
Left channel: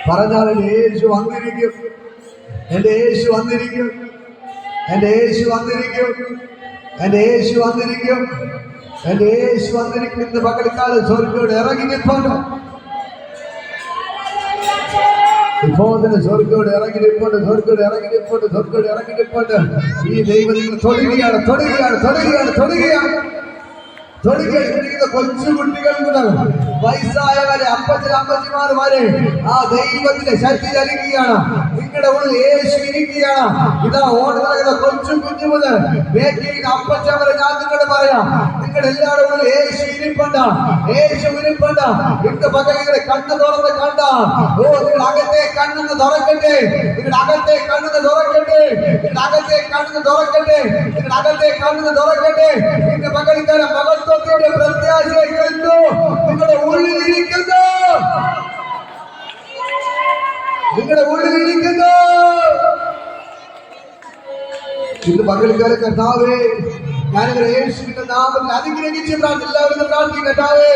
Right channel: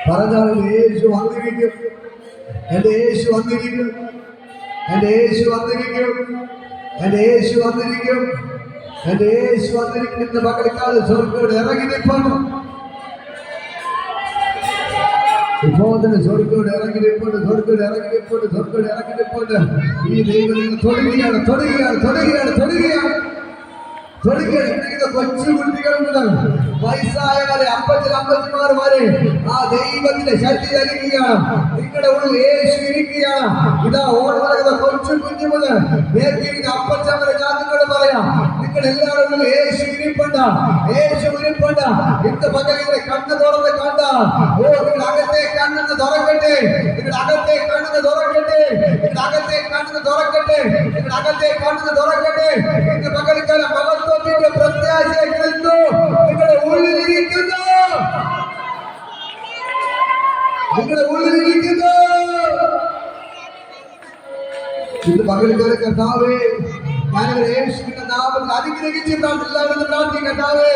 പറഞ്ഞാൽ യേശു വന്നിരിക്കും. എന്റെ യേശു വന്നിരിക്കും. എന്റെ യേശു വന്നിരിക്കും. എന്റെ യേശു വന്നിരിക്കും. എന്റെ യേശു വന്നിരിക്കും. ഇന്ന് പകൽക്കാലം സ്വർഗ്ഗത്തോട് ഇറങ്ങി നിൽപ്പുണ്ട്. ഇപ്പോൾ തന്നെ സ്വർഗ്ഗത്തോട് ഇറങ്ങി നിൽപ്പുണ്ട്. സ്വർഗ്ഗത്തോട് ഇറങ്ങി നിൽപ്പുണ്ട്. സ്വർഗ്ഗത്തോട് ഇറങ്ങി നിൽപ്പുണ്ട്. ഈ ദൈവം നിങ്ങൾ തൊടുകയാണ്, തൊടുകയാണ്, തൊടുകയാണ്, തൊടുകയാണ്, തൊടുകയാണ്. കൊച്ചുകുട്ടികൾ മുതൽ വയസ്സായവരെ, അപ്പച്ചന്മാർ വരെ ആ ദൈവത്തിന്റെ ശക്തി നൽകുകയാണ്. നിങ്ങളുടെ ഉള്ളിൽ യേശു ഇരിക്കുകയാണ്. ഇതാ ഓടുന്ന കൊച്ചു കുഞ്ഞു മുതൽ വേദിക്കുന്ന അപ്പച്ചൻ വരെ ഞാൻ നിങ്ങളോട് പറയാം, നിങ്ങളുടെ എല്ലാവരുടെ ഉള്ളിൽ യേശു ഇരിപ്പുണ്ട്. യേശു ഇരിപ്പുണ്ട്. ഇന്ന് പകൽ നിങ്ങളുടെ കണ്ണ് തുറന്ന് കണ്ട നിങ്ങളുടെ അകത്തെ കണ്ണെന്ന് തുറക്കട്ടെ. നിങ്ങളുടെ അകത്തെ കണ്ണെന്ന് തുറക്കട്ടെ. നിങ്ങളുടെ അകത്തെ കണ്ണെന്ന് തുറക്കട്ടെ. നിങ്ങളുടെ അകത്തെ കണ്ണെന്ന് തുറക്കട്ടെ. ഇന്ന് പകൽക്കാലം മഹത്വത്തിന്റെ പ്രത്യാശ ക്രിസ്തു നിങ്ങളുടെ ഉള്ളിലിരിക്കുന്നു. നിങ്ങളുടെ ഉള്ളിലിരിക്കുന്നു. ഇന്ന് പകൽക്കാലം കർത്താവേ, ഞാനിവരെ യേശുവിന്റെ നാമത്തിൽ അനുഗ്രഹിച്ച് എല്ലാവരും പ്രാർത്ഥിക്കും. കർത്താവേ,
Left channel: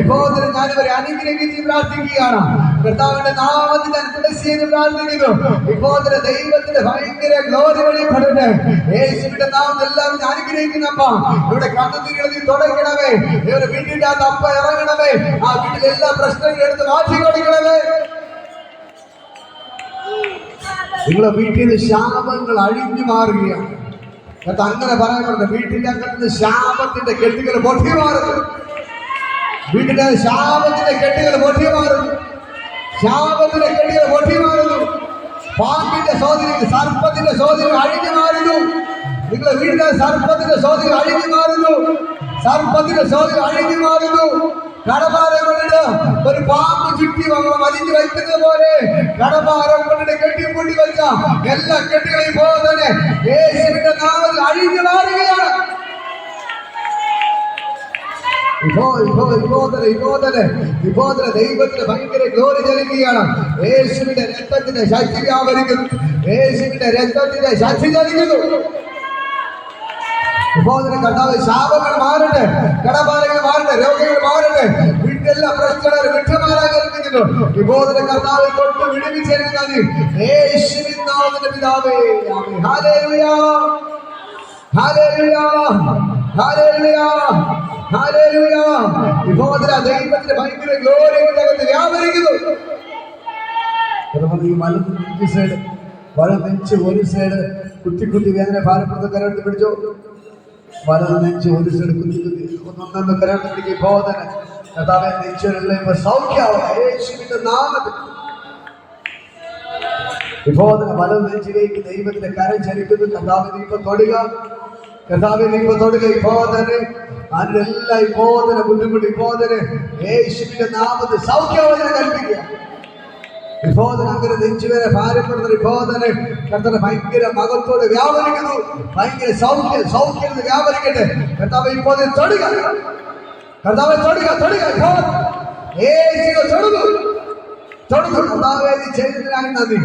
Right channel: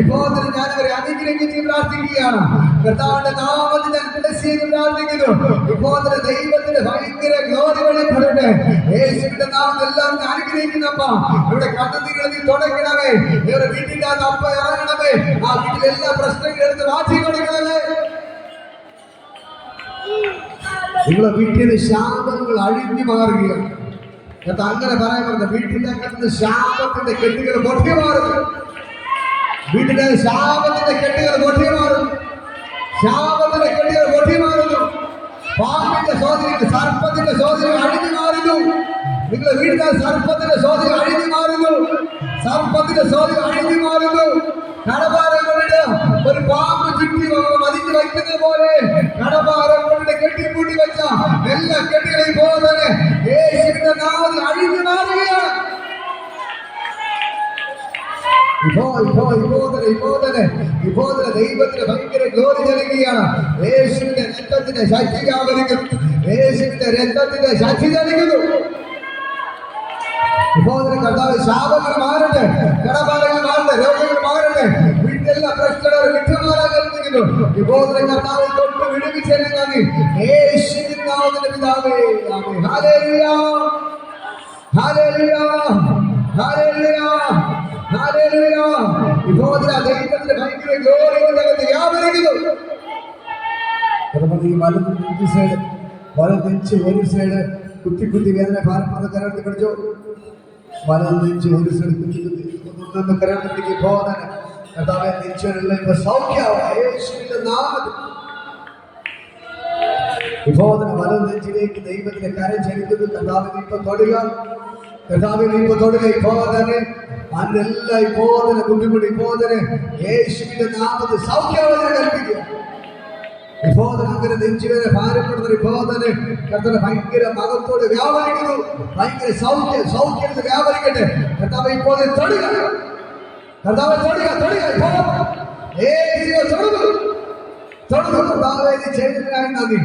ഇപ്പോൾ ഞാനിവരെ അനുഗ്രഹിച്ച് പ്രാർത്ഥിക്കുകയാണ്. കർത്താവിന്റെ നാമത്തിൽ അനുഗ്രഹിച്ച് പ്രാർത്ഥിക്കുന്നു. ഇപ്പോൾ ദൈവത്തിന്റെ ഭയങ്കര ഗ്ലോറി വെളിപ്പെടട്ടെ. യേശുവിന്റെ നാമത്തിൽ എല്ലാവരും അനുഗ്രഹിക്കുന്നപ്പ ഇവിടെ കണ്ണുനീർ നീ തുടയ്ക്കണമേ. ഇവരുടെ വീട്ടിന്റെ അകത്ത് അപ്പ ഇറങ്ങണമേ. ആ വീട്ടിലെ എല്ലാ പ്രശ്നങ്ങളും എടുത്ത് മാറ്റി കൊടുക്കണമേ. നിങ്ങളുടെ വീട്ടിൽ ശാപങ്ങൾ അഴിഞ്ഞു മാറുകയാണ്. അങ്ങനെ പറയാൻ പറഞ്ഞ വീട്ടിന്റെ അകത്ത് ശാപത്തിന്റെ കെട്ടുകൾ പൊട്ടി മാറുന്നു. വീട്ടിന്റെ ശാപത്തിന്റെ കെട്ടുകൾ പൊട്ടി മാറുന്നു. ശാപത്തിന്റെ കെട്ടുകൾ പൊട്ടി മാറുന്നു. പാമ്പിന്റെ സോദരി, സർപ്പത്തിന്റെ സോദരി അഴിഞ്ഞു മാറുന്നു. നിങ്ങളുടെ വീടിന്റെ സർപ്പത്തിന്റെ സ്വാധീനം അഴിഞ്ഞു മാറുന്നു. സർപ്പത്തിന്റെ സ്വാധീനം അഴിഞ്ഞു മാറുന്നു. കടഭാരം കൊണ്ടിട്ട് ഒരു പാമ്പ് ചുറ്റി വലിഞ്ഞു വയ്ക്കുന്നത് പോലെ കടഭാരം കൊണ്ടിട്ട് കെട്ടിപ്പൂട്ടി വെച്ച എല്ലാ കെട്ടുകളെയും പോലെ തന്നെ യേശുവിന്റെ നാമത്തിൽ അഴിഞ്ഞു മാറുകയാണ്. ദൈവത്തിന് ഭയങ്കര ഗ്ലോറി ചലിക്കുകയാണ്. യേശുവിന്റെ രക്തത്തിന്റെ ശക്തി വ്യാപരിക്കുന്നു. യേശുവിന്റെ രക്തത്തിന്റെ ശക്തി ചലിക്കുന്നു. കർത്താവ് ശാപങ്ങൾ മാറട്ടെ, കടബാധകൾ മാറട്ടെ, രോഗങ്ങൾ മാറട്ടെ, വീട്ടിലെല്ലാം പ്രശ്നങ്ങൾ വിട്ടുമാറാൻ കൽപ്പിക്കുന്നു. വിബോധന കർത്താവ് തൊട്ട് വിടുവിച്ചേരുന്ന യേശുവിൻ നാമത്തിൽ പിതാവേ, ആമേൻ. Hallelujah, hallelujah, hallelujah, hallelujah. വിബോധന ദൈവത്തിന്റെ ഭയങ്കര ഗ്ലോറി വ്യാപരിക്കുന്നു. വലം നെഞ്ച് ഒരു സൈഡ് കുത്തി കുത്തി വേദന ഭാരപ്പെടുന്ന കരണ്ട് പിടിച്ചോ. വലം നെഞ്ച് ഒരു സൈഡ് കുത്തി കുത്തി ഒന്നൊന്ന് കരണ്ട് പിടിക്കുക. ബോധന കർത്താവേ നെഞ്ചുകളിലെ സൗഖ്യമാവും യേശുവിന്റെ നാമത്തിൽ. വിബോധന വലം നെഞ്ചിലേക്ക് ദൈവത്തിന്റെ കരം ചലിക്കുന്നു. കർത്താവ് നീ ഇപ്പൊ തൊടുക, കർത്താവ് നീ ഇപ്പൊ തൊടുക. ഇപ്പോതന്നെ അതിനെല്ലാം ഇപ്പോതന്നെ ബുദ്ധിമുട്ട് ഇപ്പോതന്നെ യേശുവിന്റെ നാമത്തിൽ സൗഖ്യമാവുന്ന കൽപ്പിക്കുക. വിബോധന അങ്ങനെ നെഞ്ചുവേദന ഭാരപ്പെടുന്ന വിബോധന കർത്താവ് ഭയങ്കര മകത്തോട് വ്യാപരിക്കുന്നു. ഭയങ്കര സൗഖ്യം വ്യാപരിക്കട്ടെ. കർത്താവ് ഇപ്പോൾ തൊടുക, കർത്താവ് തൊടുക, തൊടുക, തൊടുന്നു. കർത്താവേ നീ ചെയ്തതിനായി നന്ദി.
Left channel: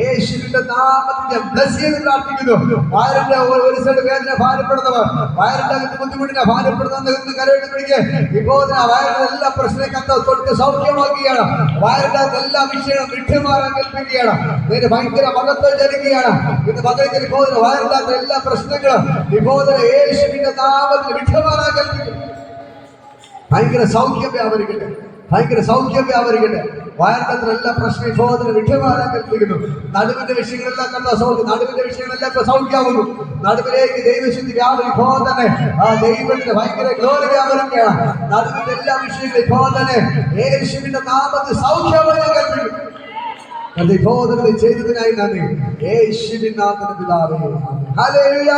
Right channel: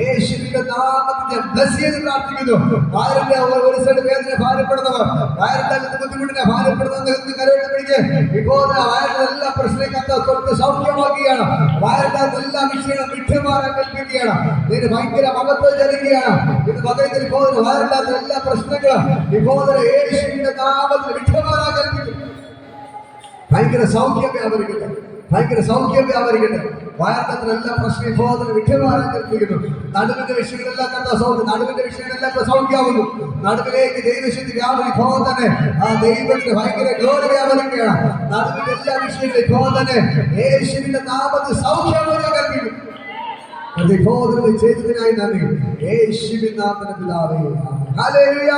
യേശുവിന്റെ നാമത്തിൽ ബ്ലസ് ചെയ്ത് പ്രാർത്ഥിക്കുന്നു. വയറിന്റെ ഒരു സൈഡ് വേദന ഭാരപ്പെടുന്നവർ, വയറിന്റെ അകത്ത് ബുദ്ധിമുട്ടിനെ ഭാരപ്പെടുന്ന കരയിട്ട് പിടിക്കുക. ഇപ്പോൾ വയറിന്റെ എല്ലാ പ്രശ്നവും കർത്താവ് തൊട്ട് സൗഖ്യമാക്കുകയാണ്. വയറിന്റെ അകത്ത് എല്ലാ വിഷയങ്ങളും വിട്ടുമാറാൻ കൽപ്പിക്കുകയാണ്. ഇതിന് ഭയങ്കര മഹത്വം ജനിക്കുകയാണ്. ഇത് മകത്തിൽ ഇപ്പോൾ വയറിന്റെ അകത്ത് എല്ലാ പ്രശ്നങ്ങളും ഇപ്പോൾ യേശുവിന്റെ നാമത്തിൽ വിട്ടുമാറാൻ കൽപ്പിക്കുന്നു. ഭയങ്കര സൗഖ്യം വ്യാപരിക്കട്ടെ, ഭയങ്കര സൗഖ്യം വ്യാപരിക്കട്ടെ. വയറിന്റെ എല്ലാ പ്രശ്നം ബോധന വിട്ടുമാറാൻ കൽപ്പിക്കുന്നു. നടുവിന്റെ വിഷയങ്ങളെല്ലാം കണ്ട സൗഖ്യം, നടുവിന്റെ വിഷയങ്ങളെല്ലാം ഇപ്പൊ സൗഖ്യമാവുന്നു. നടുവിലേക്ക് ദൈവശുദ്ധി വ്യാപരി ബോധന ആ ദൈവത്തിന്റെ ഭയങ്കര ഗ്ലോറി വ്യാപരിക്കുകയാണ്. നടുവിന്റെ എല്ലാ വിഷയങ്ങളും ബോധന യേശുവിന്റെ നാമത്തിൽ സൗഖ്യമായി കൽപ്പിക്കുന്നു. ബോധന ചെയ്തതിനായി നന്ദി. യേശുവിൻ നാമത്തിൽ പിതാവേ, ഹല്ലേലൂയ,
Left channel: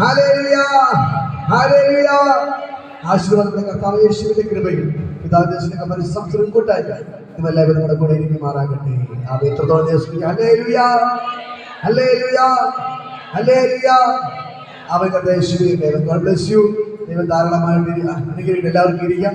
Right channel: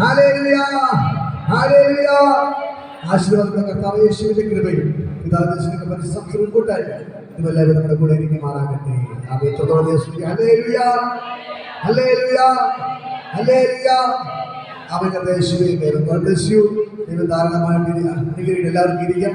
ഹല്ലേലൂയ, ഹല്ലേലൂയ. ആശീർവാദം കർത്താവ് യേശുവിന്റെ കൃപയും പിതാവിന്റെ പരിസംസരം കൂട്ടായി നിങ്ങളെല്ലാവരും നമ്മുടെ കൂടെ ഇരിക്കുമാറാകട്ടെ. Hallelujah, hallelujah, hallelujah. അവൻ യേശുവേ ദൈവം ധാരാളമായിട്ട് അനുഗ്രഹിക്കട്ടെ. എല്ലാവർക്കും ഇരിക്കാം.